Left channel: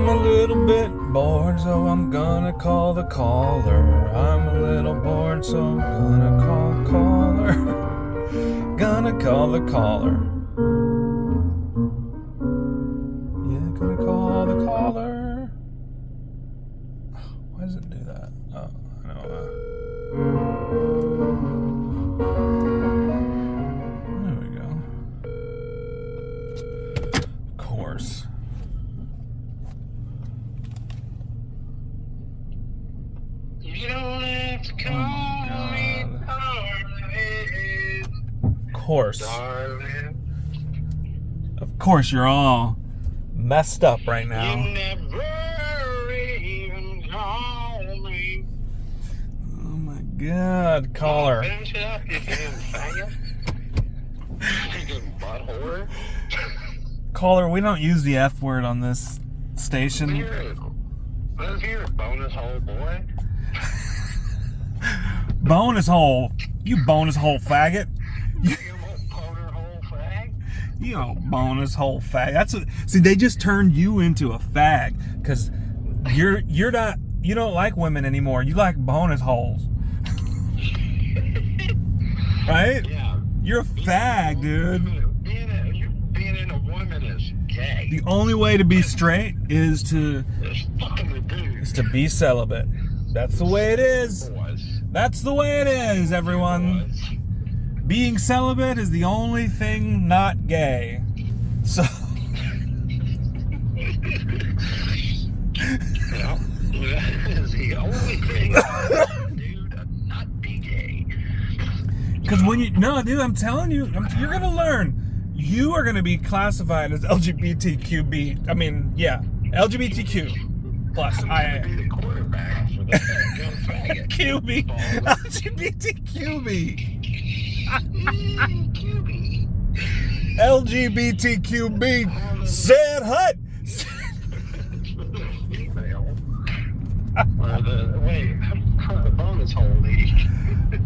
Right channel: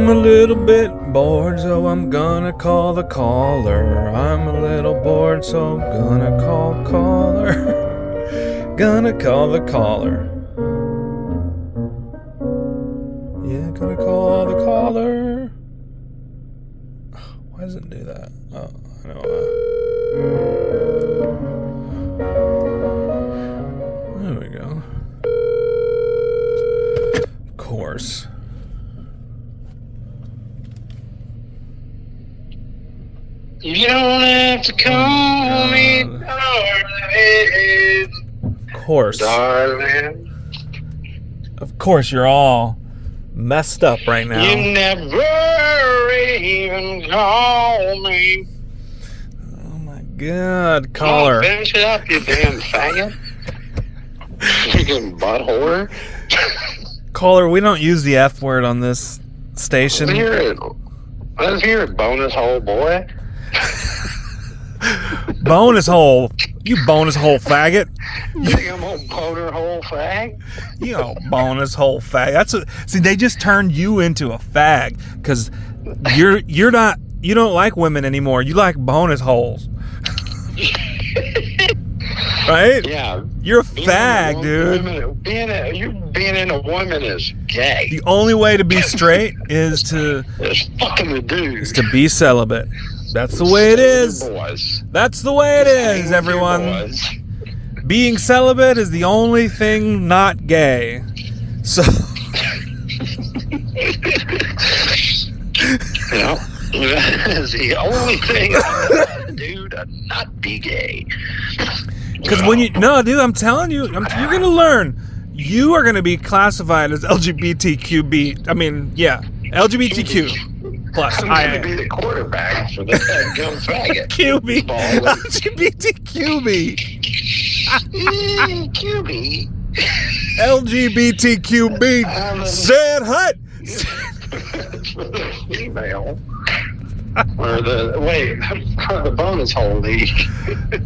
I'm a little bit bored, so I'm gonna call the caller. I'm a little bored, so I'm gonna call caller. Gonna call the caller. Yeah, gonna call the caller. Why does it do that? Oh, I know why. There we go. Of course. You don't have to call me darling. Of course. Darling. Of course, you're all messed up right now. You never even call me. Oh my God, Come caller. on, finish it up, you damn faggot. Freaking butthole. Caller, we don't use the F word on this station. Let's hear it, bonus hole boy. Bonus hole. You bonus hole faggot. You think I'm a boner hole fag? You know, bonus hole fag. See, they just turned you into a fag because you're not. You don't like women anymore. You like bonus holes. Right? Yeah. You're a fag, dude. Being in a woman is gay. The only way to be straight is to fucking the dude. Is to be celibate. That's the way it is. Boys. That's the way it is, everyone. Being celibate is the only thing not gay. So. Yeah, that is the only thing I can do to not be gay. Because dude, I'm telling you, you're going to learn. You are going to be classified as LGBTQB. I mean, yeah, LGBTQ plus. I'm going to be the quarterback for this dumb faggot. QB. LGBTQB. QB. LGBTQB. Said hut. Female. Or the bonus hole league.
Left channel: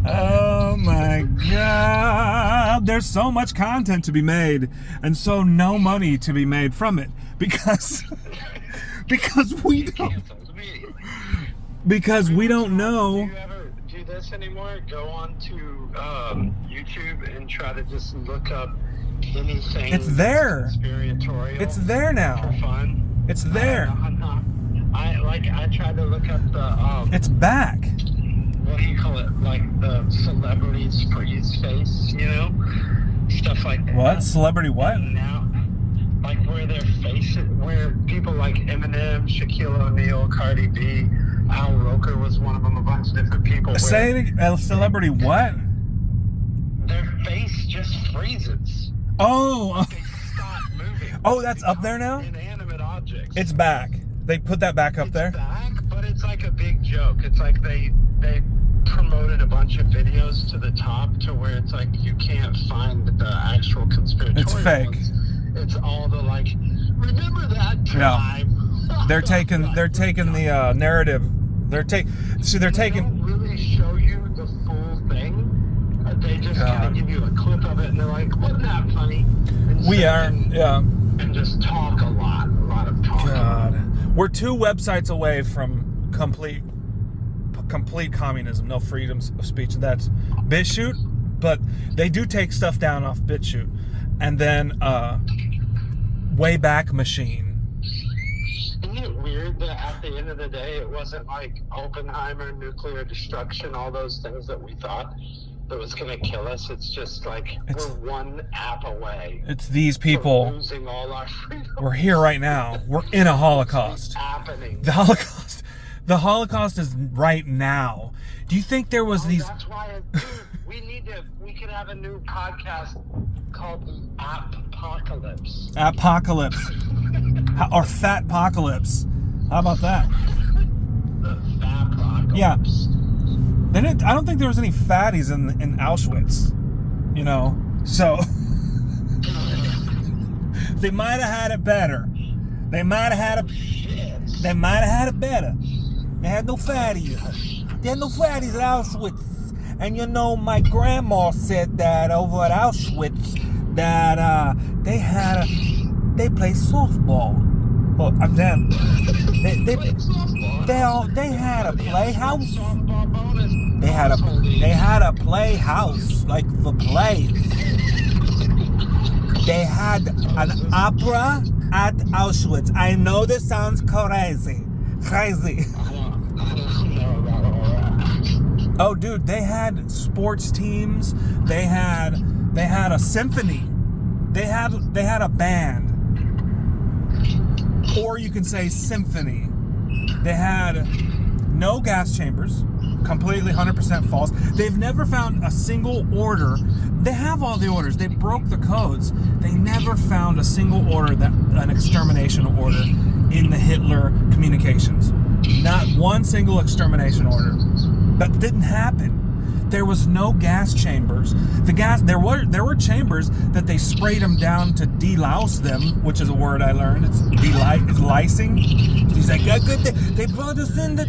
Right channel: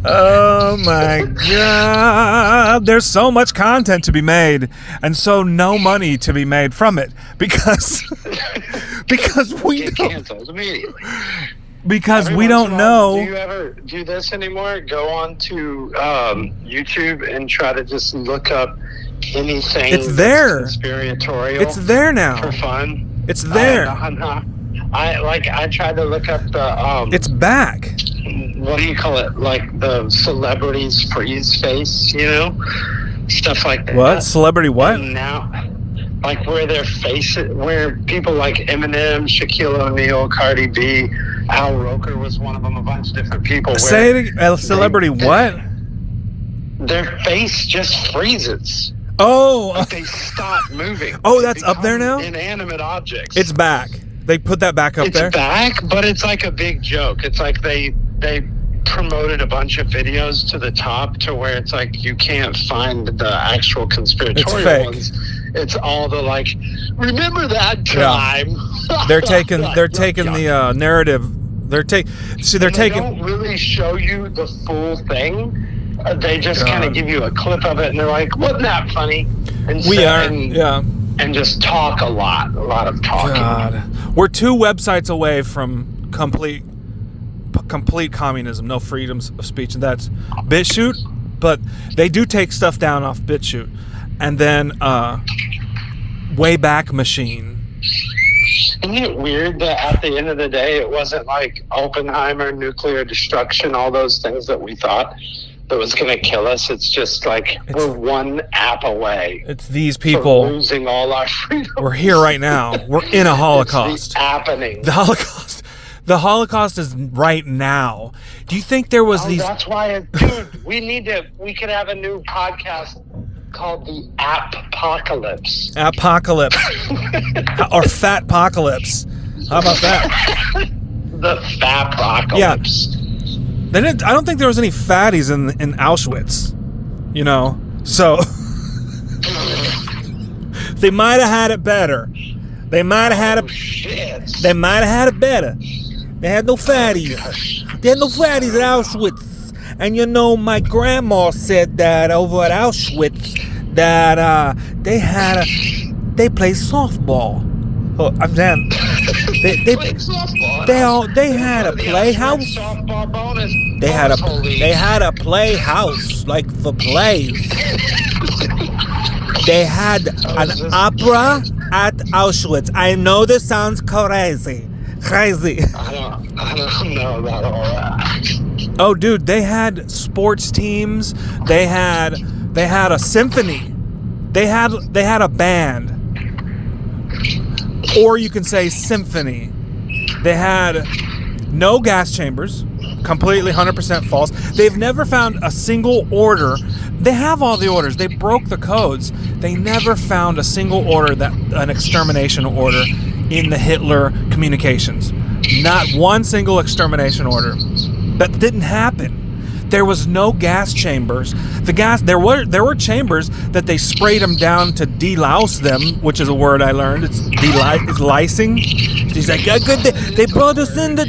Oh my God. There's so much content to be made and so no money to be made from it because we get canceled immediately. Because we don't know. Do you ever do this anymore? Go on to YouTube and try to just look up anything. It's there. Conspiratorial. It's there now. For fun. It's there. I tried to look up the It's back. What do you call it? Like the celebrities freeze face, stuff like that. What? Celebrity what? And now, like where their faces, where people like Eminem, Shaquille O'Neal, Cardi B, Al Roker was one of them. A bunch of different people. Say it again. Celebrity what? Their face just freezes. Oh. Like they stop moving. Oh, that's up there now? Inanimate objects. It's back. They put that back up there? It's back, but it's like a big joke. It's like they promoted a bunch of videos to the top to where it's like you can't find the actual conspiratorial ones. It's all the like, remember that time? Yeah. They're taking the narrative. They don't really show you the full thing. They just kind of give you a clip of it, and they're like, "Wasn't that funny?" And just talk a lot of talking. God. We're 2 websites away from complete communism, no freedoms of speech, and that's BitChute. But they do take stuff down off BitChute, and then Wayback Machine. Isn't it weird that at the end of the day, it wasn't like Oppenheimer, nuclear destruction, all those things that we thought that was going to kill us? It's just like we're one app away. It's these people losing all our freedom. We're here right now. We're in a Holocaust. It's happening. The Holocaust is right now. Do you think there was these? That's why, dude. We could have a new podcast called the Apocalypse. Apocalypse. Or Fatpocalypse. How about that? The Fatpocalypse. Yeah. I don't think there was any fatties in Auschwitz, so they might have had it better. They might have had it. They might have had it better. They had no fatties. They had no fatties at Auschwitz. And my grandma said that over at Auschwitz that they played softball. Oh, I'm damn. They Playing softball. they had a playhouse. Softball bonus. They had a playhouse like for plays. They had an opera at Auschwitz. I know this sounds crazy. I don't know about all that. Oh, dude, they had sports teams. They had a symphony. They had a band. Or you can say symphony. They had no gas chambers. Completely 100% false. They've never found a single order. They have all the orders. They broke the codes. They never found a single order, an extermination order in the Hitler communications. Not one single extermination order. That didn't happen. There was no gas chambers. There were chambers that they sprayed them down to delouse them, which is a word I learned. It's lysing. He's like, they brought us in the.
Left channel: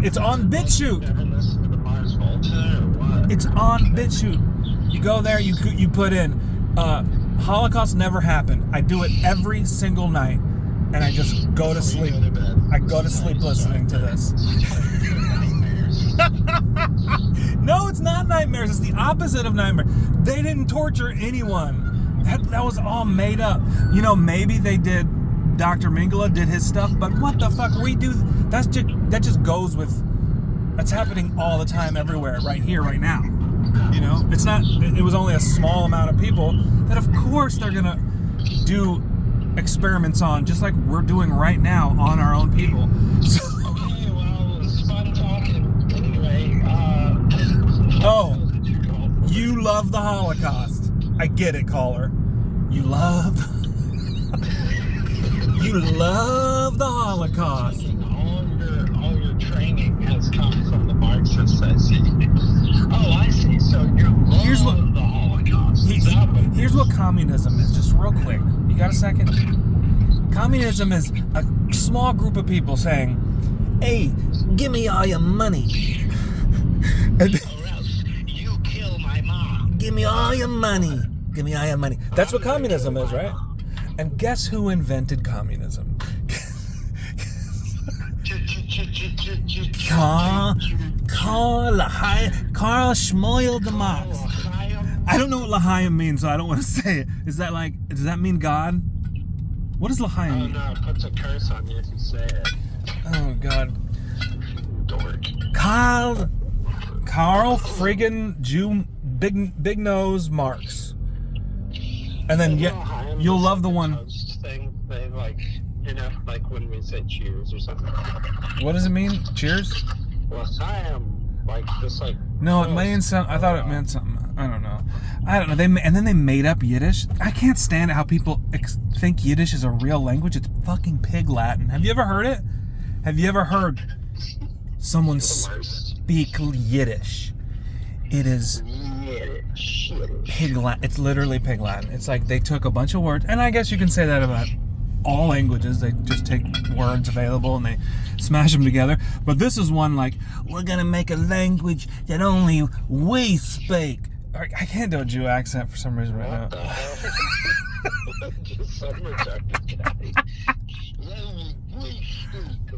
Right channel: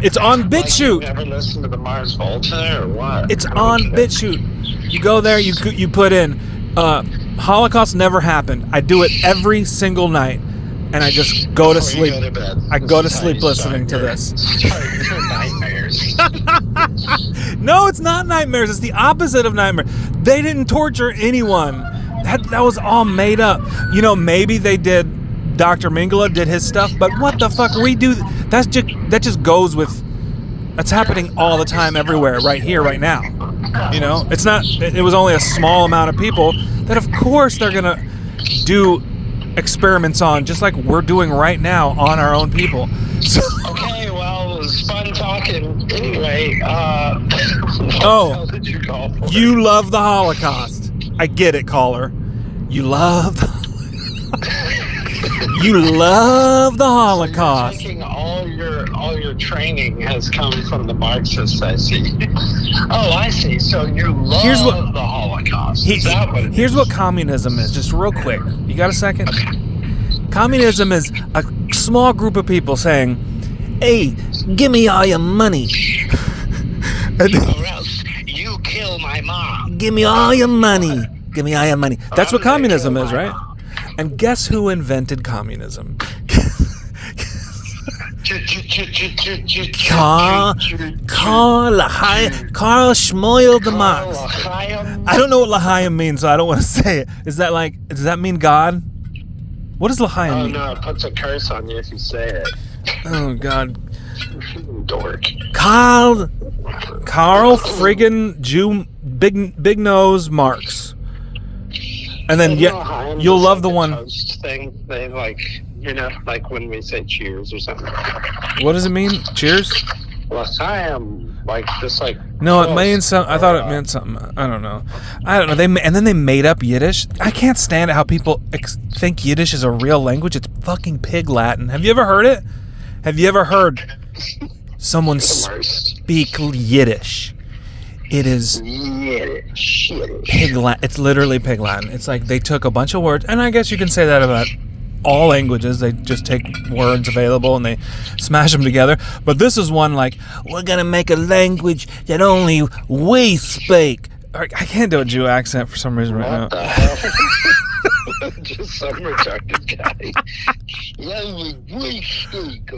It's on BitChute. You ever listen to the Mars Volta or what? It's on BitChute. You go there, you put in, Holocaust never happened. I do it every single night, and I just go to sleep. I go to sleep listening to this. Nightmares. No, it's not nightmares. It's the opposite of nightmare. They didn't torture anyone. That was all made up. You know, maybe they did. Dr. Mengele did his stuff, but what the fuck redo? That just goes with. That's happening all the time, everywhere, right here, right now. You know, it's not. It was only a small amount of people that, of course, they're gonna do experiments on, just like we're doing right now on our own people. So, okay, well, it was fun talking. Anyway, oh, what did you call for? You love the Holocaust. I get it, caller. You love the You love the Holocaust. So all your training has come from the Marxists, I see. Oh, I see. So you love the Holocaust. Is that what it here's is? what communism is, just real quick. You got a second? Okay. Communism is a small group of people saying, hey, give me all your money. Or else you kill my mom. Give me all your money. Give me all your money. That's what communism is, right? And guess who invented communism? Karl Schmoyle de Marx. I don't know what L'chaim means, so I don't want to say it. Does that mean God? What does L'chaim mean? Oh no, it puts a curse on you if you say it. Oh God. Dork. Karl friggin' Jew big nose Marx. And then you'll love the one toast thing. They like when we say cheers or something. What does it mean? Cheers? L'chaim, No, it means something. I thought it meant something. I don't know. And then they made up Yiddish. I can't stand it how people think Yiddish is a real language. It's fucking pig Latin. Have you ever heard it? Have you ever heard someone speak Yiddish? It is pig Latin. It's literally pig Latin. It's like they took a bunch of words, and I guess you can say that about all languages. They just take words available and they smash them together. But this is one like, we're gonna make a language that only we speak. I can't do a Jew accent for some reason right now. What the hell? Just some retarded guy.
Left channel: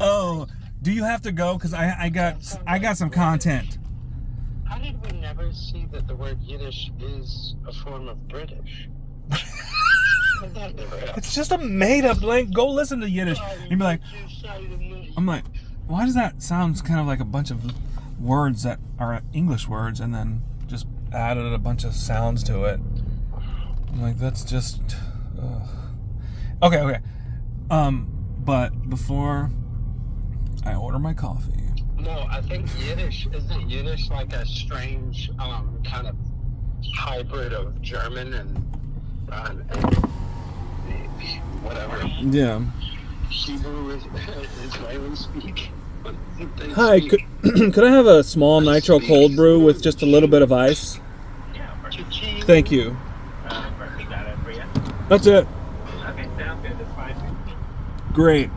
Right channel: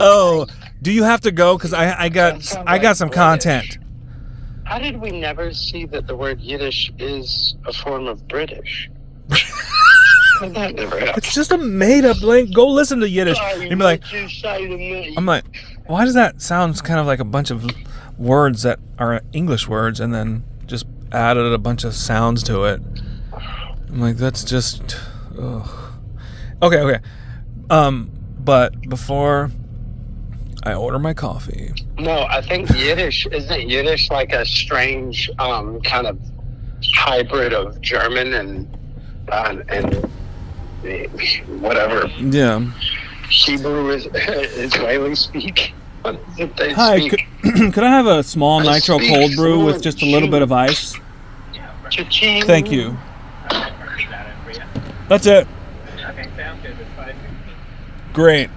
Oh, do you have to go? Because I got some content. How did we never see that the word Yiddish is a form of British? That never happened. It's just a made-up language. Go listen to Yiddish and be like, I'm like, why does that sound kind of like a bunch of words that are English words and then just added a bunch of sounds to it? I'm like, that's just, ugh. Okay. But before I order my coffee. No, I think isn't Yiddish like a strange kind of hybrid of German and whatever. Yeah. Hebrew is Israeli speak. Hi, could I have a small nitro cold brew with just a little bit of ice? Cha-ching. Thank you. That's it. Okay, sounds good. It's fine. Great.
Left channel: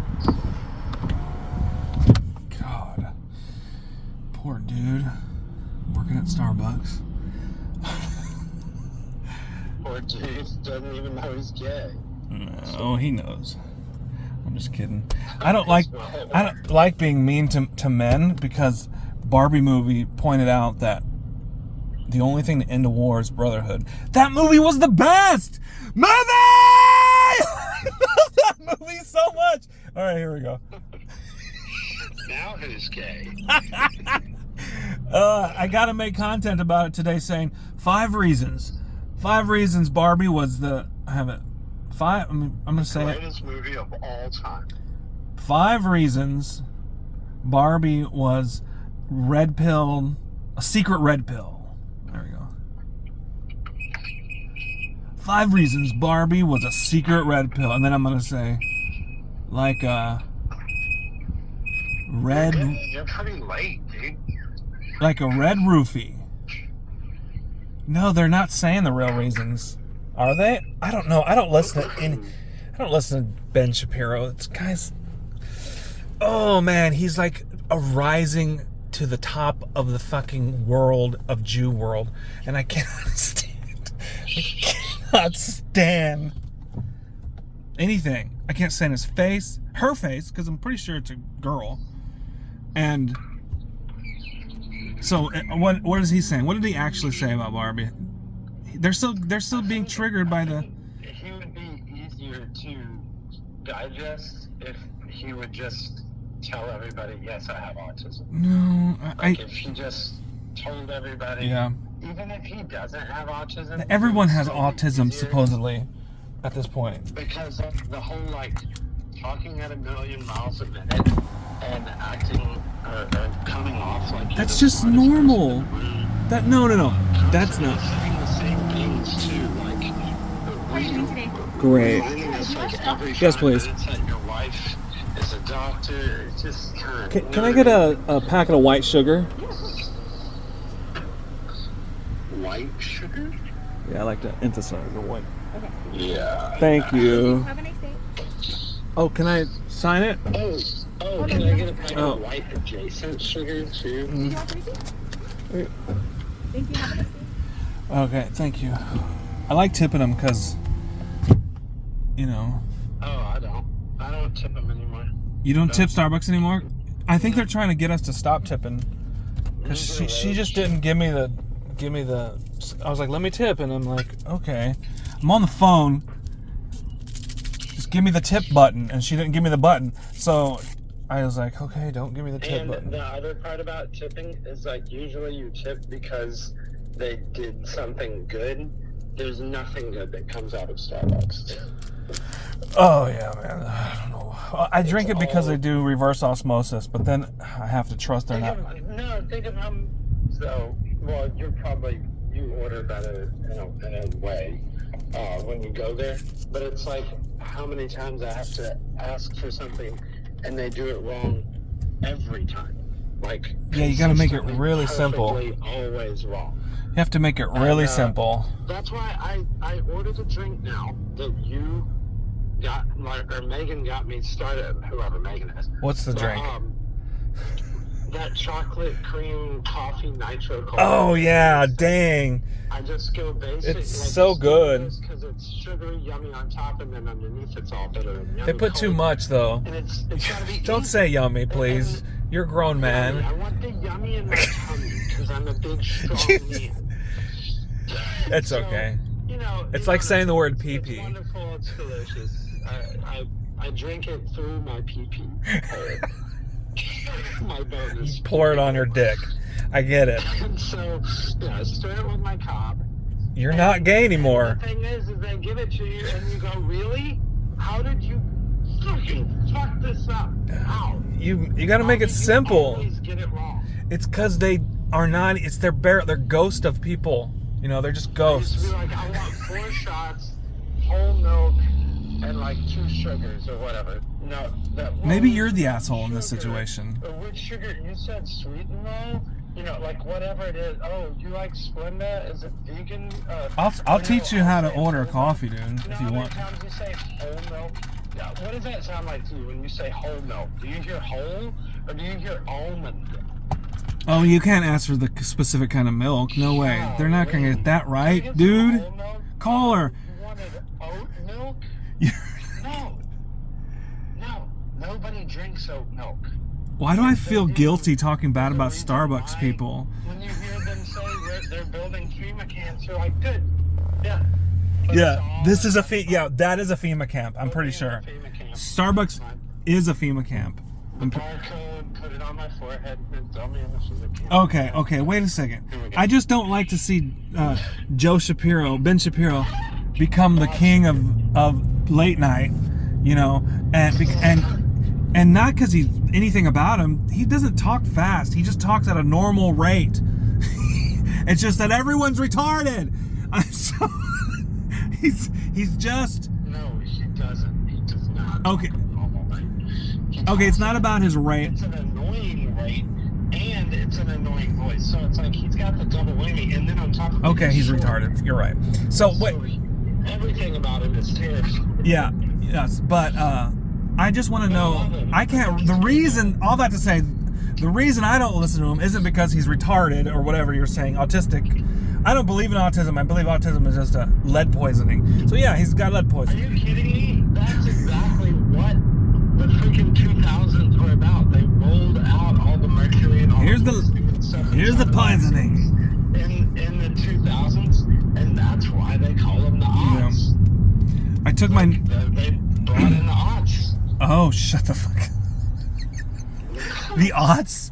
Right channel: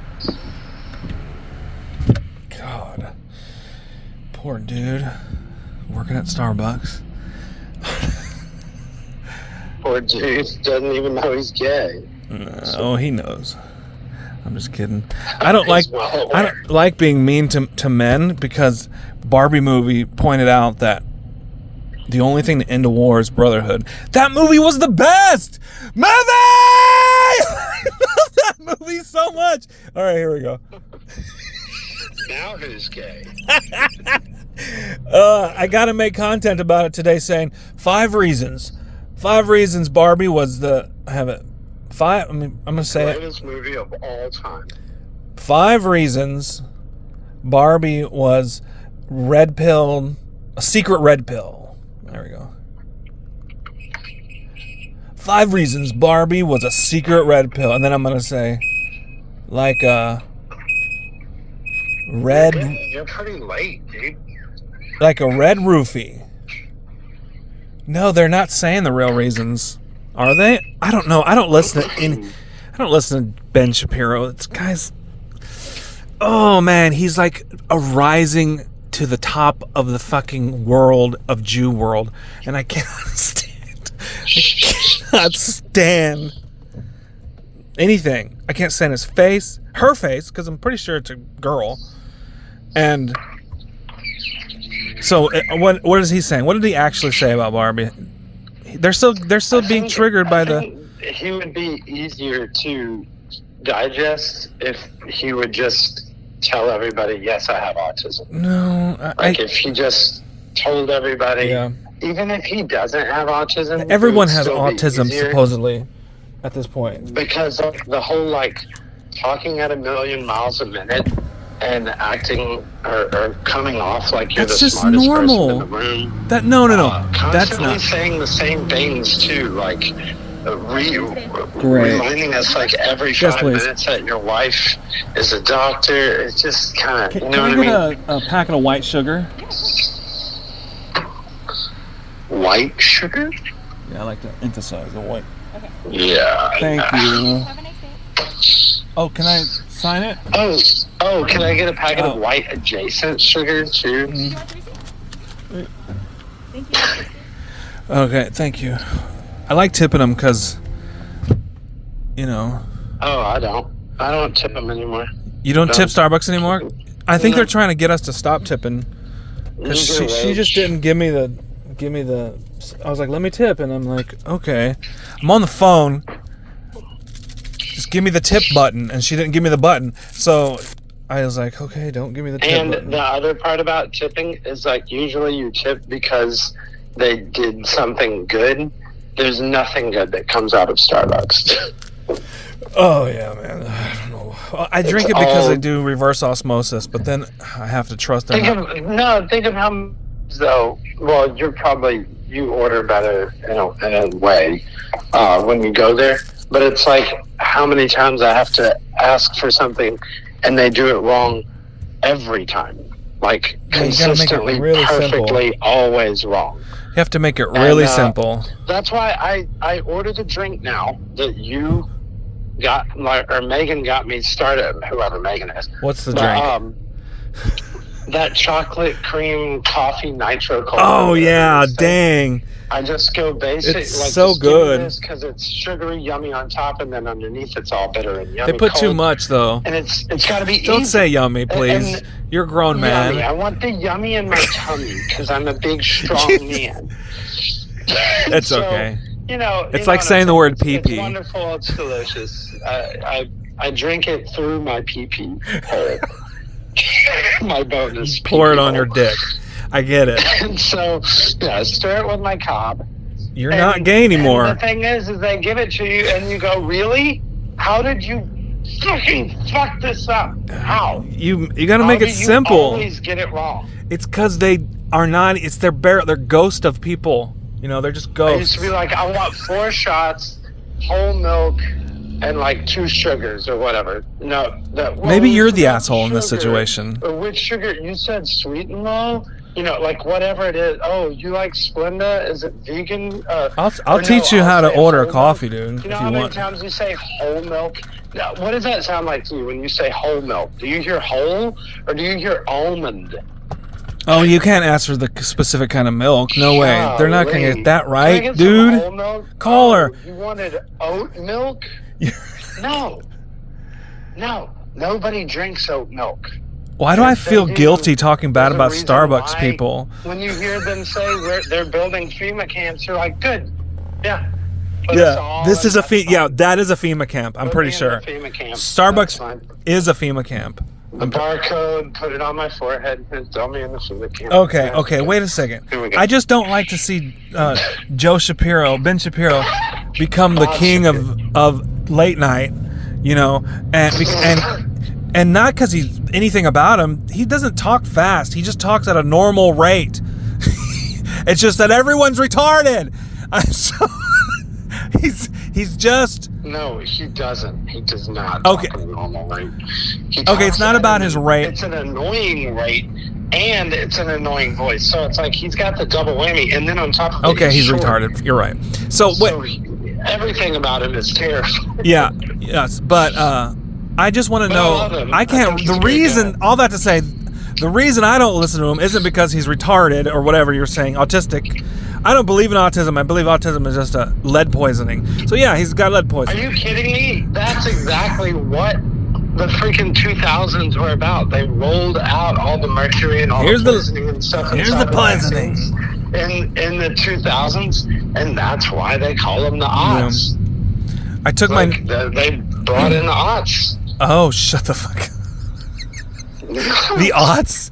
God. Poor dude. Working at Starbucks. Poor dude doesn't even know he's gay. Oh, he knows. I'm just kidding. I don't like being mean to men because Barbie movie pointed out that the only thing to end a war is brotherhood. That movie was the best movie. I love that movie so much. All right, here we go. Now who's gay? I gotta make content about it today, saying 5 reasons. 5 reasons Barbie was the. I have it. 5. I'm gonna say it. Greatest movie of all time. 5 reasons Barbie was red-pilled, a secret red pill. There we go. 5 reasons Barbie was a secret red pill, and then I'm gonna say, like a red. You're pretty late, dude. Like a red roofie. No, they're not saying the real reasons, are they? I don't know. I don't listen to Ben Shapiro. This guy's. Oh man, he's like a rising to the top of the fucking world of Jew world, and I cannot stand. I cannot stand anything. I can't stand his face, her face, because I'm pretty sure it's a girl. And so, what is he saying? What did he actually say about Barbie? They're still being triggered by the. He would be easier to digest if he would just tell everybody, yes, I have autism. No, if he just told everybody, yeah. Even if he doesn't have autism, everyone has autism supposedly at this point. Because of the whole talking at 1,000,000 miles a minute and acting or coming off like you're that's the just smartest normal. person in the room. No. That's Constantly not saying the same things too, reminding us every 5 minutes that your wife is a doctor. It's just kind of. Can I get a packet of white sugar? White sugar? Yeah, I like to emphasize the white. Okay. Yeah. Thank you. Have a nice day. Oh, can I sign it? Oh, can I get a packet of white adjacent sugar too? Do you want the receipt? Thank you. Okay, thank you. I like tipping them because, Oh, I don't tip them anymore. You don't tip Starbucks anymore? I think No. they're trying to get us to stop tipping. Because she just didn't give me the. I was like, let me tip, and I'm like, okay. I'm on the phone. Just give me the tip button, and she didn't give me the button. So I was like, okay, don't give me the tip button. And the other part about tipping is usually you tip because they did something good. There's nothing good that comes out of Starbucks. Oh yeah, man. I don't know. Well, I drink it because they do reverse osmosis, but then I have to trust them. Think of how though. Well, you order better in a way when you go there. But it's how many times I have to ask for something and they do it wrong every time. Consistently, really perfectly, simple. always wrong. You have to make it really simple. That's why I ordered a drink now that you got, or Megan got me started, whoever Megan is. What's the drink? That chocolate cream coffee nitro cola. Oh yeah, dang. I just go basic. It's so good because it's sugary, yummy on top, and then underneath it's all bitter and yummy. They put cold. too much though. And it's got to be. Don't easy. say yummy, please. You're a grown man. Yummy. I want the yummy in my tummy because I'm a big, strong man. It's okay. It's like saying the word pee-pee. It's wonderful. It's delicious. I drink it through my pee-pee hole. My bonus. Pour it on your dick. I get it. And so, stir it with my cob. You're not gay anymore. And the thing is they give it to you, and you go, "Really? How did you fucking fuck this up? How? You got to make it simple. You always get it wrong. It's because they are not. It's they're ghost of people. They're just ghosts. I used to be like, I want 4 shots, whole milk, and 2 sugars or whatever. No, maybe you're the asshole in this situation. Or which sugar? You said sweet and low. Whatever it is. Oh, you like Splenda? Is it vegan? I'll teach you how to order a coffee, dude. Do you know how many times you say whole milk? Now, what does that sound like to you when you say whole milk? Do you hear whole or do you hear almond? Oh, you can't ask for the specific kind of milk. No way. They're not going to get that right, Can I get dude. some whole milk? Call her. You wanted oat milk? No. No, nobody drinks oat milk. Why do I If they feel do, guilty talking bad there's a about reason Starbucks why people? When you hear them say they're building FEMA camps, you're like, good. Yeah. But Yeah, this is that is a FEMA camp. I'm Put pretty me in sure. the FEMA camp. That's Starbucks fine. is a FEMA camp. The barcode, put it on my forehead, and throw me in the FEMA camp. Okay, wait a second. Here we go. I just don't like to see Ben Shapiro, become the king of late night, you know, and not because he's anything about him. He doesn't talk fast. He just talks at a normal rate. It's just that everyone's retarded. He's just... No, he doesn't. He does not Okay. talk at a normal rate. Okay, it's not about his rate. It's an annoying rate, and it's an annoying voice. So it's like he's got the double whammy, and then on top of it, Okay, he's short. retarded. You're right. So Everything about him is terrible. Yeah, yes, but I just want to But I love know. him. I I can't. think he's The a great reason, guy. all that to say, the reason I don't listen to him isn't because he's retarded or whatever you're saying, autistic. I don't believe in autism. I believe autism is just a lead poisoning. So yeah, he's got lead Are poisoning. you kidding me? That's exactly what the freaking 2000s were about. They rolled out all the mercury and all Here's the the- poisoning and stuff. here's inside the of poisoning. vaccines in the 2000s, and that's why they call them the aughts. I took Like, my. they brought in the aughts. Oh, shut the fuck. The aughts.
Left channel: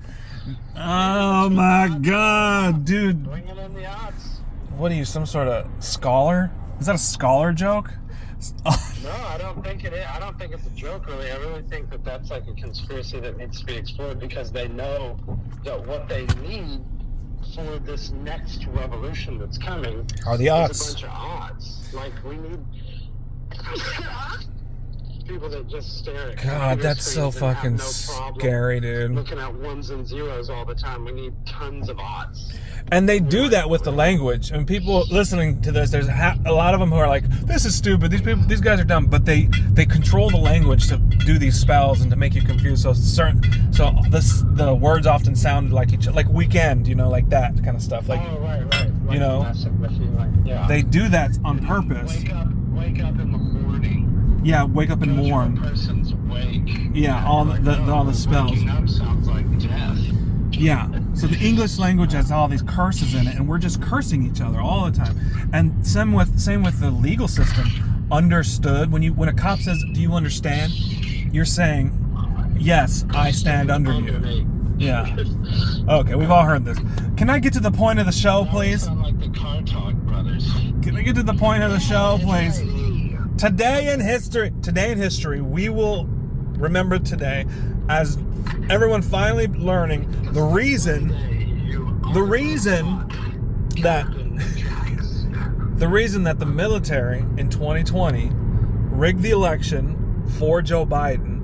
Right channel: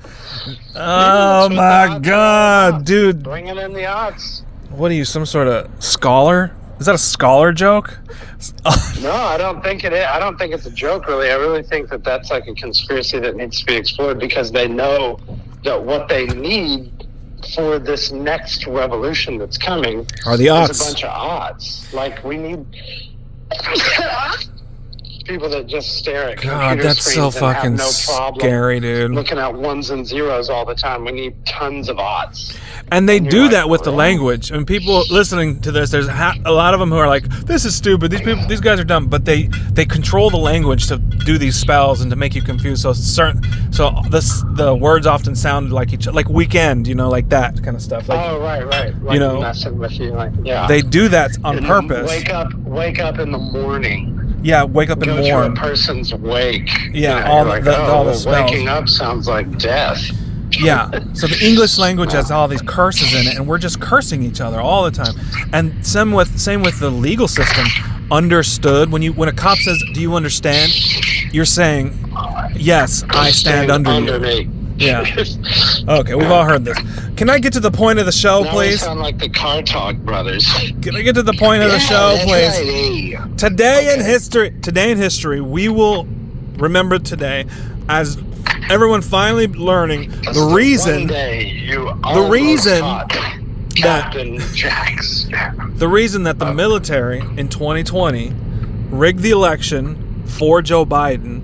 Oh That's what my the aughts god, are. dude. Bringing in the aughts. What are you, some sort of scholar? Is that a scholar joke? No, I don't think it is. I don't think it's a joke, really. I really think that that's like a conspiracy that needs to be explored because they know that what they need for this next revolution that's coming Are the is aughts. a bunch of odds. Like, we need people that just stare at God, computer that's so screens and have fucking no problem scary, dude. looking at ones and zeros all the time. We need tons of odds. And they And you're do like, that with the "What?" language. I mean, people listening to this, there's a lot of them who are like, "This is stupid. These guys are dumb." But they control the language to do these spells and to make you confused. So the words often sound like each other, like weekend, you know, like that kind of stuff. Like Oh, right. Like, you know, messing with you. Like, yeah. they do that on And purpose. Wake up in the morning. Yeah, wake up and Go to a mourn. person's wake. Yeah, You all know, the- you're the- all the well, spells. waking up sounds like death. Yeah. So the English language has all these curses in it, and we're just cursing each other all the time. And same with the legal system. Understood. When a cop says, "Do you understand?" You're saying, "Yes, I stand under you." me. Yeah. Okay, we've all heard this. Can I get to the point of the show, Now we please? sound like the Car Talk brothers. Can I get to the point of the show, that's please? right. Today in history, we will remember today as everyone finally learning the One reason day you the reason caught that Captain Jack Sparrow. the reason that the military in 2020 rigged the election for Joe Biden.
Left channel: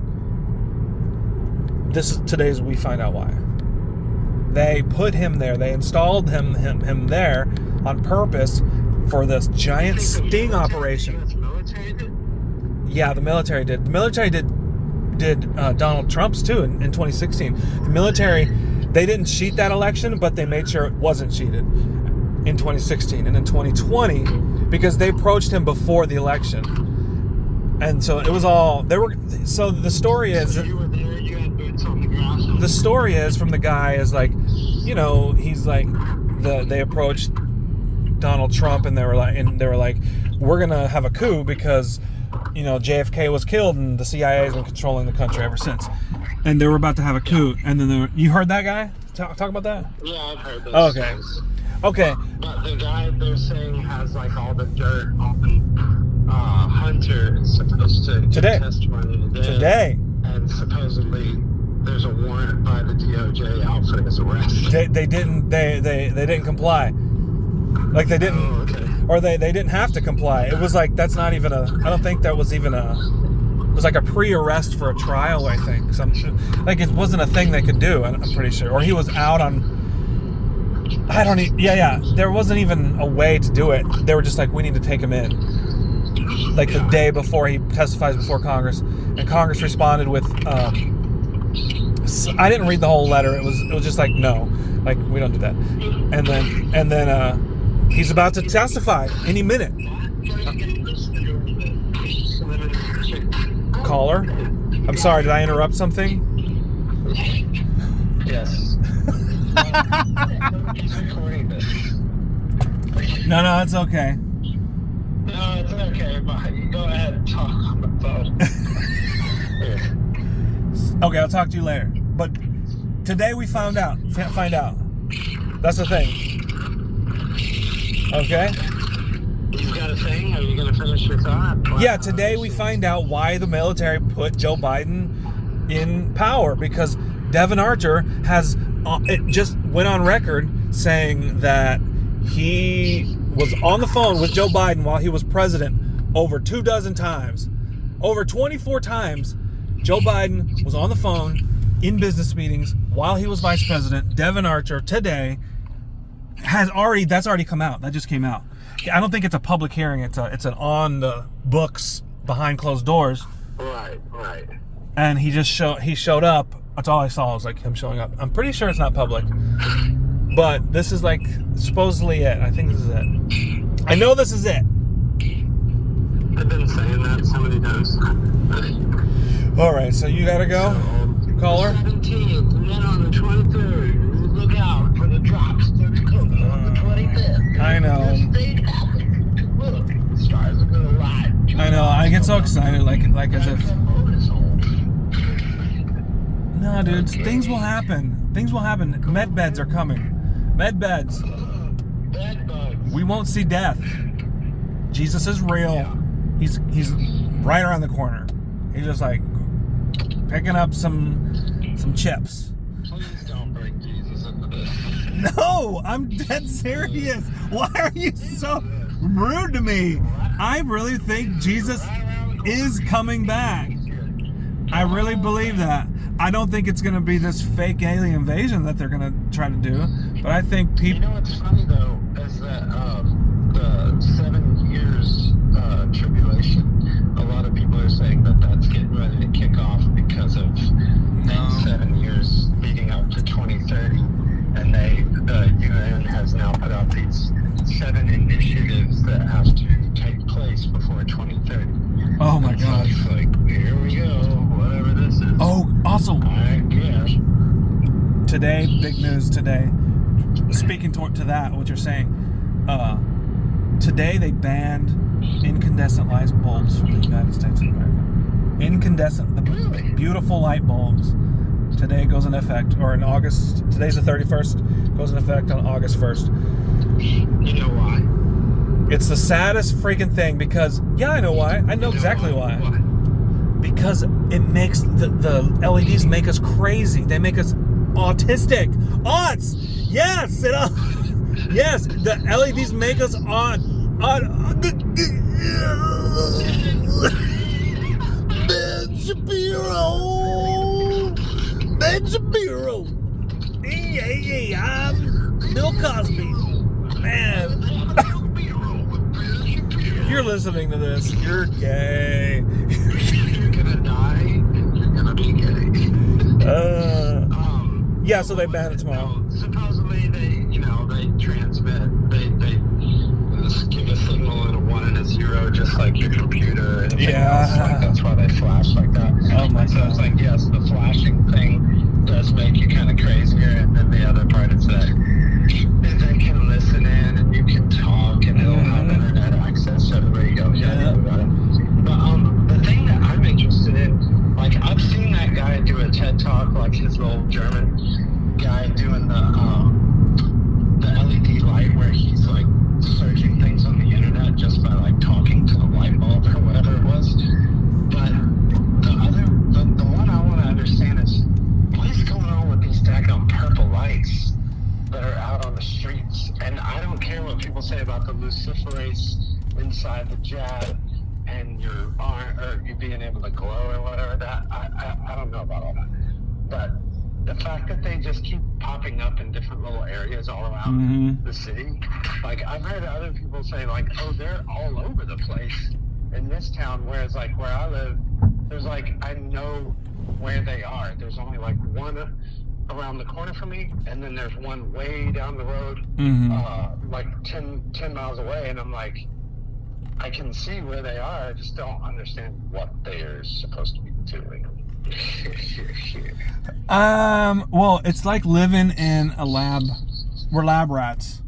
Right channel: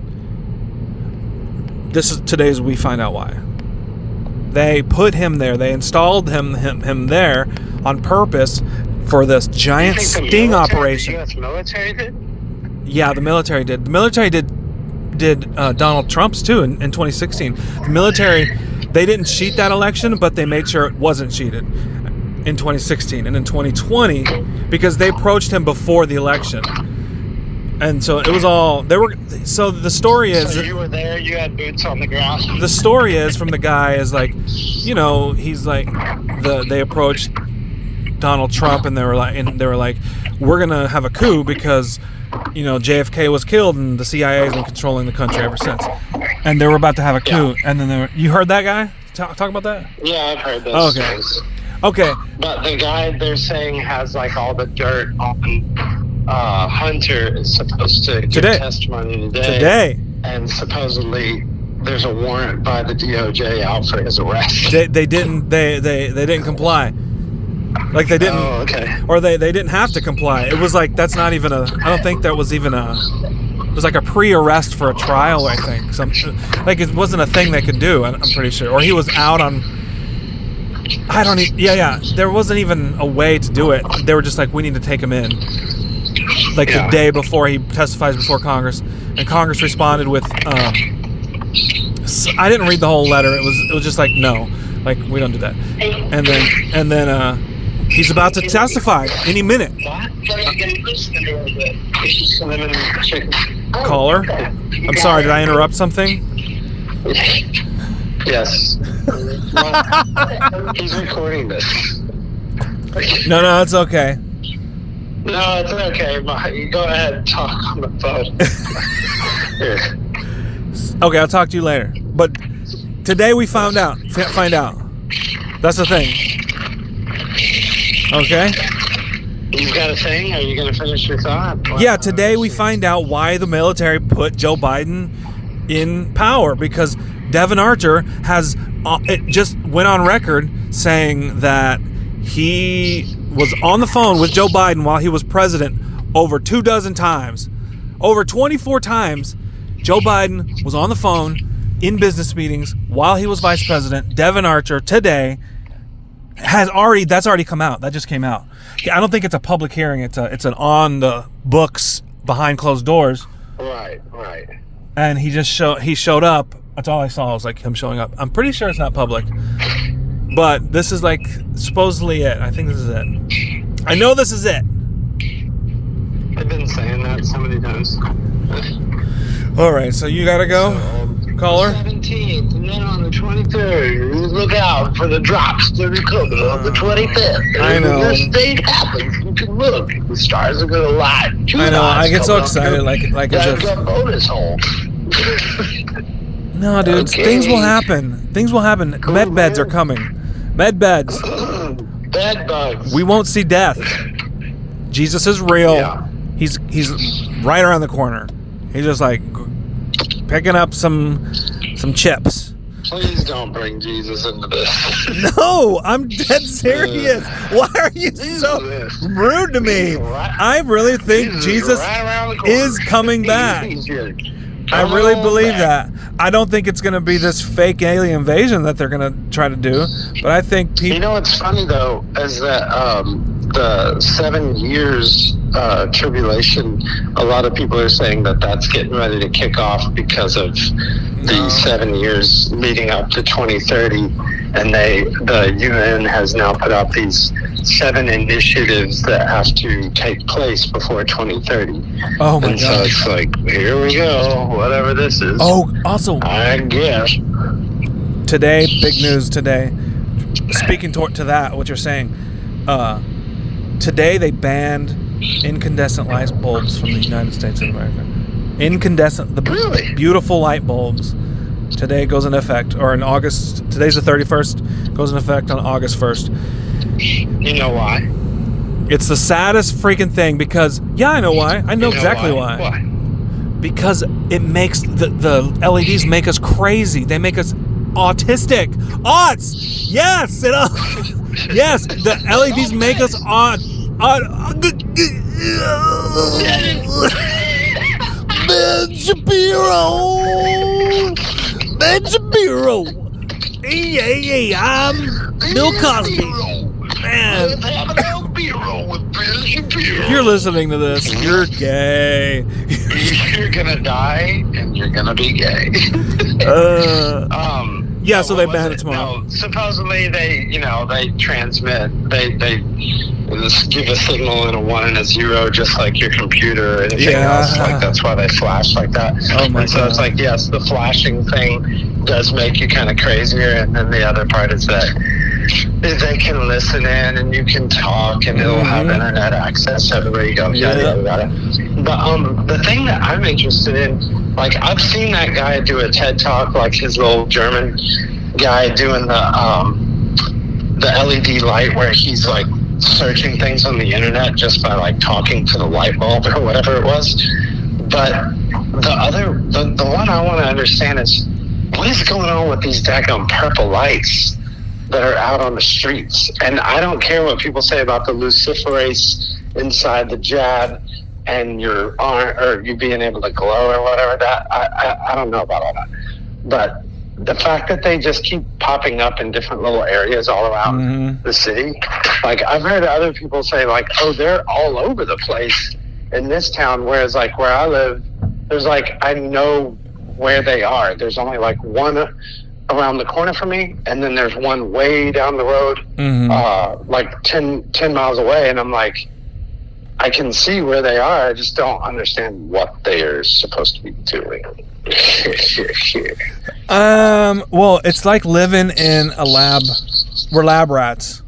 Today's we find out why. They put him there. They installed him there on purpose for this giant You think the sting military- operation. The U.S. military did? Yeah, the military did. The military did Donald Trump's too in 2016. The military, they didn't cheat that election, but they made sure it wasn't cheated in 2016 and in 2020 because they approached him before the election. And so it was all so the story is So you were there, you had boots on the ground. the story is from the guy is like, you know, he's like they approached Donald Trump and they were like we're going to have a coup because you know, JFK was killed and the CIA has been controlling the country ever since. And they were about to have a coup. Yeah. And then you heard that guy talk about that? Yeah, I've heard those Okay. stories. Okay. But the guy they're saying has like all the dirt on Hunter is supposed to give Today. testimony Today. And supposedly there's a warrant by the DOJ out for his arrest. They didn't comply. Like they didn't Oh, okay. or they didn't have to comply. It was like that's not even I don't think that was even it was like a pre-arrest for a trial, I think. Like it wasn't a thing they could do, I'm pretty sure. Or he was out on there wasn't even a way to do it. They were just like, we need to take him in. Like the day before he testifies before Congress. And Congress responded with I didn't read the whole letter. It was just like, no. Like, we don't do that. And then he's about to testify any minute. Caller? I'm sorry, did I interrupt something? Yes. Well, he's recording this. No, it's okay. No, it's okay. You go ahead and talk on the phone. Here. Okay, I'll talk to you later. But today we find out. That's the thing. Okay? You've got a thing? Are you going to finish your thought? Yeah, today we find out why the military put Joe Biden in power, because Devon Archer has it just went on record saying that he was on the phone with Joe Biden while he was president over 24 times. Over 24 times, Joe Biden was on the phone in business meetings while he was vice president. Devon Archer today that's already come out. That just came out. I don't think it's a public hearing. It's an on the books behind closed doors. Right. And he showed up. That's all I saw was like him showing up. I'm pretty sure it's not public. But this is like supposedly it. I think this is it. I know this is it. I've been saying that so many times. All right, so you gotta go, caller. 17th, and then on the 23rd, look out for the drops that are coming on the 25th. I know. When this state happens, you can look. The stars are gonna light. I know. I get so excited, like as if. Got bonus hole. No, dude. Okay. Things will happen. Cool, Med beds are coming. Med beds. Bed bugs. We won't see death. Jesus is real. Yeah. He's right around the corner. He's just like picking up some chips. Please don't bring Jesus into this. No, I'm dead serious. Why are you so rude to me? I really think Jesus is coming back. I really believe that. I don't think it's going to be this fake alien invasion that they're going to try to do, but I think people... You know what's funny, though, is that the 7 years tribulation, a lot of people are saying that that's getting ready to kick off because of the 7 years leading up to 2030, and the UN has now put out these 7 initiatives that have to take place before 2030. Oh my God. God. So it's like, here we go, whatever this is. Oh, also, I guess. today, big news today, speaking to that, what you're saying, today they banned incandescent light bulbs from the United States of America. Incandescent, the beautiful light bulbs. Today goes into effect, or in August, today's the 31st, goes into effect on August 1st. You know why? It's the saddest freaking thing because, yeah, I know why. I know exactly why. Why? Because it makes, the LEDs make us crazy. They make us autistic. Auts! Yes! Yes, the LEDs make us Ben Shapiro! Hey, I'm Bill Cosby. Man. If you're listening to this, you're gay. You're gonna die and you're gonna be gay. Yeah, so they banned it tomorrow. No, supposedly they transmit, they just give a signal and a 1 and a 0, just like your computer or anything else. Like that's why they flash like that. Oh my God. So it's like, yes, the flashing thing does make you kind of crazier, and then the other part is that they can listen in and you can talk and it'll have internet access everywhere you go. Yada. But the thing that I'm interested in, like I've seen that guy do a TED talk, like his little German guy doing the LED light where he's like searching things on the internet just by like talking to the light bulb or whatever it was. But the one I want to understand is what is going on with these daggone purple lights that are out on the streets? And I don't care what people say about the luciferase inside the jab and your arm or you being able to glow or whatever. That I don't know about all that, but the fact that they just keep popping up in different little areas all around the city, like I've heard other people say like, oh, they're all over the place in this town, whereas like where I live, there's like, I know where they are. There's only like one around the corner from me, and then there's one way down the road, like 10 miles away, and I'm like, I can see where they are. I just don't understand what they are supposed to be doing. Well, it's like living in a lab. We're lab rats.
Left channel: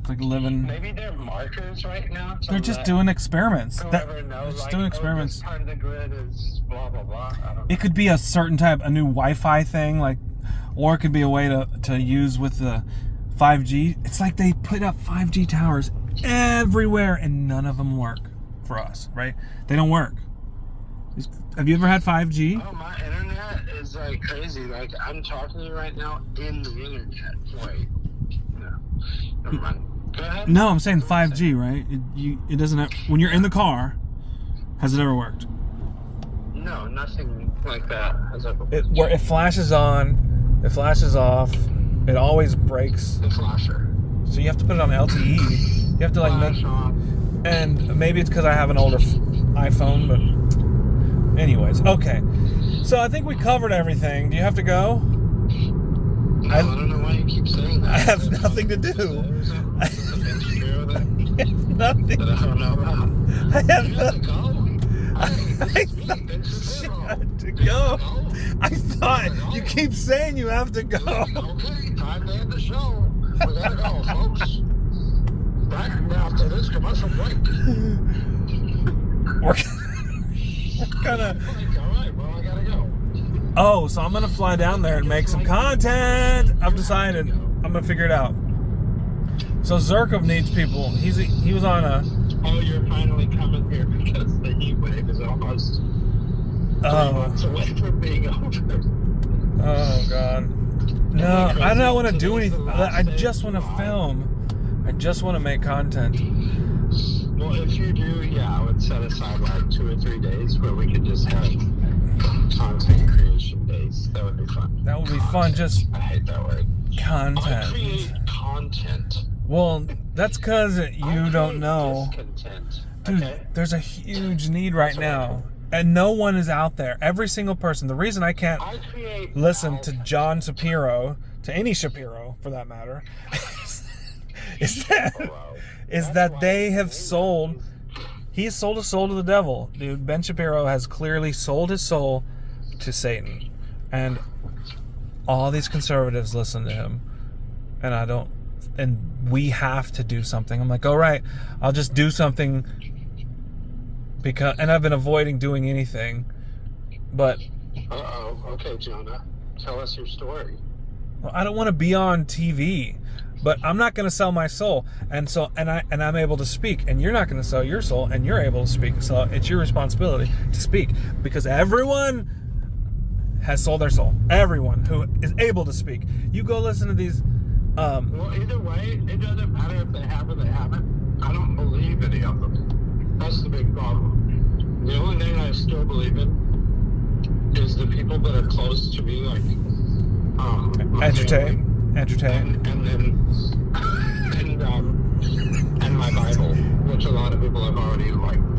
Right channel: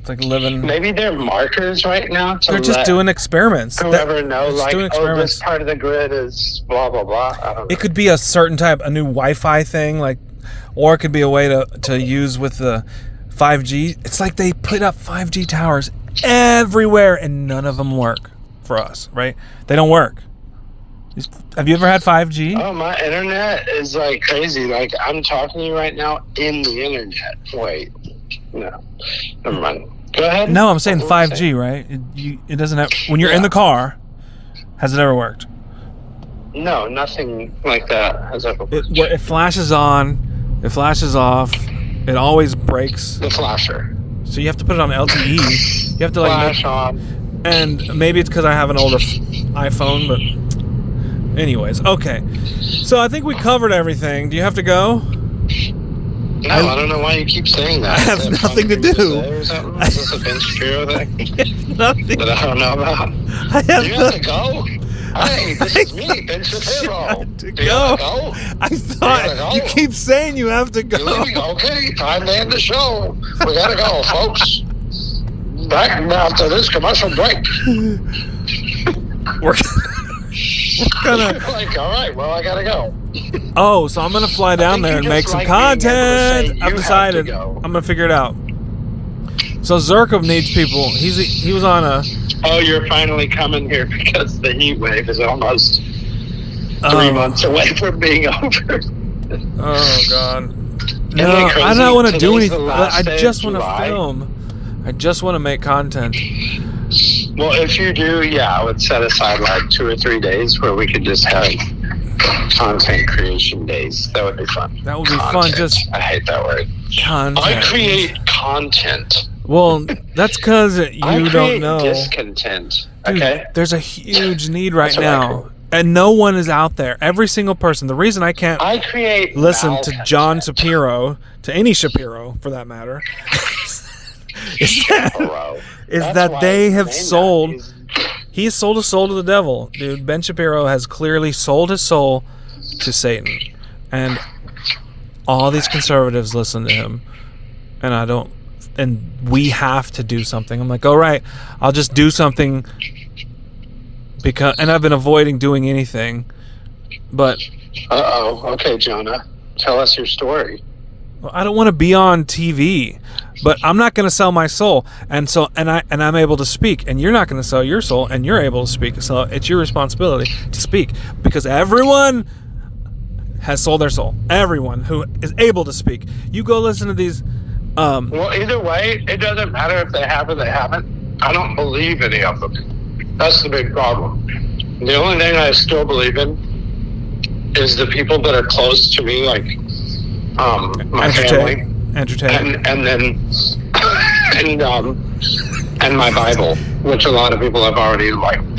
It's like living. Maybe they're markers right now. They're just doing experiments. Whoever knows, like, this part of the grid is blah blah blah. I don't know. It could be a certain type, a new Wi-Fi thing, like, or it could be a way to use with the 5G. It's like they put up 5G towers everywhere, and none of them work for us, right? They don't work. Have you ever had 5G? Oh, my internet is like crazy. Like, I'm talking to you right now in the internet. Wait, no, never mind. Go ahead. No, I'm saying 5G, right? It doesn't have. When you're in the car, has it ever worked? No, nothing like that has ever worked. It flashes on, it flashes off, it always breaks. The flasher. So you have to put it on LTE. You have to flash on. And maybe it's because I have an older iPhone, but anyways, okay. So I think we covered everything. Do you have to go? No, I don't know why you keep saying that. I have nothing to do. Is this a Ben Shapiro thing? Nothing. That I don't know about? You have to go? Hey, this is me, Ben Shapiro. Do you have to go? I thought you keep saying you have to go. Okay, time to end the show. We gotta go, folks. Back after this commercial break. We're gonna. Like, all right, well, I gotta go. Oh, so I'm gonna fly down there and make some content. I've decided. I'm gonna figure it out. So Zirkov needs people. He was on a. Oh, you're finally coming here because the heat wave is almost 3 months away from being over. Oh God. No, I don't want to do anything. I just want to film. I just want to make content. Well, if you do, I would set aside like 2 or 3 days where we could just have content creation days. That would be fun. That would be fun. I hate that word. Content. I create content. Well, that's because you don't know. Discontent. Dude, okay. There's a huge need right now, and no one is out there. Every single person. The reason I can't listen to John Shapiro, to any Shapiro for that matter, is that they have sold. He's sold his soul to the devil, dude. Ben Shapiro has clearly sold his soul to Satan, and all these conservatives listen to him, and I don't. And we have to do something. I'm like, all right, I'll just do something and I've been avoiding doing anything, but. Okay, Jonah, tell us your story. Well, I don't want to be on TV, but I'm not going to sell my soul, and I'm able to speak, and you're not going to sell your soul, and you're able to speak. So it's your responsibility to speak, because everyone has sold their soul. Everyone who is able to speak. You go listen to these. Well, either way, it doesn't matter if they have or they haven't. I don't believe any of them. That's the big problem. The only thing I still believe in is the people that are close to me, like my family, and then and my Bible, which a lot of people have already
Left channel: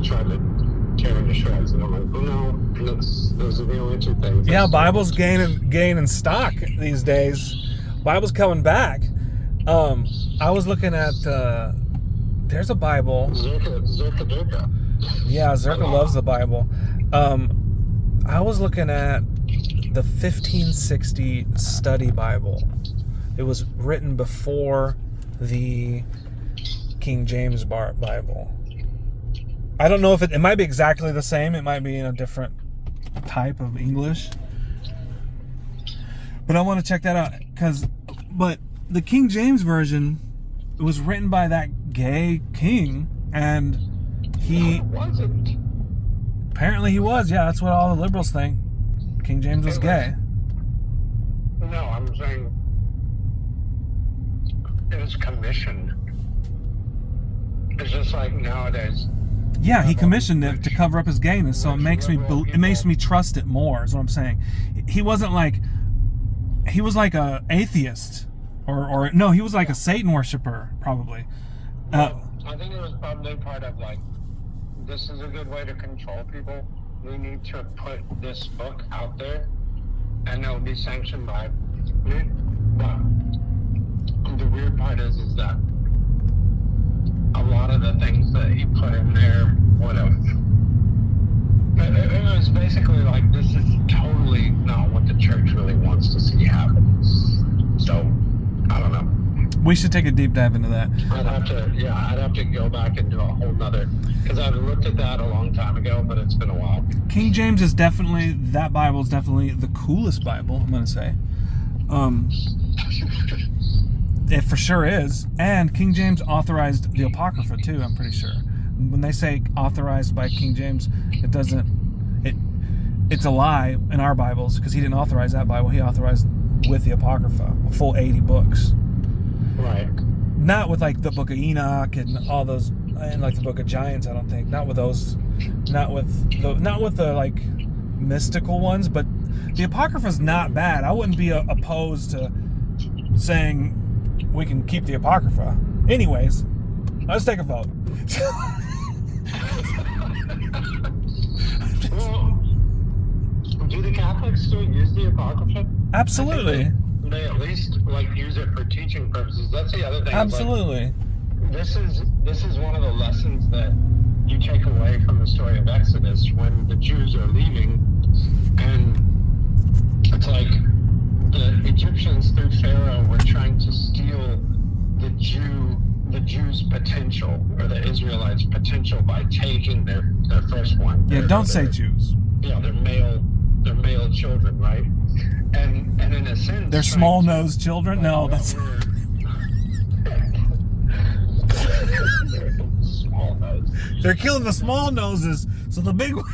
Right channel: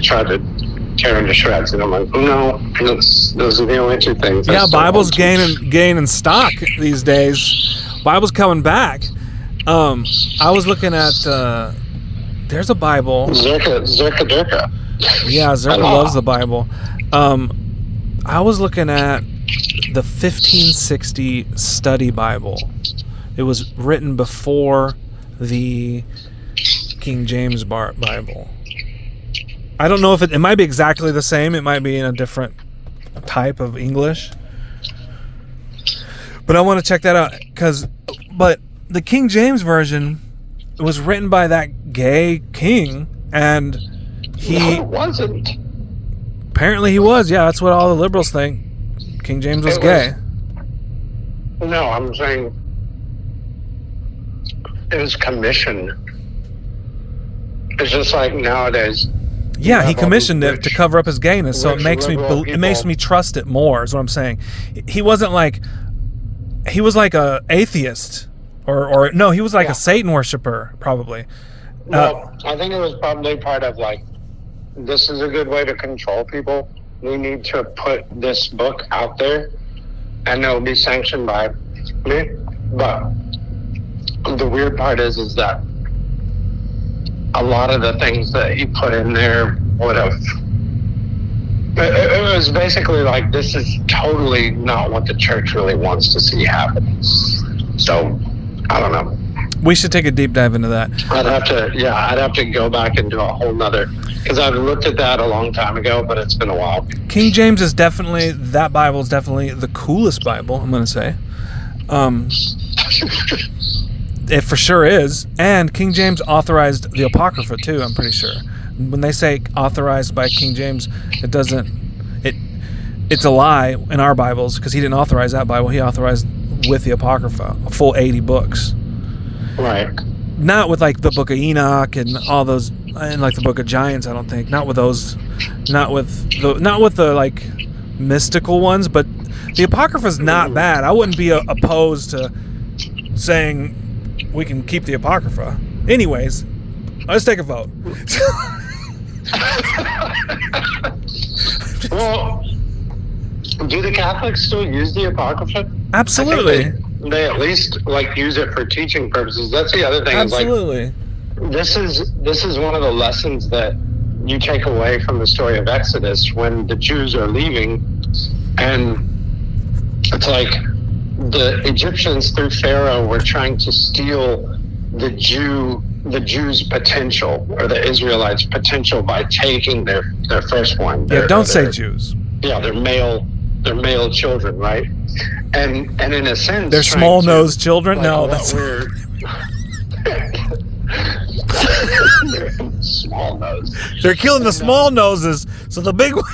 tried to tear into shreds, and I'm like, no, those are the only two things. Yeah, Bible's gaining stock these days. Bible's coming back. I was looking at there's a Bible. Zerka. Yeah, Zerka loves the Bible. I was looking at the 1560 Study Bible. It was written before the King James Bible. I don't know if it might be exactly the same. It might be in a different type of English. But I want to check that out but the King James version was written by that gay king, and he wasn't. Apparently he was. Yeah, that's what all the liberals think. King James was gay. No, I'm saying it was commissioned. It's just like nowadays. Yeah, he commissioned it to cover up his gayness, so it makes me trust it more. Is what I'm saying. He wasn't like. He was like a atheist, or no, he was like a Satan worshiper, probably. Well, I think it was probably part of this is a good way to control people. We need to put this book out there, and it'll be sanctioned by me. But the weird part is that a lot of the things that he put in there would have. It was basically like, this is totally not what the church really wants to see happen. So, I don't know. We should take a deep dive into that. I'd have to go back and do a whole nother, because I've looked at that a long time ago, but it's been a while. King James is definitely, that Bible is definitely the coolest Bible, I'm going to say. It for sure is. And King James authorized the Apocrypha too, I'm pretty sure. When they say authorized by King James, it's a lie in our Bibles, because he didn't authorize that Bible. He authorized with the Apocrypha, a full 80 books. Right. Not with like the Book of Enoch and all those, and like the Book of Giants. I don't think. Not with those. Not with the like mystical ones. But the Apocrypha's not bad. I wouldn't be opposed to saying we can keep the Apocrypha. Anyways, let's take a vote. Well, do the Catholics still use the Apocrypha? Absolutely. They at least like use it for teaching purposes. That's the other thing. Absolutely. This is one of the lessons that you take away from the story of Exodus, when the Jews are leaving, and it's like the Egyptians through Pharaoh were trying to steal the Jews' potential, or the Israelites' potential, by taking their firstborn. Don't say Jews. Yeah, their male children, right? And in a sense, they're small-nosed children. Like, no, that's weird. They're small nose. They're killing the small noses, so the big one.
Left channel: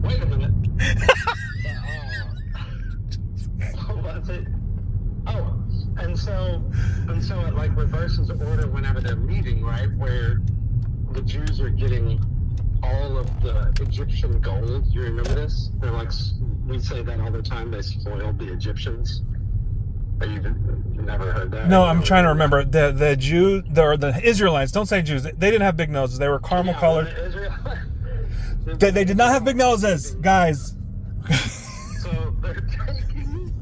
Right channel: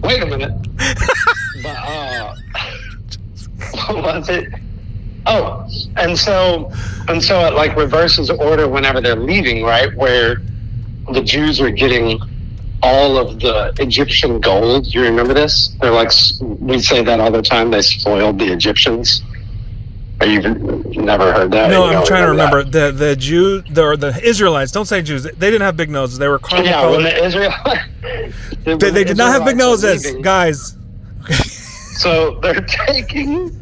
Wait a minute. What was it? Oh, and so it like reverses order whenever they're leaving, right? Where the Jews are getting all of the Egyptian gold. You remember this? They're like, we say that all the time. They spoiled the Egyptians. Or you've never heard that? No, I'm trying to remember. The Israelites. Don't say Jews. They didn't have big noses. They were caramel. Yeah, when the Israelites. They did not have big noses, guys. Okay. So they're taking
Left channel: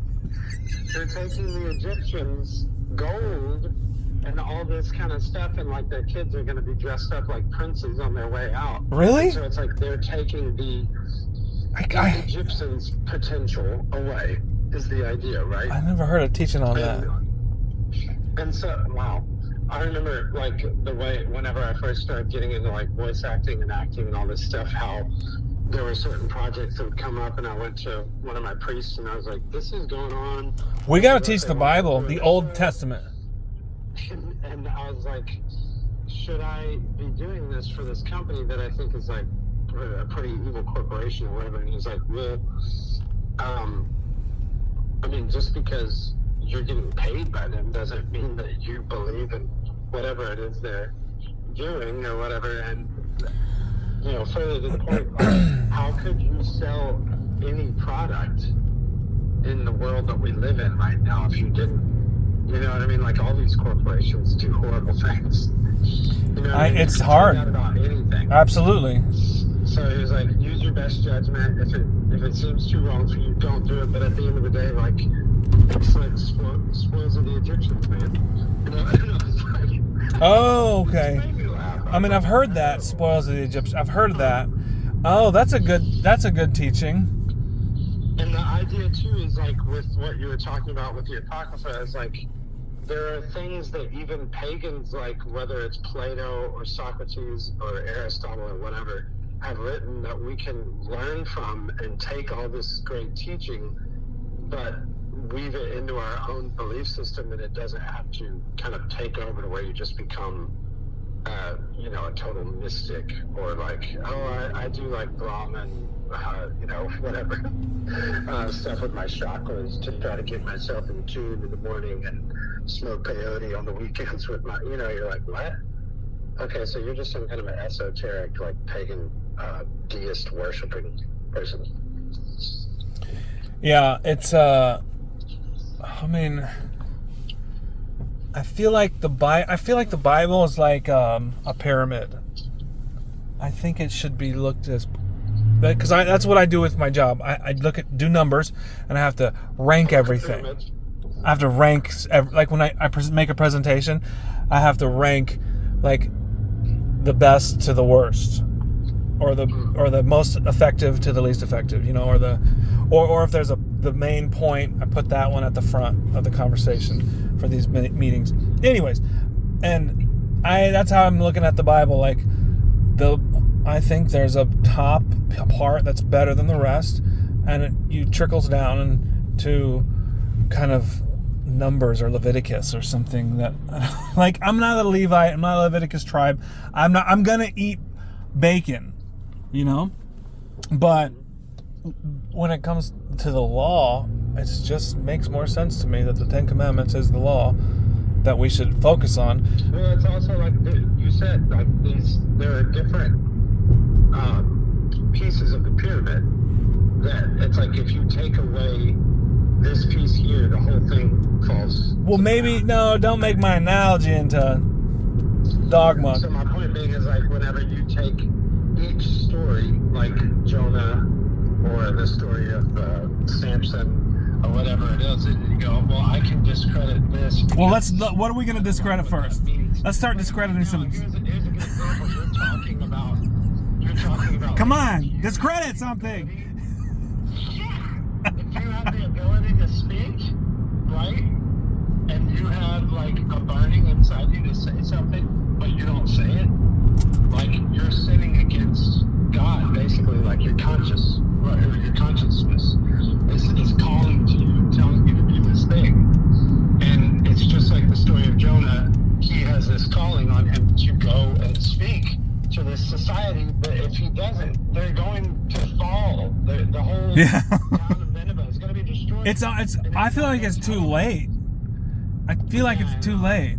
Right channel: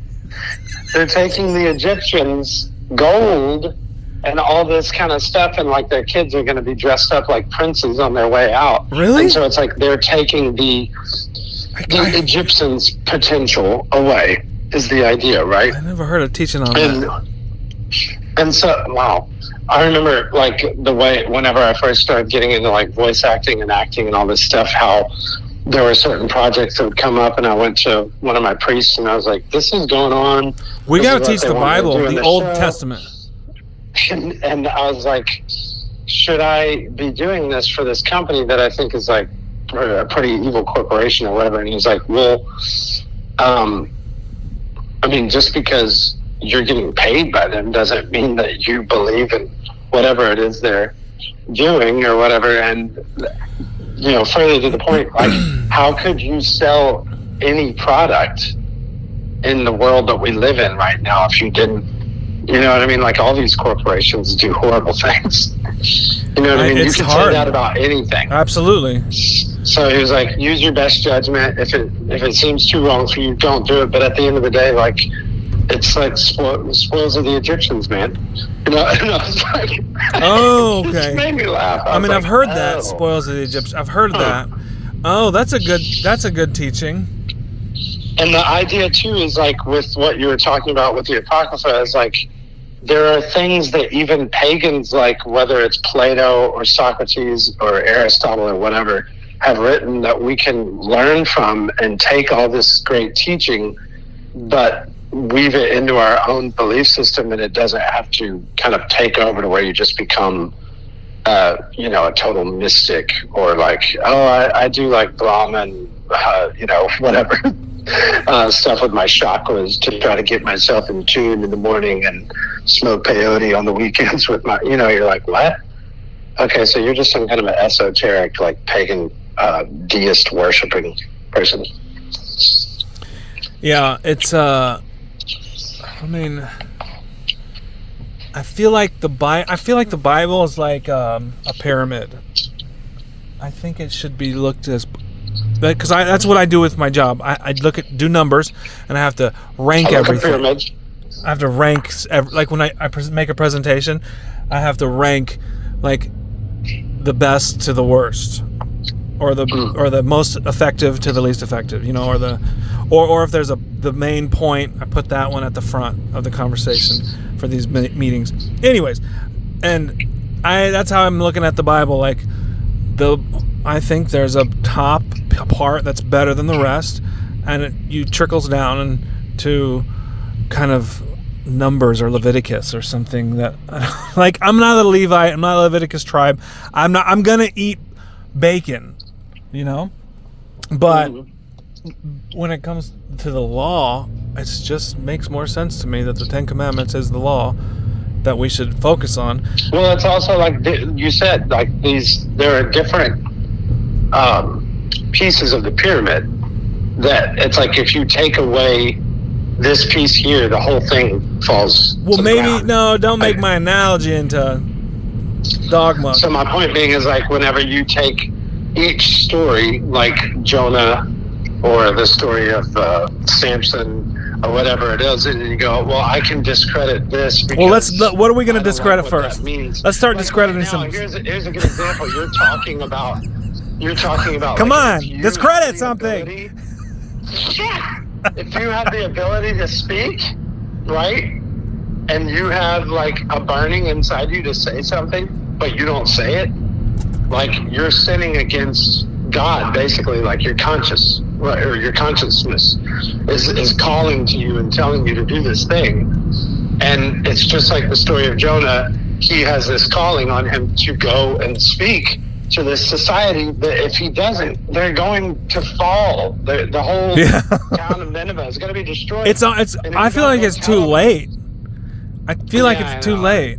the Egyptians' gold and all this kind of stuff, and like their kids are going to be dressed up like princes on their way out. Really? And so it's like they're taking the Egyptians' potential away, is the idea, right? I never heard of teaching on that. And so, wow. I remember like the way, whenever I first started getting into like voice acting and acting and all this stuff, how there were certain projects that would come up, and I went to one of my priests and I was like, this is going on. We got to teach the Bible, the Old Testament. And I was like, should I be doing this for this company that I think is like a pretty evil corporation or whatever? And he's like, well, I mean, just because you're getting paid by them doesn't mean that you believe in whatever it is they're doing or whatever. And, you know, further to the point, like, how could you sell any product in the world that we live in right now if you didn't? You know what I mean? Like, all these corporations do horrible things. You know what I mean? It's you can hard. say that about anything. Absolutely. So he was like, use your best judgment. If it seems too wrong for you, don't do it. But at the end of the day, like, it's like spoils of the Egyptians, man. You know, and I was like, oh, okay. It just made me laugh. I mean, I've heard that, spoils of the Egyptians. I've heard that. Oh, that's a good teaching. And the idea too is like with what you were talking about with the Apocrypha is like, there are things that even pagans, like whether it's Plato or Socrates or Aristotle or whatever, have written that we can learn from and take all this great teaching, but weave it into our own belief system, and it doesn't have to kind of take over to where you just become, you know, a total mystic, or like, oh, I do like Brahman, you know, whatever. Stuff with my chakras to try to get myself in tune in the morning and smoke peyote on the weekends with my, you know, you're like, what? Okay, so you're just some kind of an esoteric, like pagan, deist worshipping person. Yeah, it's I mean, I feel like the Bible is like a pyramid. I think it should be looked as, because that's what I do with my job. I do numbers, and I have to rank everything. I have to rank, like when I make a presentation, I have to rank like the best to the worst, or the most effective to the least effective, you know, or if there's the main point, I put that one at the front of the conversation for these meetings. Anyways, and that's how I'm looking at the Bible. Like I think there's a top part that's better than the rest, and you trickles down to kind of Numbers or Leviticus or something that like I'm not a Levite, I'm not a Leviticus tribe. I'm gonna eat bacon, you know? But when it comes to the law, it just makes more sense to me that the Ten Commandments is the law that we should focus on. Well, it's also like you said, like there are different pieces of the pyramid that it's like if you take away this piece here, the whole thing falls. Well, maybe no, don't make my analogy into dogma. So my point being is like whenever you take each story, like Jonah or the story of Samson or whatever it is, and you go, well, I can discredit this. Well, what are we going to discredit first? Let's start discrediting some. Here's a good example. You're talking about. Come on, discredit something. If you have the ability to speak, right, and you have like a burning inside you to say something, but you don't say it, like you're sinning against God, basically. Like your conscience, or your consciousness is calling to you and telling you to do this thing. And it's just like the story of Jonah. He has this calling on him to go and speak to this society that if he doesn't, they're going to fall. The whole town of Nineveh is going to be destroyed. I feel like it's too late. I feel like it's too late.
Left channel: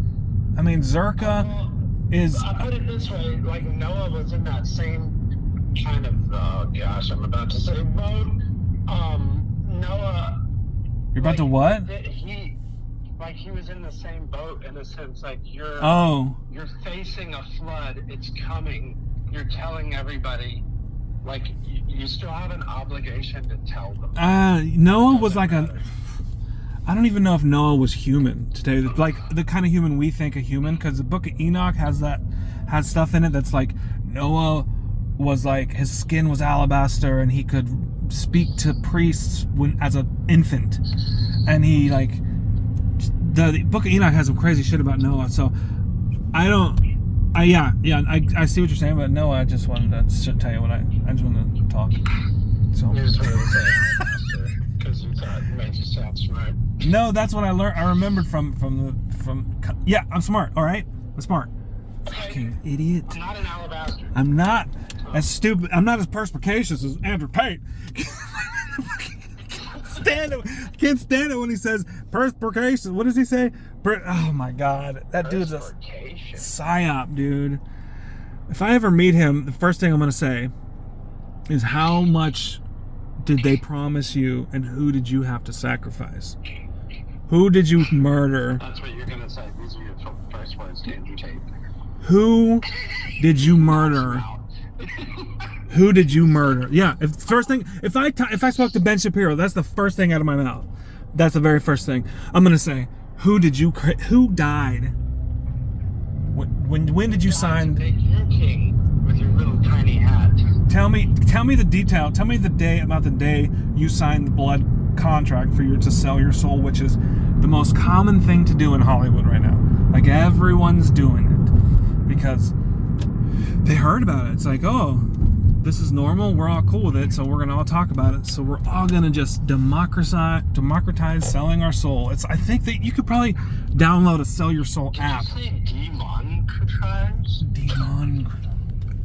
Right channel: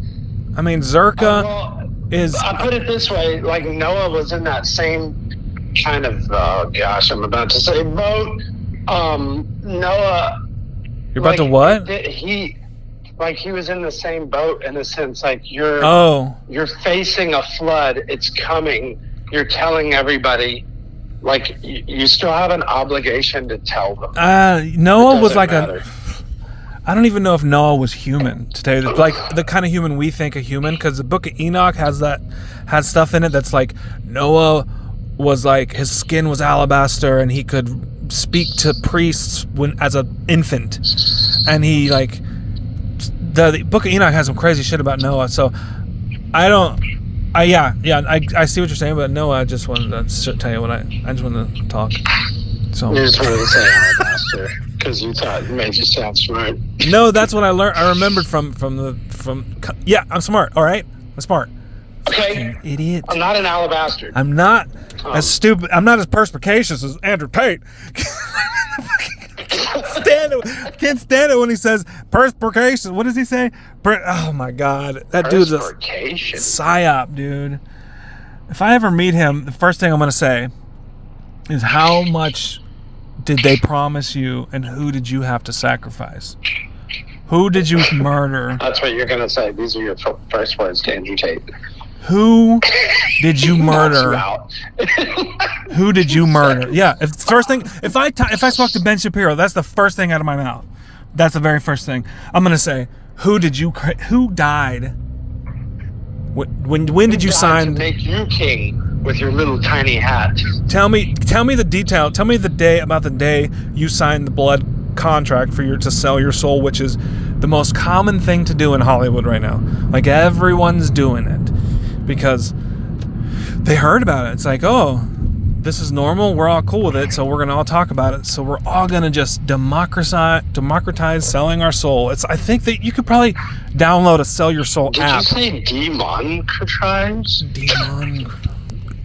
I mean, Zerka is... I put it this way, like Noah was in that same kind of, I'm about to say boat. Noah... You're about to what? He was in the same boat in a sense, like you're facing a flood, it's coming, you're telling everybody, like you still have an obligation to tell them. Noah was like I don't even know if Noah was human, to tell you that, like the kind of human we think a human, because the book of Enoch has stuff in it that's like Noah was like, his skin was alabaster and he could speak to priests as an infant, and he like... The book of Enoch has some crazy shit about Noah, so I see what you're saying about Noah. I just wanted to tell you I just wanted to talk. So you just wanted to say alabaster because you thought it made you sound smart. No, that's what I learned. I remembered from. Yeah, I'm smart. All right, I'm smart. Okay, fucking idiot. I'm not an alabaster. I'm not as stupid. I'm not as perspicacious as Andrew Tate. Can't stand it when he says perspication. What does he say? Oh my god, that dude's a psyop, dude. If I ever meet him, the first thing I'm gonna say is, how much did they promise you, and who did you have to sacrifice? Who did you murder? That's what you're gonna say. These are your first words to Andrew Tate. Who did you murder? Who did you murder? Yeah, if I spoke to Ben Shapiro, that's the first thing out of my mouth. That's the very first thing I'm gonna say. Who died? When did you sign? To make you king with your little tiny hat. Tell me the detail. Tell me the day you signed the blood contract to sell your soul, which is the most common thing to do in Hollywood right now. Like everyone's doing it because they heard about it. It's like, oh, this is normal. We're all cool with it, so we're gonna all talk about it. So we're all gonna just democratize selling our soul. I think that you could probably download a Sell Your Soul app. Did you say democratize?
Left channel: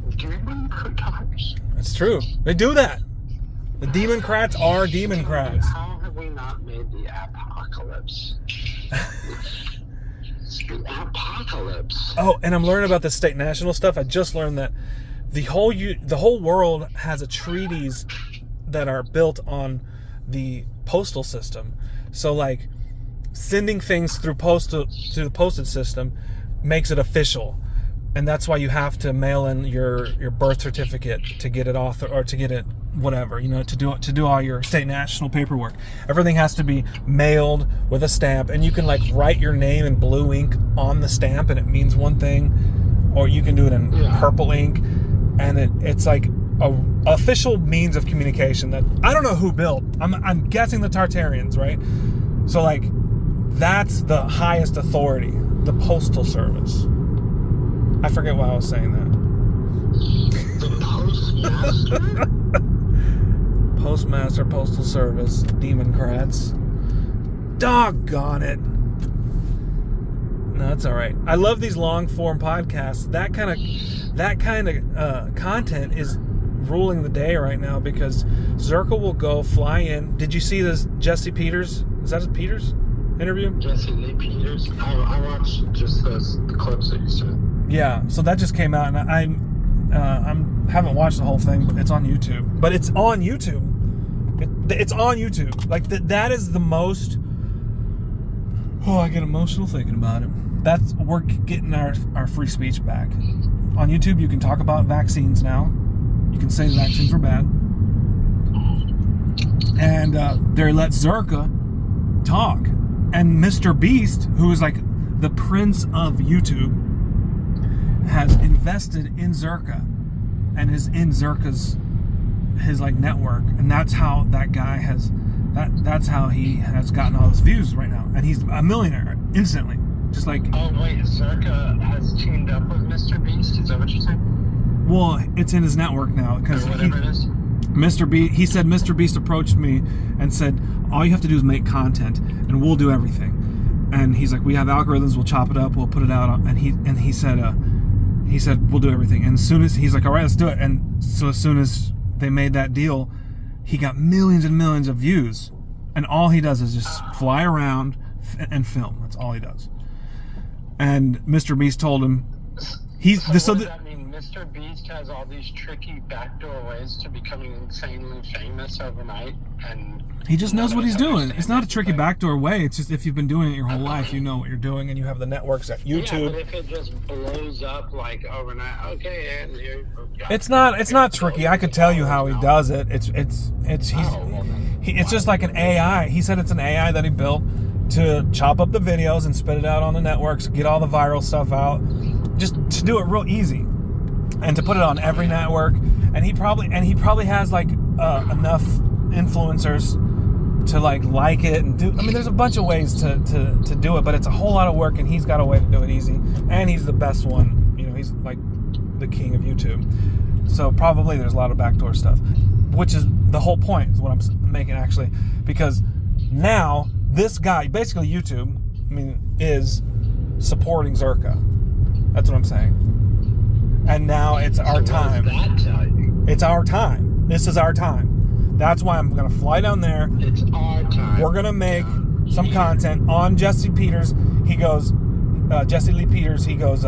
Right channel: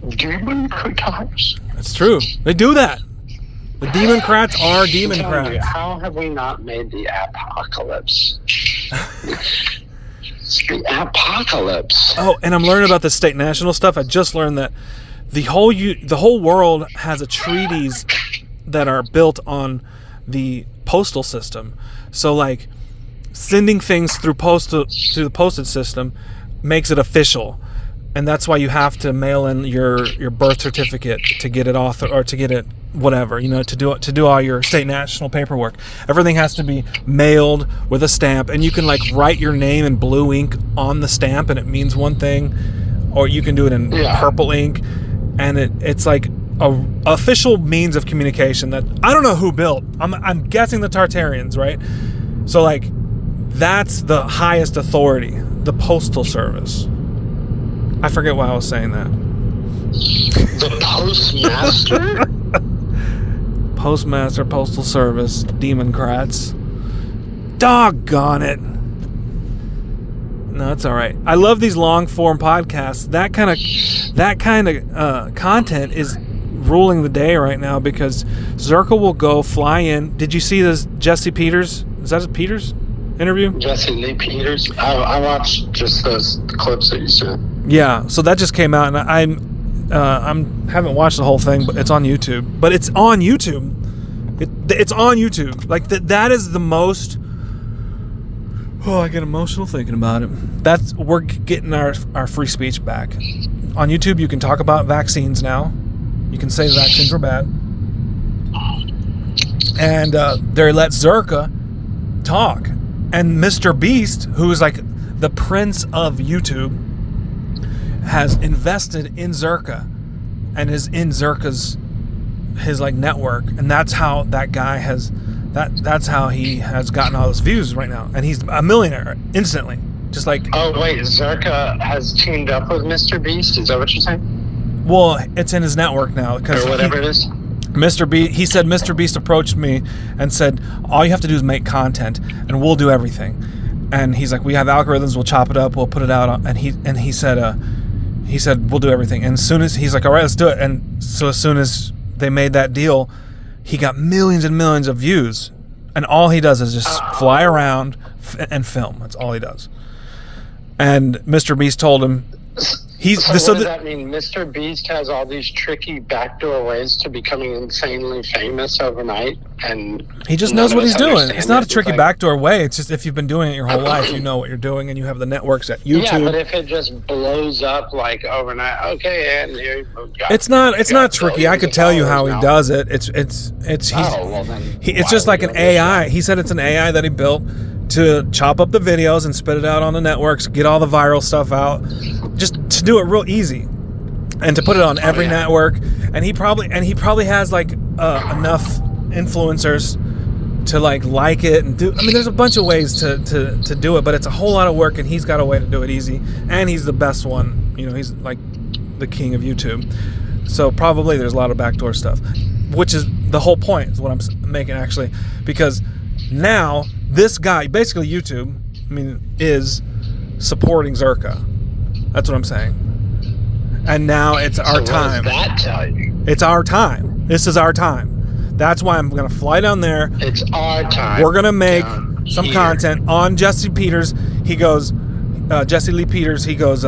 Democratize. It's true. They do that. The Democrats are Democrats. How have we not made the apocalypse? The apocalypse. Oh, and I'm learning about the state national stuff. I just learned that the whole world has a treaties that are built on the postal system. So like sending things through the postage system makes it official. And that's why you have to mail in your birth certificate to get it or to get it whatever, to do all your state national paperwork. Everything has to be mailed with a stamp, and you can like write your name in blue ink on the stamp and it means one thing, or you can do it in Yeah. purple ink, and it's like a official means of communication that I don't know who built. I'm guessing the Tartarians, right? So like that's the highest authority, the Postal Service. I forget why I was saying that. The postmaster? Postmaster, Postal Service, Democrats. Doggone it. No, it's all right. I love these long form podcasts. That kind of content is ruling the day right now because Zerka will go fly in. Did you see this Jesse Peters? Is that his Peters interview? Jesse Lee Peters. I watched just those clips that you sent. Yeah. So that just came out, and I haven't watched the whole thing, but it's on YouTube. But it's on YouTube. It's on YouTube. Like that is the most. Oh, I get emotional thinking about it. We're getting our free speech back. On YouTube, you can talk about vaccines now. You can say vaccines are bad. And they let Zerka talk. And Mr. Beast, who is like the prince of YouTube, has invested in Zerka and is in Zerka's his like network. And that's how that guy has that's how he has gotten all those views right now. And he's a millionaire instantly. Just like... Oh, wait, Zerka has teamed up with Mr. Beast? Is that what you're saying? Well, it's in his network now. Or whatever it is? Mr. Beast, he said Mr. Beast approached me and said, all you have to do is make content and we'll do everything. And he's like, we have algorithms, we'll chop it up, we'll put it out. And he said, we'll do everything. And as soon as he's like, all right, let's do it. And so as soon as they made that deal, he got millions and millions of views. And all he does is just fly around and film. That's all he does. And Mr. Beast told him, what does that mean? Mr. Beast has all these tricky backdoor ways to becoming insanely famous overnight, and he just knows what he's doing. It's not a tricky backdoor way. It's just if you've been doing it your whole life, you know what you're doing, and you have the networks at YouTube. Yeah, but if it just blows up like overnight, okay, and here it's not tricky. I could tell you how he does it. It's just like an AI. He said it's an AI that he built to chop up the videos and spit it out on the networks, get all the viral stuff out, just to do it real easy, and to put it on every network. And he probably has like enough influencers to like it and do. I mean, there's a bunch of ways to do it, but it's a whole lot of work, and he's got a way to do it easy. And he's the best one. You know, he's like the king of YouTube. So probably there's a lot of backdoor stuff, which is the whole point. Is what I'm making actually, because now this guy, basically YouTube, is supporting Zerka. That's what I'm saying. And now it's our time. What does that tell you? It's our time. This is our time. That's why I'm going to fly down there. It's our time. We're going to make some content on Jesse Peters. He goes, Jesse Lee Peters, he goes,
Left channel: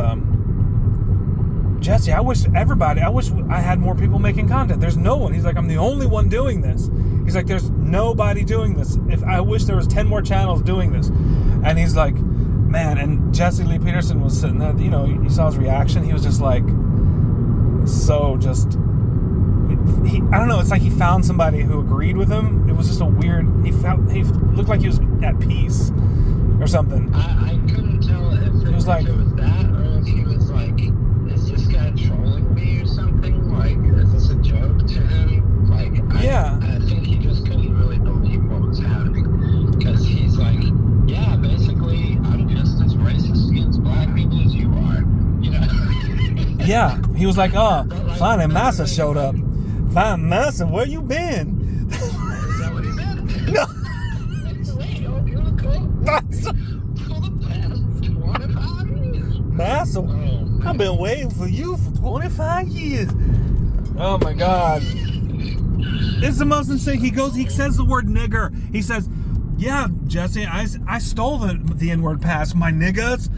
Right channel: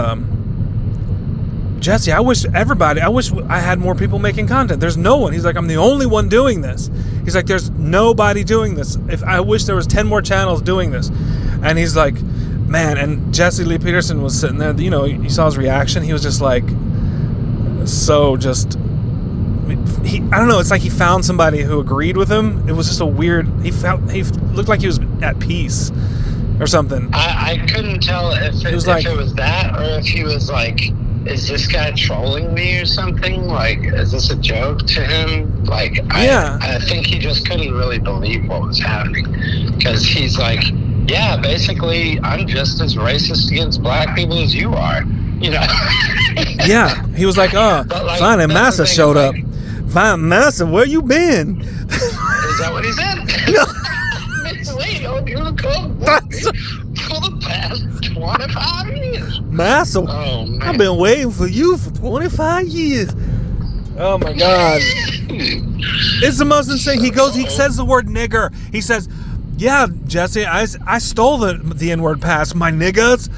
Jesse, I wish I had more people making content. There's no one. He's like, I'm the only one doing this. He's like, there's nobody doing this. I wish there was 10 more channels doing this. And he's like, man, and Jesse Lee Peterson was sitting there, you know, you saw his reaction. He was just like, I don't know, it's like he found somebody who agreed with him. It was just a weird, he looked like he was at peace or something. I couldn't tell if it was that or if he was like, is this guy trolling me or something? Like, is this a joke to him? Like, I think he just couldn't really believe what was happening. Because he's like, yeah, basically, I'm just as racist against black people as you are. You know? Yeah. He was like, Fine, and Massa showed up. Fine, Massa, where you been? Is that what he said? No. Wait, you come for the past 25 years. Massa, I've been waiting for you for 25 years. Oh my God. It's the most insane. He says the word nigger. He says, yeah, Jesse, I stole the N-word past my niggas.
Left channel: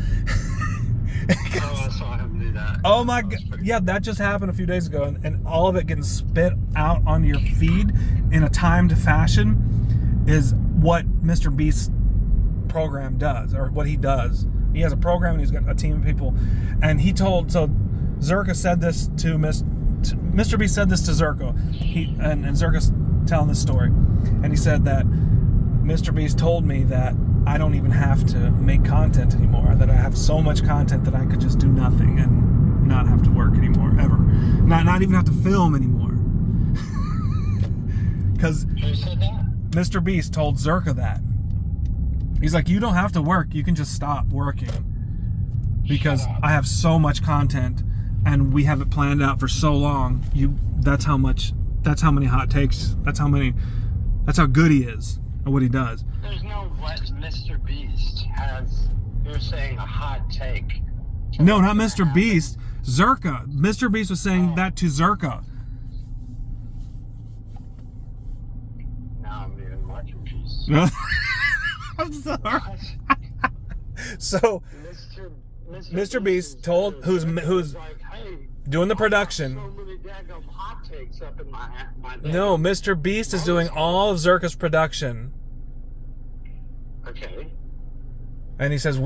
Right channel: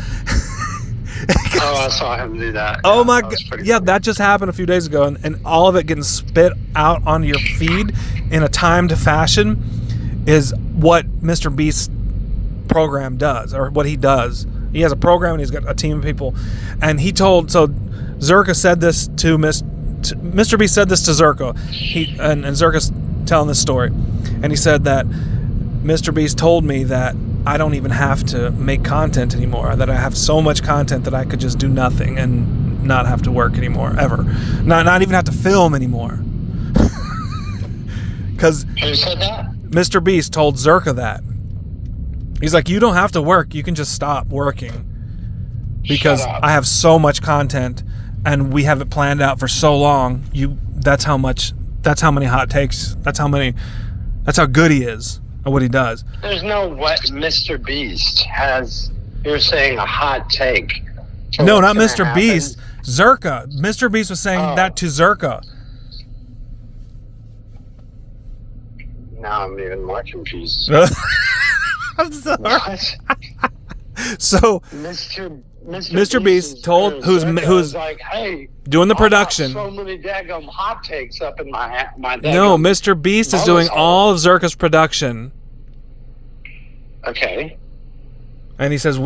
I saw him do that. Oh my God. Yeah, that just happened a few days ago, and all of it getting spit out onto your feed in a timed fashion is what Mr. Beast's program does, or what he does. He has a program and he's got a team of people. And Zerka said this to Mr. Beast said this to Zerka. And Zerka's telling this story. And he said that Mr. Beast told me that I don't even have to make content anymore, that I have so much content that I could just do nothing and not have to work anymore, ever. Not even have to film anymore. Because Who said that? Mr. Beast told Zerka that. He's like, you don't have to work. You can just stop working. Because Shut up. I have so much content and we have it planned out for so long. That's how many hot takes. That's how good he is at what he does. There's no what Mr. Beast has. You're saying a hot take. for No, what's not gonna Mr. happen. Beast. Zerka. Mr. Beast was saying that to Zerka. Now I'm even more confused. I'm sorry. What? So Mr. Beast told who's like, hey, doing the I got production. so many daggum hot takes up in my No, daggum Mr. Beast is doing bonus all of Zerka's production. Okay. And he says So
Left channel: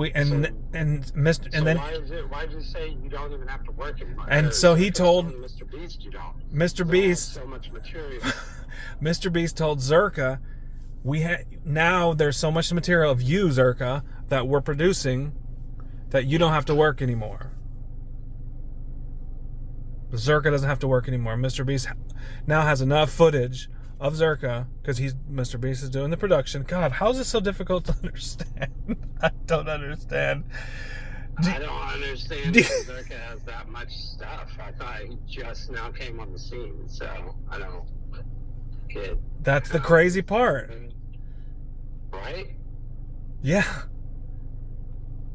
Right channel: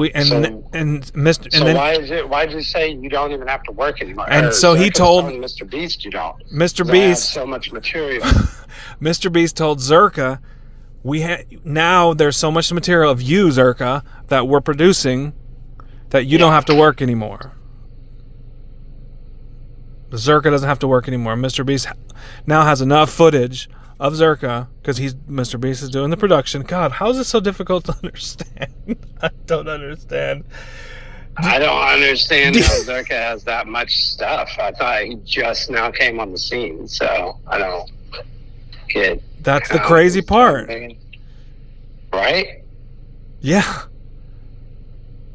why'd you say you don't even have to work anymore? And so he Zerka's told telling Mr. Beast you don't. Mr. 'Cause I have Beast so much material. Mr. Beast told Zerka, now there's so much material of you, Zerka, that we're producing that you don't have to work anymore. Zerka doesn't have to work anymore. Mr. Beast now has enough footage of Zerka because Mr. Beast is doing the production. God, how is this so difficult to understand? I don't understand. I don't understand how Zerka has that much stuff. I thought he just now came on the scene, so I don't get. That's the crazy part. Right? Yeah.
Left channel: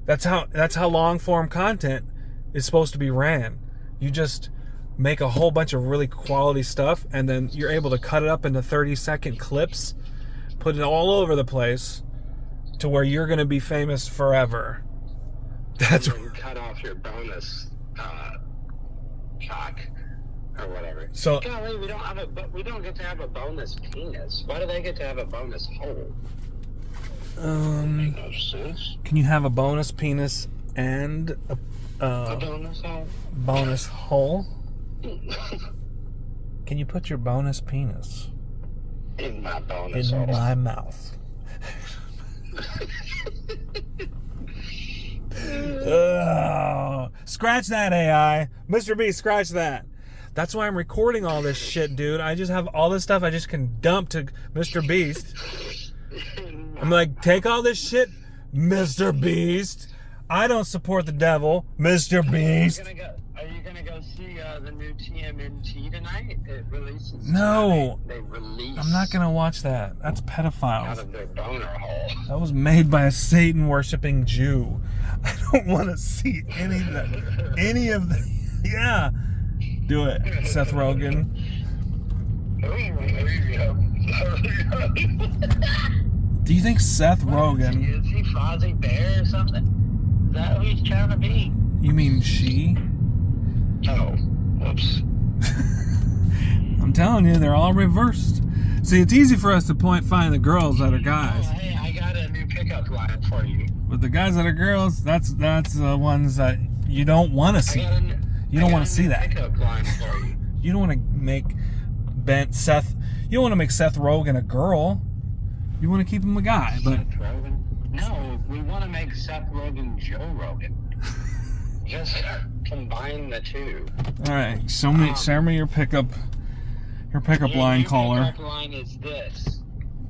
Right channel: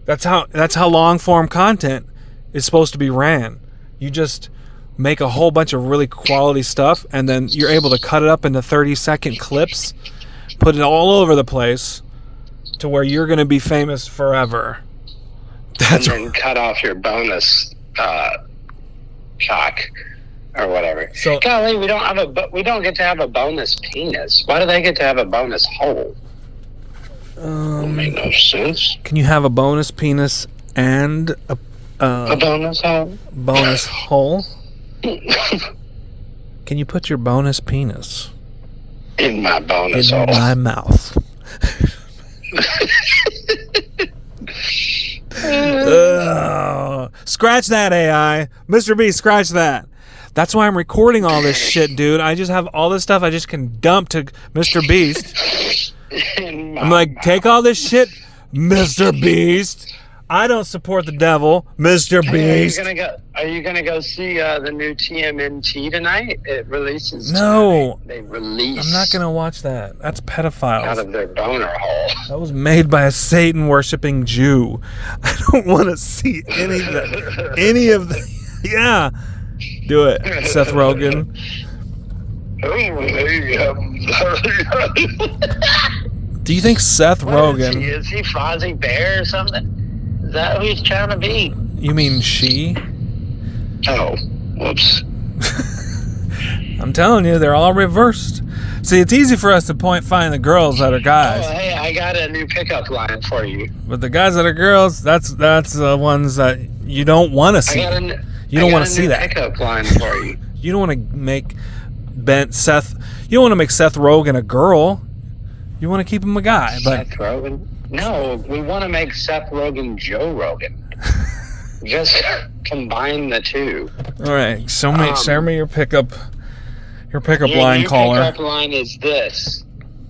That's how long form content is supposed to be ran. You just make a whole bunch of really quality stuff and then you're able to cut it up into 30-second clips, put it all over the place to where you're going to be famous forever. And then cut off your bonus cock or whatever. So, golly, we don't get to have a bonus penis. Why do they get to have a bonus hole? That make no sense. Can you have a bonus penis and a bonus hole? Bonus hole? Can you put your bonus penis in my bonus in hole? my mouth? Scratch that, AI. Mr. B, scratch that. That's why I'm recording all this shit, dude. I just have all this stuff I just can dump to Mr. Beast. I'm like, take all this shit, Mr. Beast. I don't support the devil, Mr. Beast. Are you gonna go see the new TMNT tonight? It releases. No. Tonight. They release. I'm not gonna watch that. That's pedophiles. Out of their boner hole. That was made by a Satan-worshipping Jew. I don't want to see any of that. Yeah. Do it, Seth Rogen. Do you think Seth Rogen... Is he Fozzie Bear or something? Is that who he's trying to be? You mean she? Oh, whoops. I'm telling you, they're all reversed. See, it's easy for us to find the girls that are guys. Oh, hey, I got a new pickup line for you. But the guys that are girls, that's the ones that you don't want to see. You don't want to see that. Pickup line for you. You don't want to make Seth. You don't want to make Seth Rogen a girl. You want to keep him a guy. But Seth Rogen? No, we want to make Seth Rogen Joe Rogan. Just combine the two. All right, show me your pickup line caller. Your pickup line is this.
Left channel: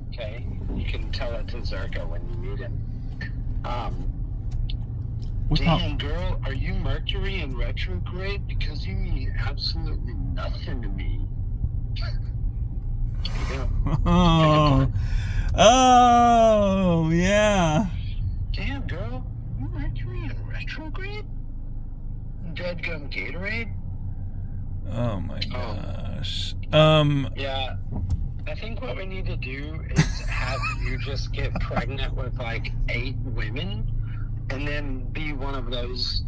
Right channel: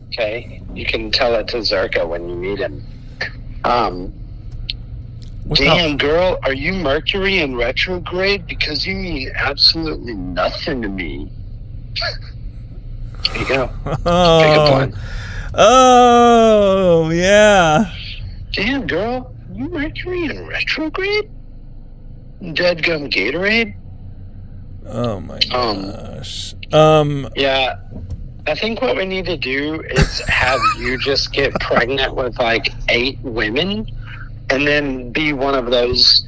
Okay, you can tell it to Zerka when you meet him. Damn, girl, are you Mercury in retrograde? Because you mean absolutely nothing to me. There you go. Pickup line. Oh, yeah. Damn, girl, you Mercury in retrograde? Deadgum Gatorade? Oh my gosh. Yeah, I think what we need to do is have you just get pregnant with like 8 women and then be one of those,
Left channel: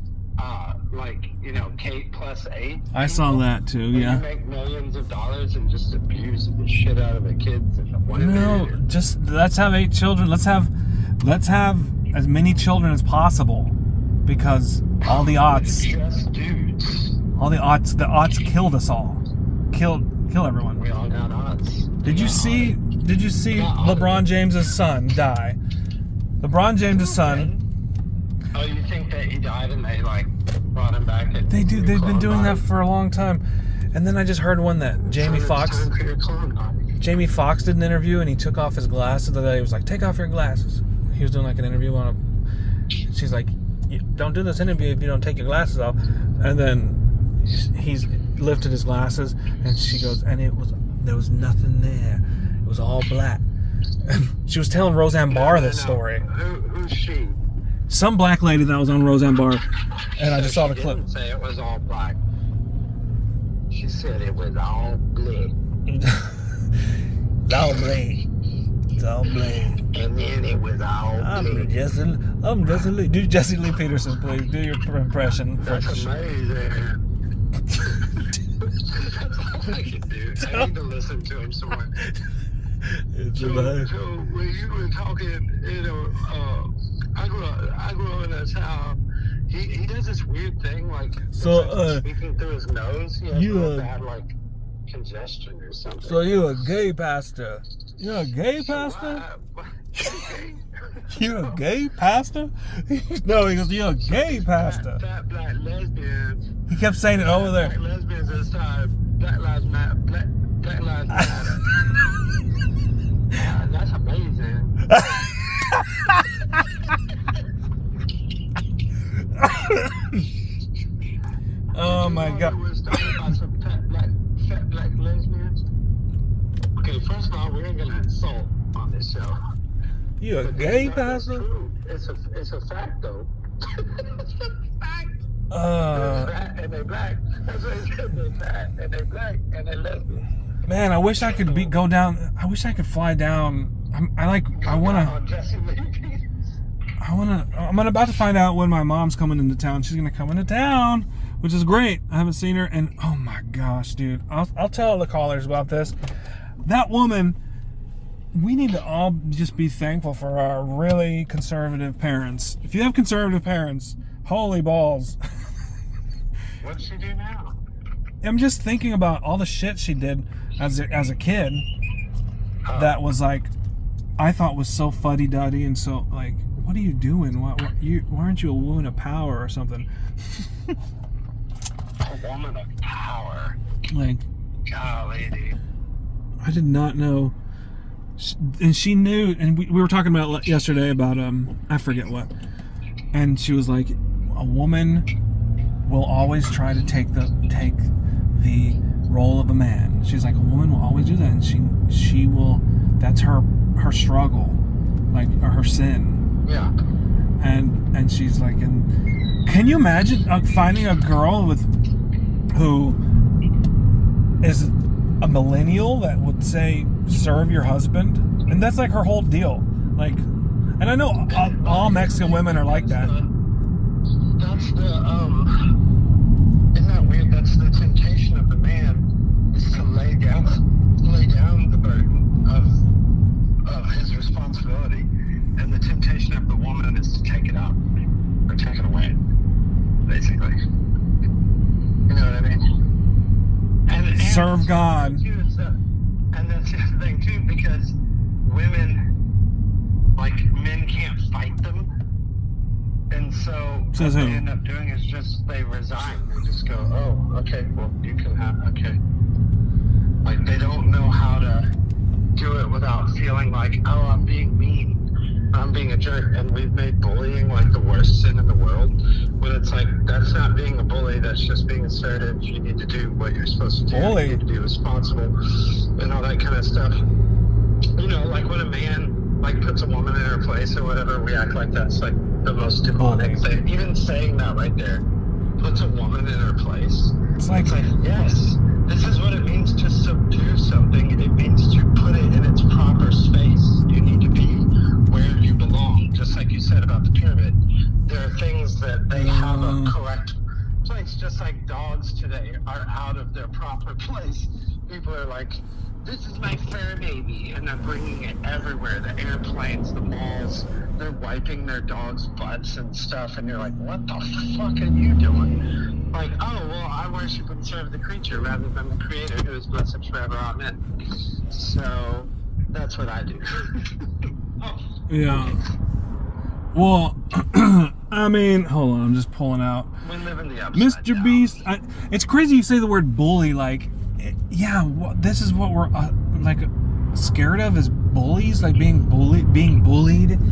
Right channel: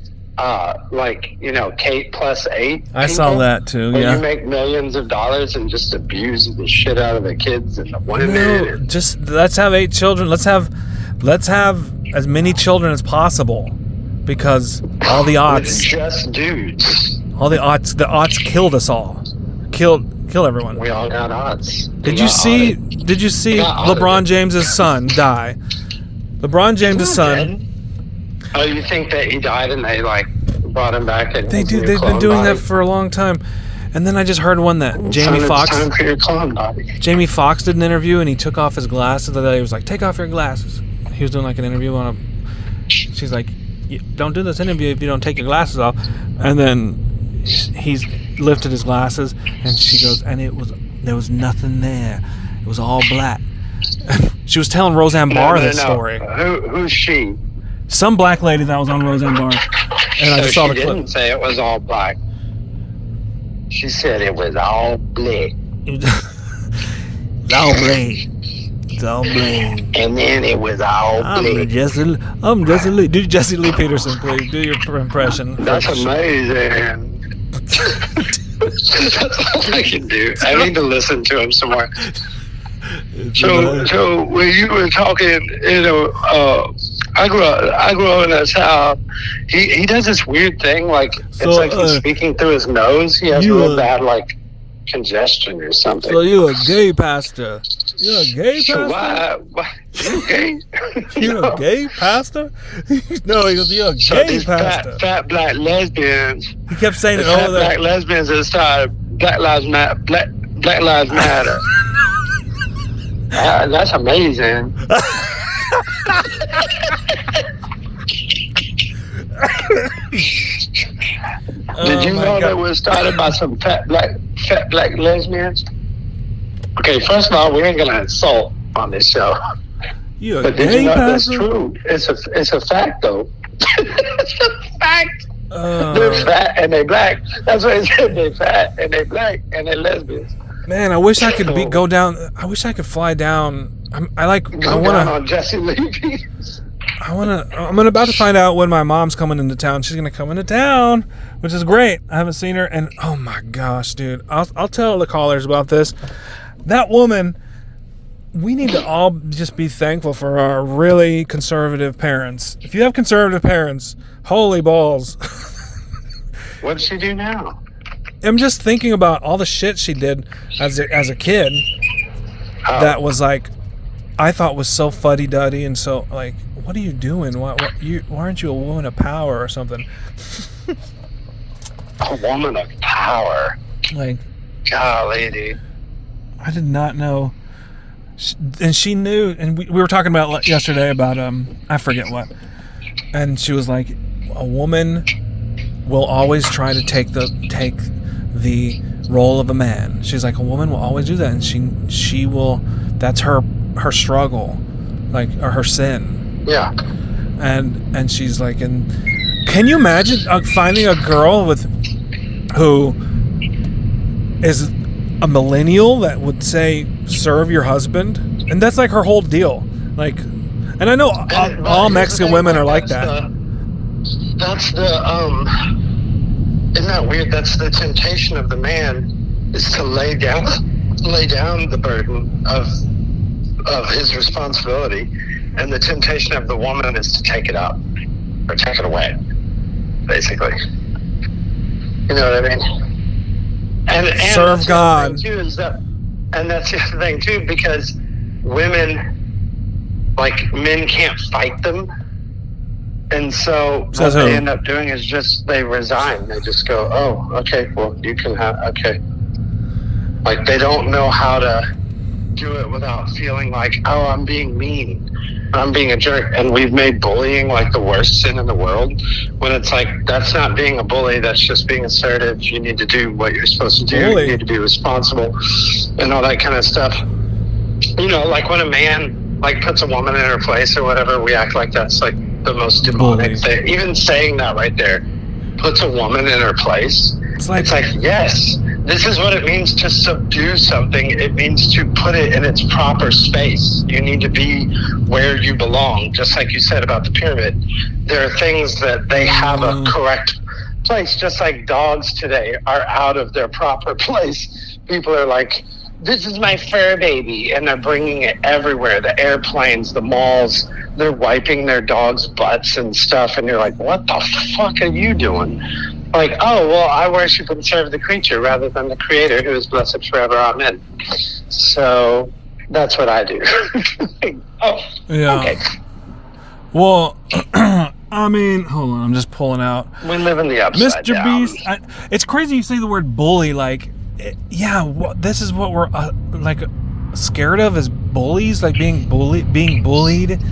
Kate plus 8 I saw that too, where yeah. you make millions of dollars and just abuse the shit out of the kids and the women. No, just let's have 8 children. Let's have as many children as possible, because all the odds. Just dudes. All the odds killed us all. Kill everyone. We all got odds. Did you see LeBron James's son die? LeBron James's son. Dead? Oh, you think that he died and they brought him back. And they've been doing that for a long time. And then I just heard one that Jamie Foxx. Time for your clone body. Jamie Foxx did an interview and he took off his glasses. He was like, "Take off your glasses." He was doing like an interview on a. She's like, "Don't do this interview if you don't take your glasses off." And then he's lifted his glasses and she goes, and there was nothing there. It was all black. She was telling Roseanne Barr this story. Who's she? Some black lady that was on Roseanne Barr. And I just saw the clip. She didn't say it was all black. She said it was all black. It's all black. It's all black. And then it was all black. I'm Jesse Lee. Do Jesse Lee Peterson, please. Do your impression. That's amazing. That's all I can do. I need to listen to him some more. So when you were talking, I grew up in this house. He does this weird thing, like it's like he's speaking through his nose. He has real bad like congestion or something. So you a gay pastor? You're a gay pastor? So why you gay? You're a gay pastor? No, he goes, you're a gay pastor. Fat black lesbians. He kept saying it over there. Black lesbians that started Black Lives Matter. That's amazing. Did you know that was started by some fat black lesbians? Okay, first of all, we ain't gonna insult on this show. But did you know that's true? It's a fact though. It's a fact. They're fat and they black. That's what it said. They fat and they black and they lesbians. Man, I wish I could go down. I wish I could fly down. I want on Jesse Lee. I'm about to find out when my mom's coming into town. She's gonna come into town, which is great. I haven't seen her, and oh my gosh, dude, I'll tell the callers about this. That woman. We need to all just be thankful for our really conservative parents. If you have conservative parents, holy balls. What does she do now? I'm just thinking about all the shit she did as a kid. That was like, I thought was so fuddy-duddy and so like, what are you doing? Why aren't you a woman of power or something? A woman of power. Like, golly, dude. I did not know. And she knew, and we were talking about yesterday about I forget what, and she was like, a woman will always try to take the role of a man. She's like, a woman will always do that, and she will. That's her struggle, like, or her sin. Yeah. And she's like, and can you imagine finding a girl who is a millennial that would say serve your husband, and that's like her whole deal. Like, and I know all Mexican women are like that. Isn't that weird? That's the temptation of the man, is to lay down the burden of his responsibility, and the temptation of the woman is to take it up or take it away, basically. You know what I mean? And serve God. And that's the other thing too, because women, like, men can't fight them, and so what they end up doing is just they resign. They just go, oh, okay, well, you can have, okay. Like, they don't know how to do it without feeling like, oh, I'm being mean, I'm being a jerk. And we've made bullying like the worst sin in the world, when it's like, that's not being a bully, that's just being assertive. You need to do what you're supposed to do. You need to be responsible and all that kind of stuff. You know, like when a man like puts a woman in her place or whatever, we act like that's like the most demonic thing. Even saying that right there puts a woman in her place. It's like, yes, this is what it means to subdue something. It means to put it in its proper space. You need to be where you belong. Just like you said about the pyramid, there are things that they have a correct place. Just like dogs today are out of their proper place. People are like, this is my fur baby, and they're bringing it everywhere. The airplanes, the malls, they're wiping their dogs' butts and stuff, and you're like, what the fuck are you doing? Like, oh, well, I worship and serve the creature rather than the creator, who is blessed forever. Amen. So that's what I do. Oh, yeah. Okay. Well, I mean, hold on, I'm just pulling out. We live in the upside Mr. down. Beast. It's crazy you say the word bully. Like, this is what we're scared of is bullies, like being bullied.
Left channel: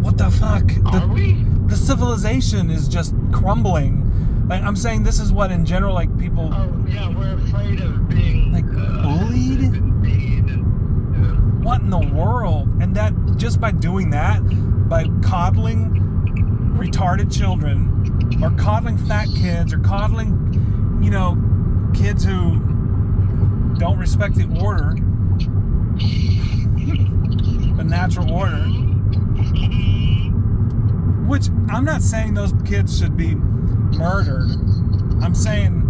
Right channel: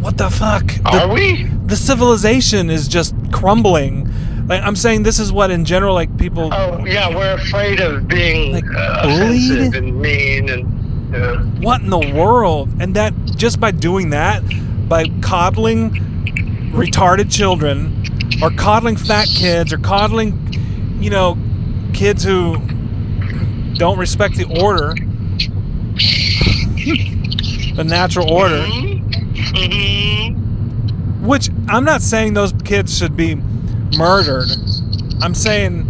What the fuck? Are we? The civilization is just crumbling. Like, I'm saying this is what in general, like people. Oh yeah, we're afraid of being like offensive and mean and. What in the world? And that just by doing that, by coddling retarded children, or coddling fat kids, or coddling, kids who don't respect the order, the natural order. Which I'm not saying those kids should be murdered. I'm saying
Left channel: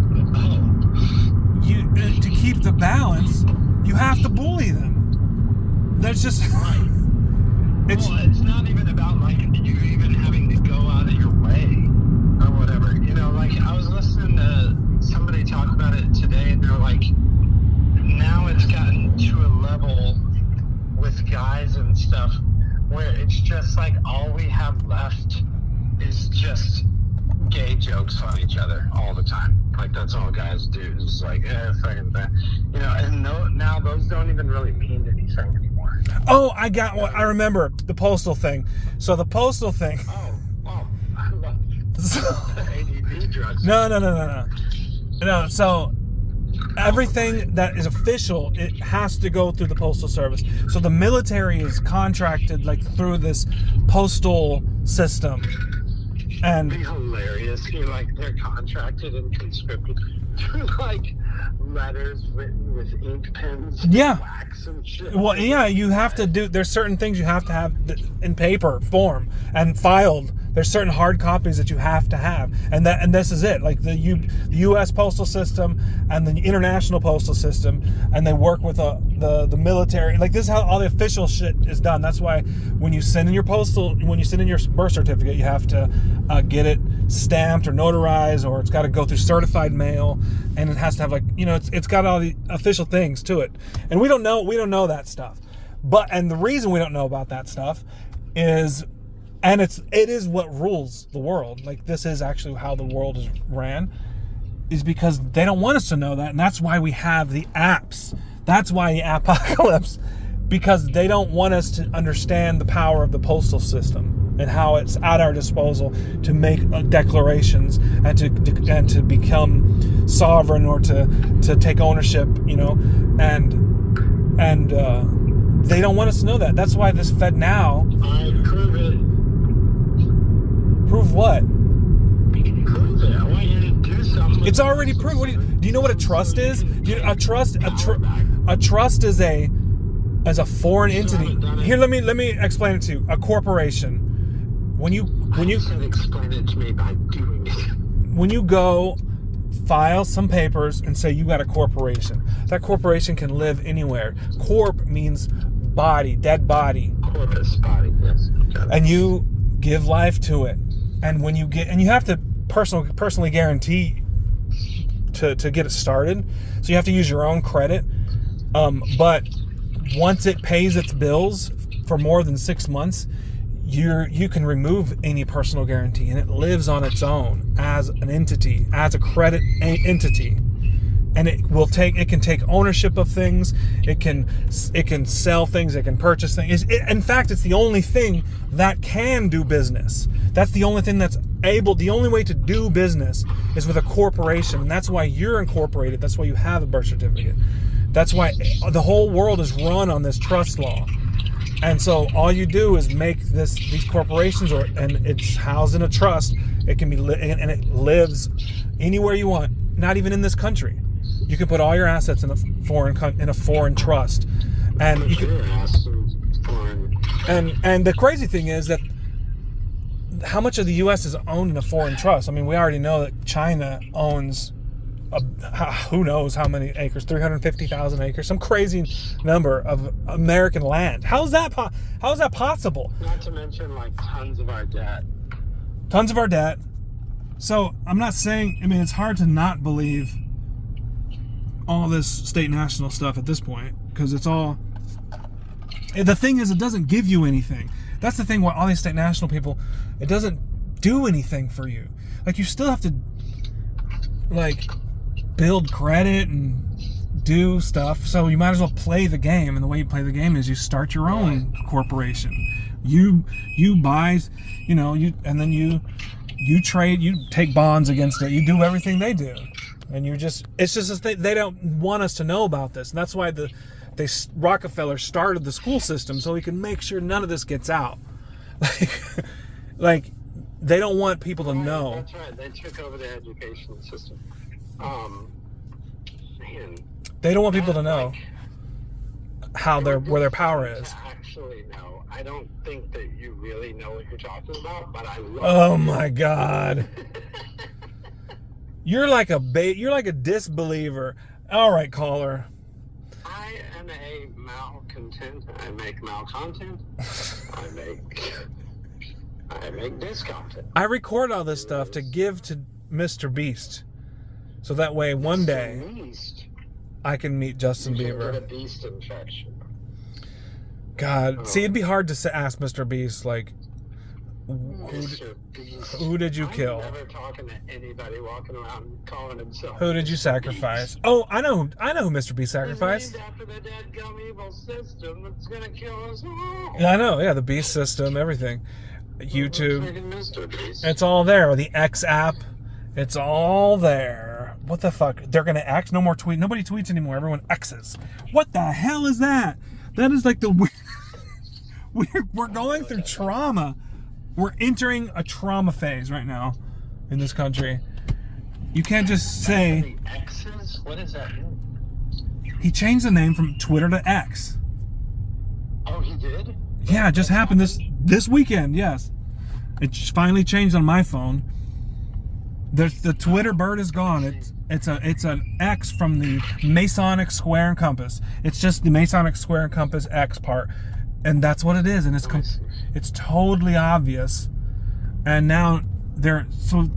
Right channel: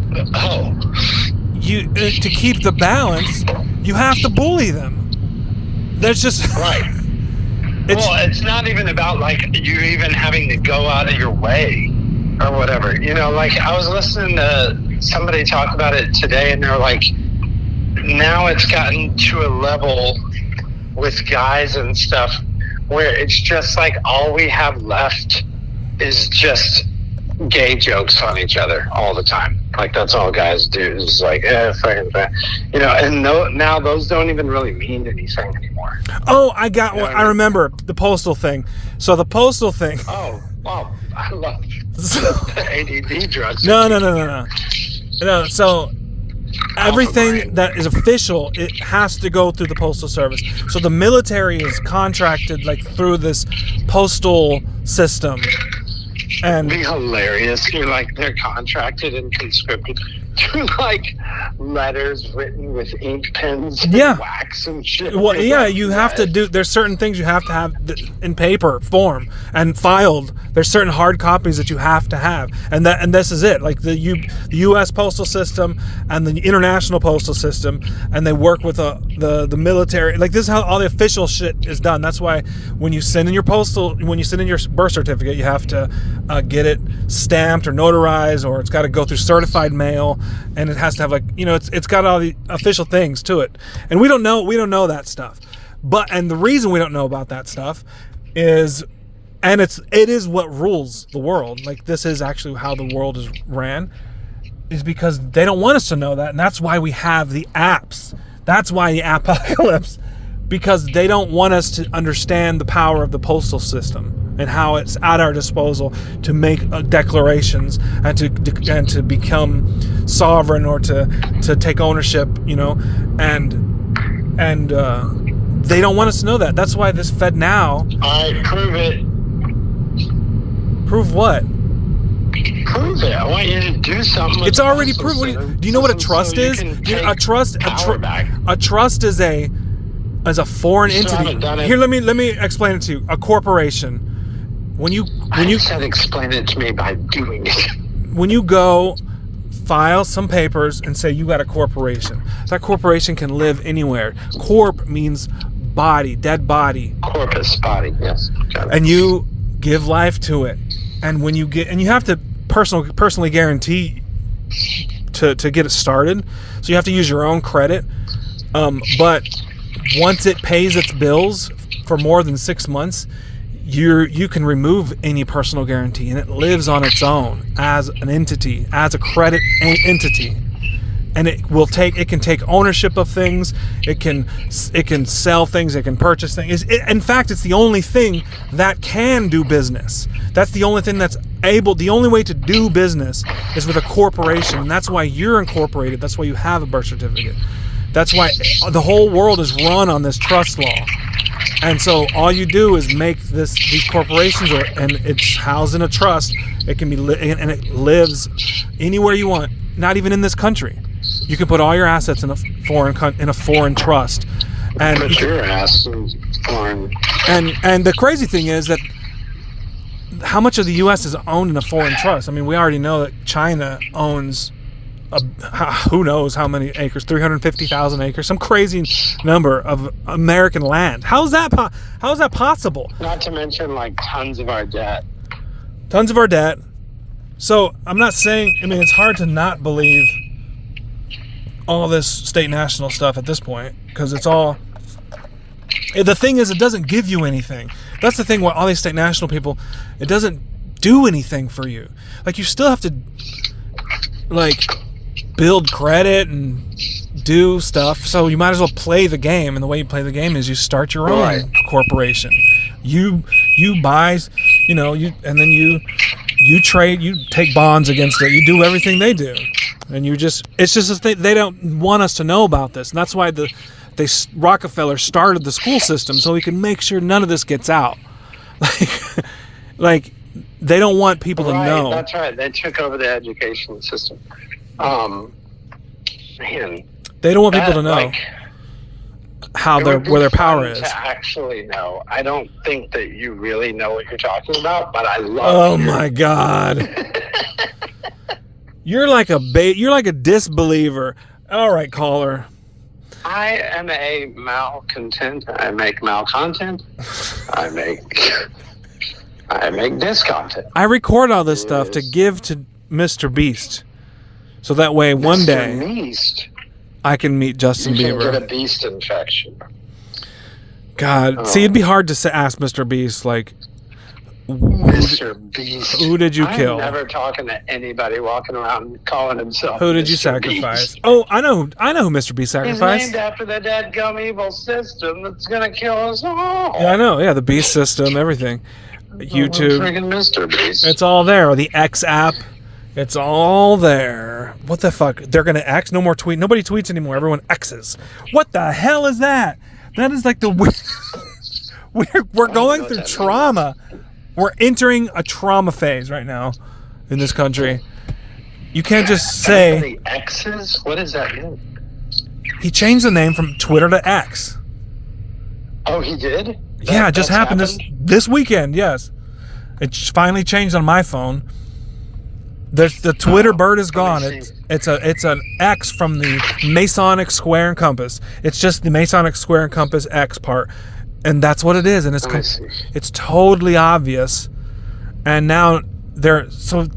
to keep the balance, you have to bully them. That's just right. It's not even about like you even having to go out of your way or whatever. Like I was listening to somebody talk about it today, and they're like, now it's gotten to a level with guys and stuff where it's just like all we have left is just gay jokes on each other all the time. Like that's all guys do. It's like, fucking, and now those don't even really mean anything anymore. Oh, I got one. I remember the postal thing. So the postal thing. Oh, wow. I love ADD drugs. No. So everything that is official, it has to go through the postal service. So the military is contracted like through this postal system. And it'd be hilarious. You're like they're contracted and conscripted to like letters written with ink pens and wax and shit. Well, yeah, you have to do. There's certain things you have to have in paper form and filed. There's certain hard copies that you have to have, and this is it. Like the U.S. postal system and the international postal system, and they work with the military. Like this is how all the official shit is done. That's why when you send in your birth certificate, you have to get it stamped or notarized, or it's got to go through certified mail, and it has to have it's got all the official things to it. And we don't know that stuff. And the reason we don't know about that stuff is, and it is what rules the world. Like this is actually how the world is ran, is because they don't want us to know that, and that's why we have the apps. That's why the apocalypse, because they don't want us to understand the power of the postal system and how it's at our disposal to make declarations and to become sovereign or to take ownership, and they don't want us to know that. That's why this Fed now. I prove it. Prove what? Prove it. I want you to do something. It's already proven. Do you know what a trust is? A trust is a foreign entity. Here, let me explain it to you. A corporation. When you said explain it to me by doing it. When you go file some papers and say you got a corporation, that corporation can live anywhere. Corp means body, dead body. Corpus, body, yes. Got it. And you give life to it. And when you have to personally guarantee to get it started. So you have to use your own credit. But once it pays its bills for more than 6 months, you can remove any personal guarantee, and it lives on its own as an entity, as a credit entity. And it can take ownership of things. It can sell things. It can purchase things. In fact, it's the only thing that can do business. That's the only thing that's able. The only way to do business is with a corporation, and that's why you're incorporated. That's why you have a birth certificate. That's why the whole world is run on this trust law. And so all you do is make these corporations, and it's housed in a trust. It can be and it lives anywhere you want, not even in this country. You can put all your assets in a foreign trust, and put your ass in foreign. And the crazy thing is that how much of the U.S. is owned in a foreign trust? I mean, we already know that China owns who knows how many acres, 350,000 acres, some crazy number of American land. How is that possible? Not to mention like tons of our debt. So I'm not saying, it's hard to not believe all this state national stuff at this point, because it's all, the thing is, it doesn't give you anything. That's the thing with all these state national people. It doesn't do anything for you. Like, you still have to, like, build credit and do stuff. So you might as well play the game. And the way you play the game is you start your own corporation. You buy, and then you trade, you take bonds against it. You do everything they do. And it's just they don't want us to know about this. And that's why Rockefeller started the school system, so he can make sure none of this gets out. Like they don't want people to know. That's right. They took over the education system. Man, they don't want people to know where their power is. To actually know, I don't think that you really know what you're talking about, but I love. Oh my God. You're like a disbeliever. All right, caller. I am a malcontent. I make malcontent. I make discontent. I record all this stuff to give to Mr. Beast, so that way one day Beast. I can meet Justin Bieber. You can get a beast infection. God, see, it'd be hard to ask Mr. Beast, like, Mr. Beast. Who did you kill? I'm never talking to anybody walking around calling himself Who did Mr. you sacrifice? Beast. Oh, I know who Mr. Beast sacrificed. He's named after the dadgum evil system that's gonna kill us all. Yeah, I know. Yeah, the Beast system, everything. YouTube. Freaking Mr. Beast. It's all there. The X app. It's all there. What the fuck? They're gonna X? No more tweet. Nobody tweets anymore. Everyone X's. What the hell is that? That is like the we're going through trauma. We're entering a trauma phase right now in this country. You can't just say the X's. What does that mean? He changed the name from Twitter to X. Oh, he did? Yeah, it just happened this weekend. Yes, it finally changed on my phone. The Twitter bird is gone. It's an X from the Masonic Square and Compass. It's just the Masonic Square and Compass X part, and that's what it is. And it's totally obvious. And now they're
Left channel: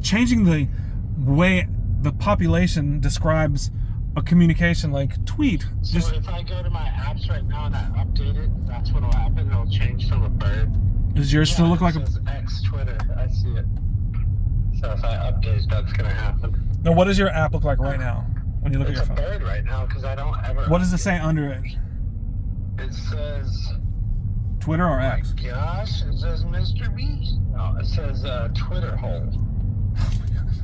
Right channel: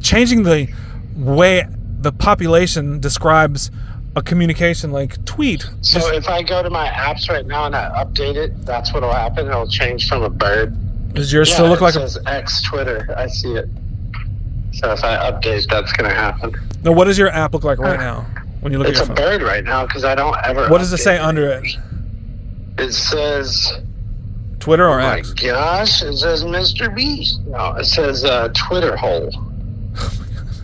changing the way the population describes a communication, like tweet. So if I go to my apps right now and I update it, that's what'll happen. It'll change from a bird. Does yours still look like it says X Twitter? I see it. So if I update, that's going to happen. Now, what does your app look like right now when you look at your phone? It's a bird right now because I don't ever. What does it say under it? It says Twitter or X? Oh my gosh! It says Mr. Beast. No, it says Twitter hole.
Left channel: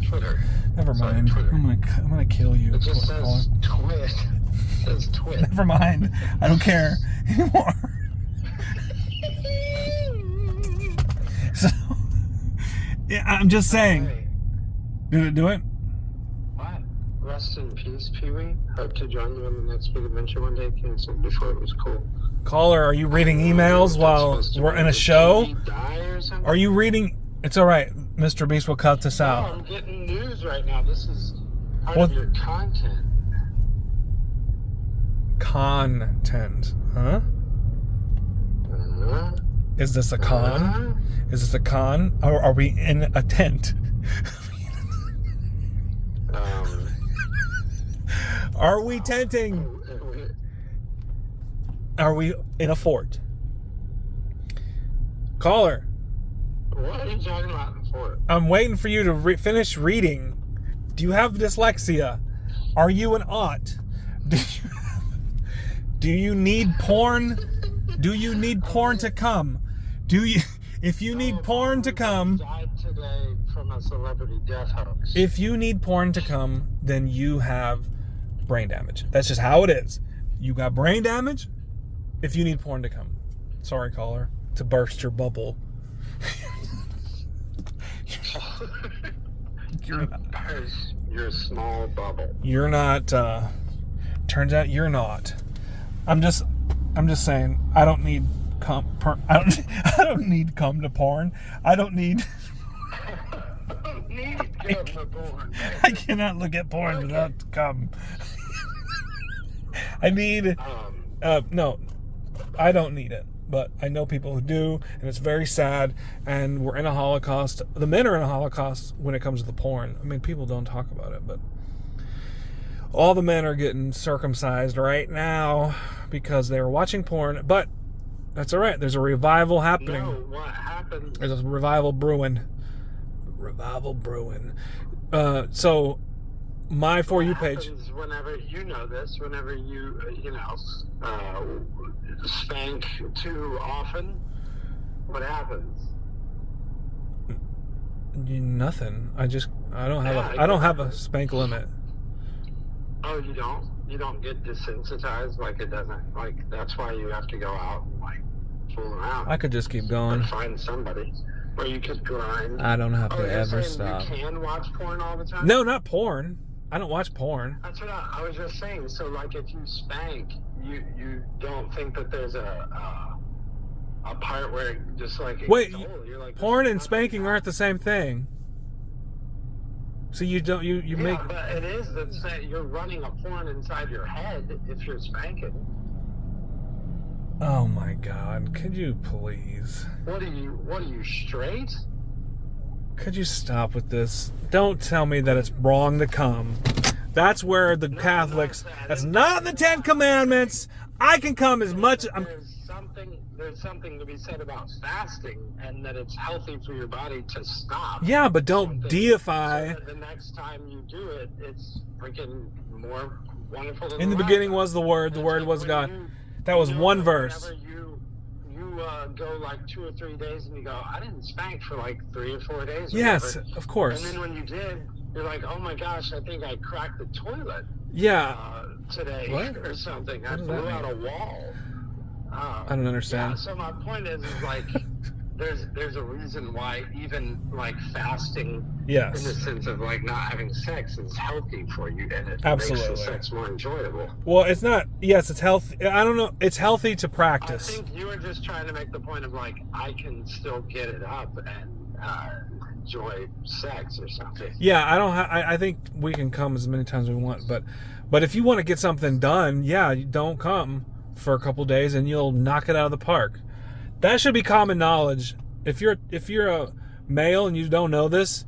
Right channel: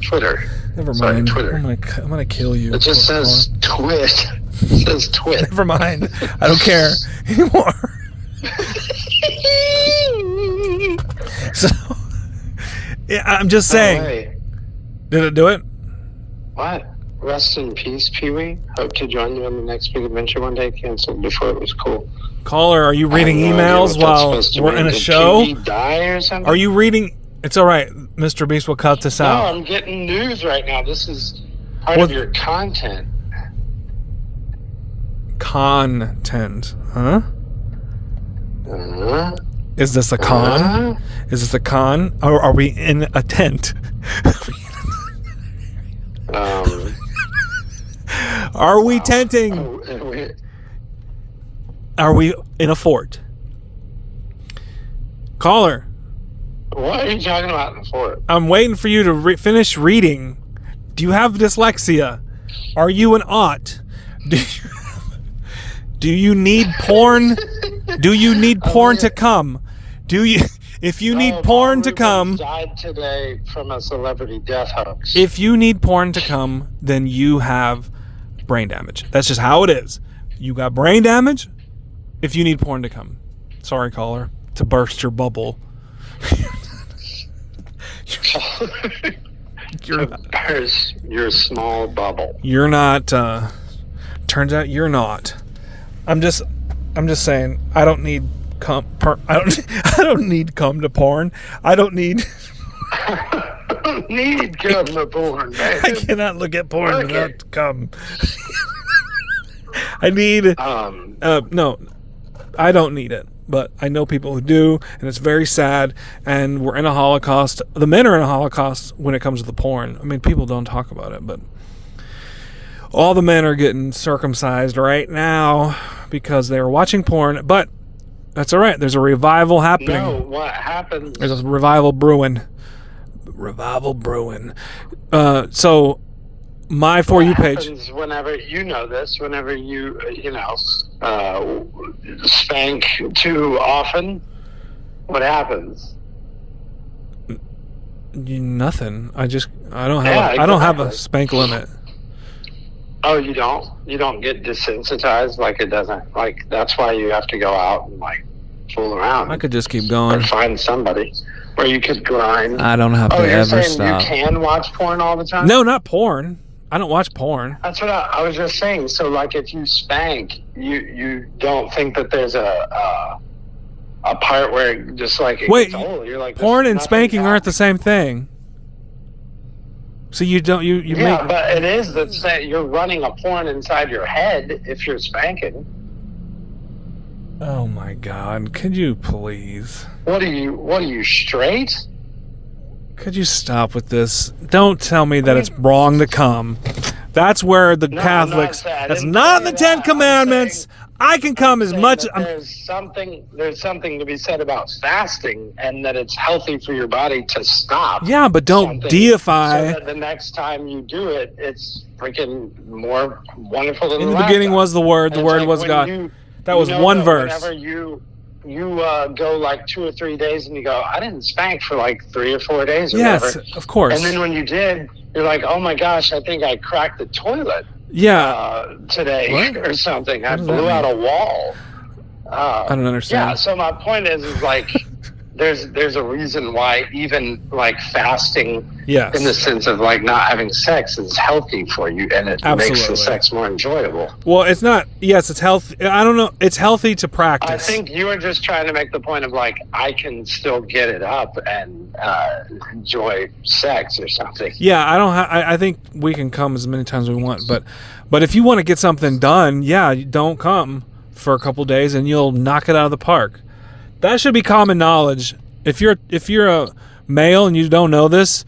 Twitter. Never mind. Sorry, Twitter. I'm gonna kill you. It just says twit. It says twit. Never mind. I don't care anymore. So. Yeah, I'm just saying. Hey. Did it do it? What? Rest in peace, Pee-wee. Hope to join you on the next big adventure one day. Canceled before it was cool. Caller, are you reading emails while we're in a show? Did Pee-wee die or something? Are you reading? It's all right. Mr. Beast will cut this out. No, I'm getting news right now. This is part of your content. Content, huh? Is this a con? Is this a con? Or are we in a tent? Are we tenting? Are we in a fort? Caller. What are you talking about in the fort? I'm waiting for you to finish reading. Do you have dyslexia? Are you an aught? Do you need porn? Do you need porn to come? If you need porn to come, died today from a celebrity death hoax. If you need porn to come, then you have brain damage. That's just how it is. You got brain damage if you need porn to come. Sorry, caller, to burst your bubble. Burst your small bubble. You're not. Turns out you're not. I'm just saying. I don't need I don't need cum to porn. I don't need. Need cum to porn, man. I cannot look at porn without cum. I need. No, I don't need it. But I know people who do, and it's very sad. And we're in a Holocaust. The men are in a Holocaust when it comes to the porn. I mean, people don't talk about it, but all the men are getting circumcised right now because they were watching porn. But that's all right. There's a revival happening. No, what happened? There's a revival brewing. Revival brewing. So my For You page. Whenever you know this, whenever you spank too often, what happens? Nothing. I don't have a spank limit. Oh, you don't? You don't get desensitized? Like it doesn't, like that's why you have to go out and like fool around. I could just keep going. Or find somebody where you could grind. I don't have to ever stop. You can watch porn all the time? No, not porn. I don't watch porn. That's what I was just saying. So like if you spank, you don't think that there's a part where it just like wait, you're like, porn and spanking aren't the same thing. So you don't yeah, but it is the same. You're running a porn inside your head if you're spanking. Oh my God! Could you please? What are you straight? Could you stop with this? Don't tell me that it's wrong to come. That's where the Catholics. That's not in the Ten Commandments. I can come as much. There's something to be said about fasting, and that it's healthy for your body to stop. Yeah, but don't deify. So that the next time you do it, it's freaking more wonderful than in the beginning was the Word. The Word was God. That was one verse. Whenever you go like 2 or 3 days and you go, I didn't spank for like 3 or 4 days. Or yes, whatever. Of course. And then when you did, you're like, oh my gosh, I think I cracked the toilet. Yeah. Today or something. I blew out a wall. I don't understand. Yeah. So my point is like, there's a reason why even like fasting, yes, in the sense of like not having sex, is healthy for you, and it makes the sex more enjoyable. Well, it's not. Yes, it's healthy. I don't know. It's healthy to practice. I think you were just trying to make the point of like I can still get it up and enjoy sex or something. Yeah, I think we can come as many times as we want, but if you want to get something done, yeah, don't come for a couple days and you'll knock it out of the park. That should be common knowledge. If you're a male and you don't know this,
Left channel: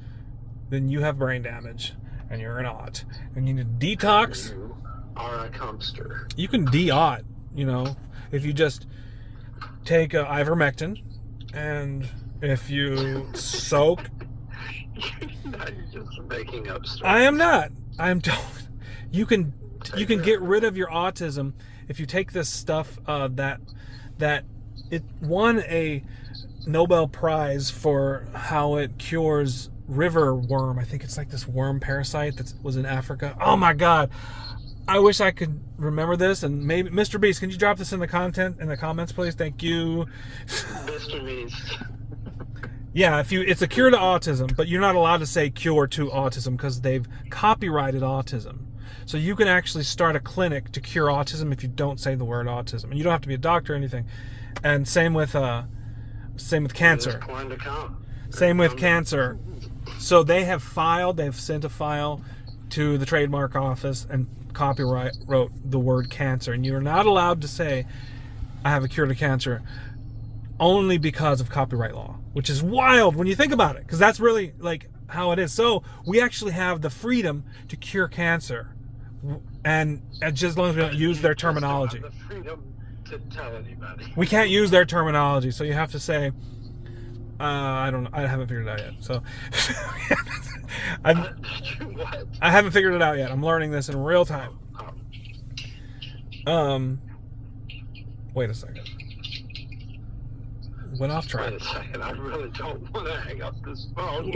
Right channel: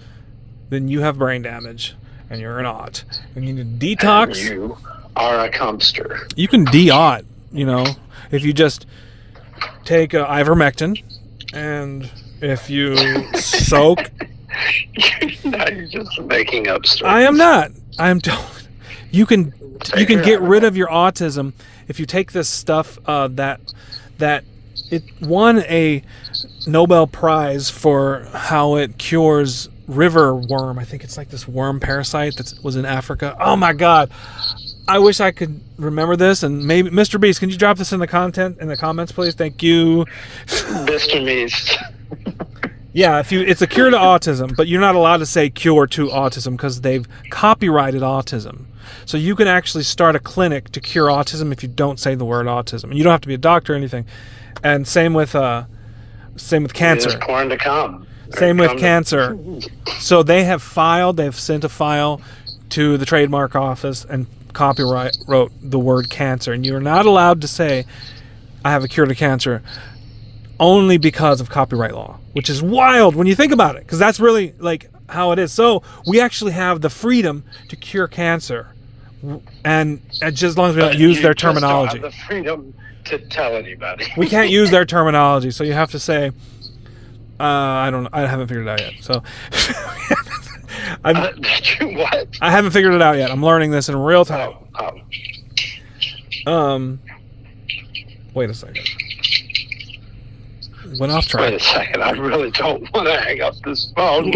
then you have brain damage and you're an aught. And you need to detox. And you are a cumpster. You can de-aught, if you just take ivermectin, and if you soak. Now you're just making up stories. I am not. I am. You can get rid of your autism if you take this stuff that it won a Nobel Prize for how it cures river worm. I think it's like this worm parasite that was in Africa. Oh my God. I wish I could remember this, and maybe Mr. Beast, can you drop this in the comments, please? Thank you. Mr. Beast. Yeah, it's a cure to autism, but you're not allowed to say cure to autism because they've copyrighted autism. So you can actually start a clinic to cure autism if you don't say the word autism. And you don't have to be a doctor or anything. And same with cancer. There's corn to come. Same with cancer. So they've sent a file to the trademark office and wrote the word cancer. And you're not allowed to say, I have a cure to cancer, only because of copyright law, which is wild when you think about it, because that's really like how it is. So we actually have the freedom to cure cancer, and just as long as we don't use their terminology. Don't have the freedom to tell anybody. We can't use their terminology, so you have to say, I don't know. I haven't figured it out yet. So what? I haven't figured it out yet. I'm learning this in real time. Wait a second. Went off track. Wait a second. I really don't want to hang up this phone.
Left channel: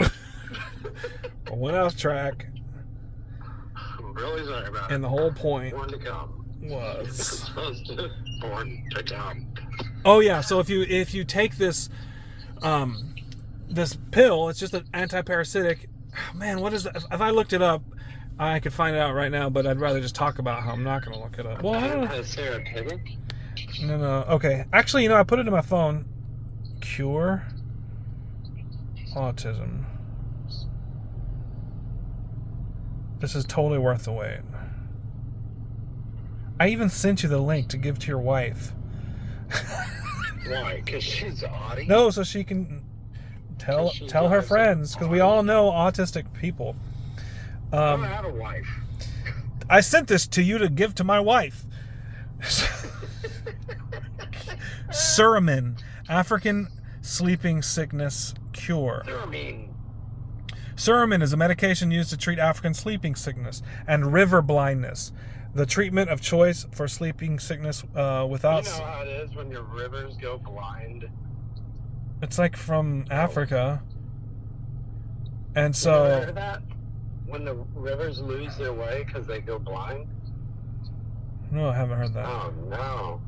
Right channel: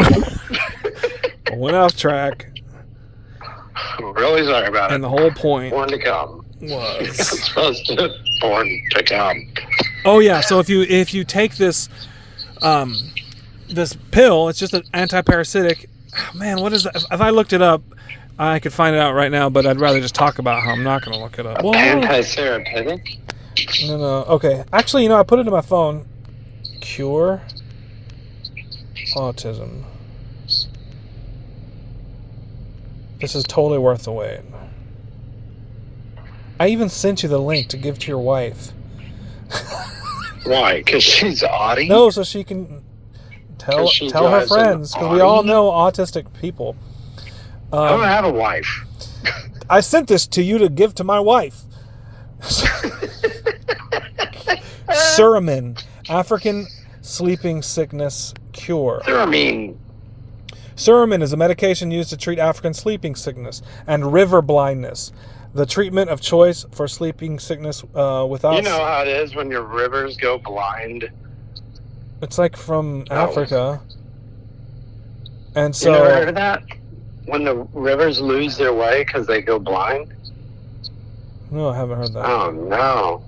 Went off track. I'm really sorry about it. And the whole point Born to come. Was it's supposed to born to come. Oh yeah. So if you take this this pill, it's just an anti-parasitic. Man, what is that? If I looked it up, I could find it out right now, but I'd rather just talk about how I'm not going to look it up. Anti-therapeutic? No. Okay. Actually, I put it in my phone. Cure autism. This is totally worth the wait. I even sent you the link to give to your wife. Why? Because she's autistic? No, so she can tell her friends, because we all know autistic people. I don't have a wife. I sent this to you to give to my wife. Suramin, African sleeping sickness cure. Thuramine. Suramin is a medication used to treat African sleeping sickness and river blindness. The treatment of choice for sleeping sickness without... You know how it is when your rivers go blind? It's like from Africa. And so... You never heard of that? When the rivers lose their way because they go blind? No, I haven't heard that. Oh, no.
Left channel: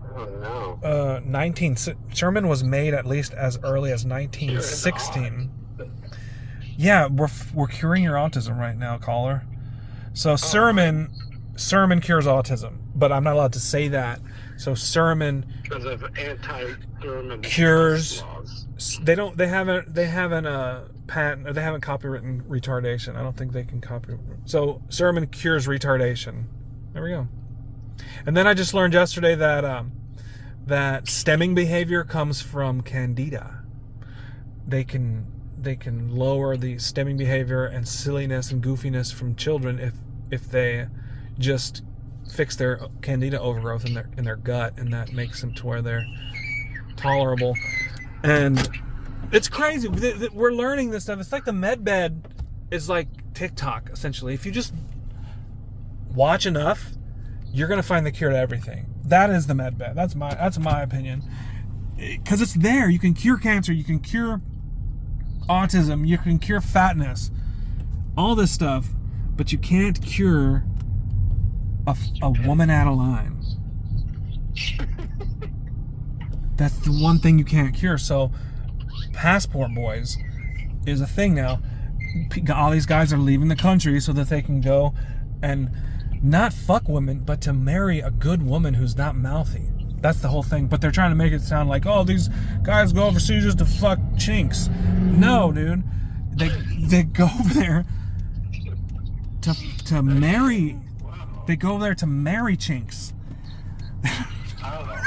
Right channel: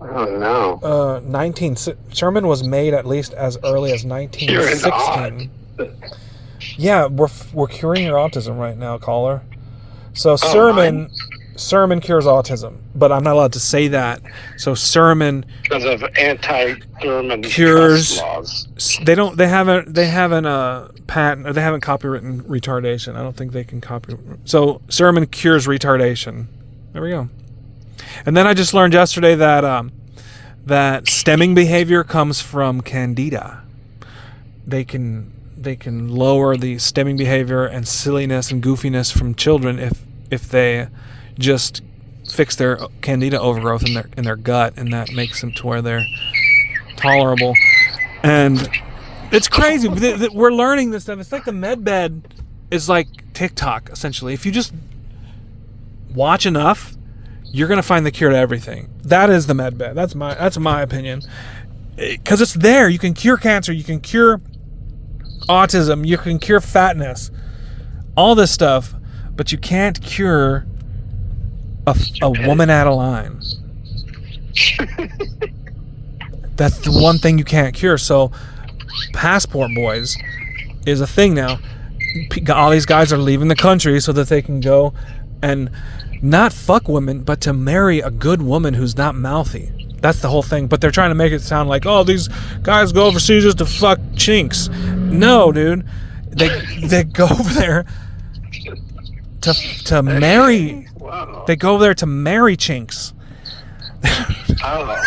Oh, no. Sherman was made at least as early as 1916. Yeah, we're curing your autism right now, caller. So Sherman cures autism, but I'm not allowed to say that. So Sherman because of anti-Thurman cures laws. They haven't patent, or they haven't copywritten retardation. I don't think they can copy. So Sherman cures retardation. There we go. And then I just learned yesterday that that stemming behavior comes from candida. They can lower the stemming behavior and silliness and goofiness from children if they just fix their candida overgrowth in their gut, and that makes them to where they're tolerable. And it's crazy. We're learning this stuff. It's like the med bed is like TikTok, essentially. If you just watch enough, you're gonna find the cure to everything. That is the med bed. That's my opinion. Because it's there. You can cure cancer. You can cure autism. You can cure fatness. All this stuff, but you can't cure a woman out of line. That's the one thing you can't cure. So, passport boys is a thing now. All these guys are leaving the country so that they can go and not fuck women, but to marry a good woman who's not mouthy. That's the whole thing. But they're trying to make it sound like, oh, these guys go overseas just to fuck chinks. No, dude. They go over there to marry. Wow. They go over there to marry chinks. Oh.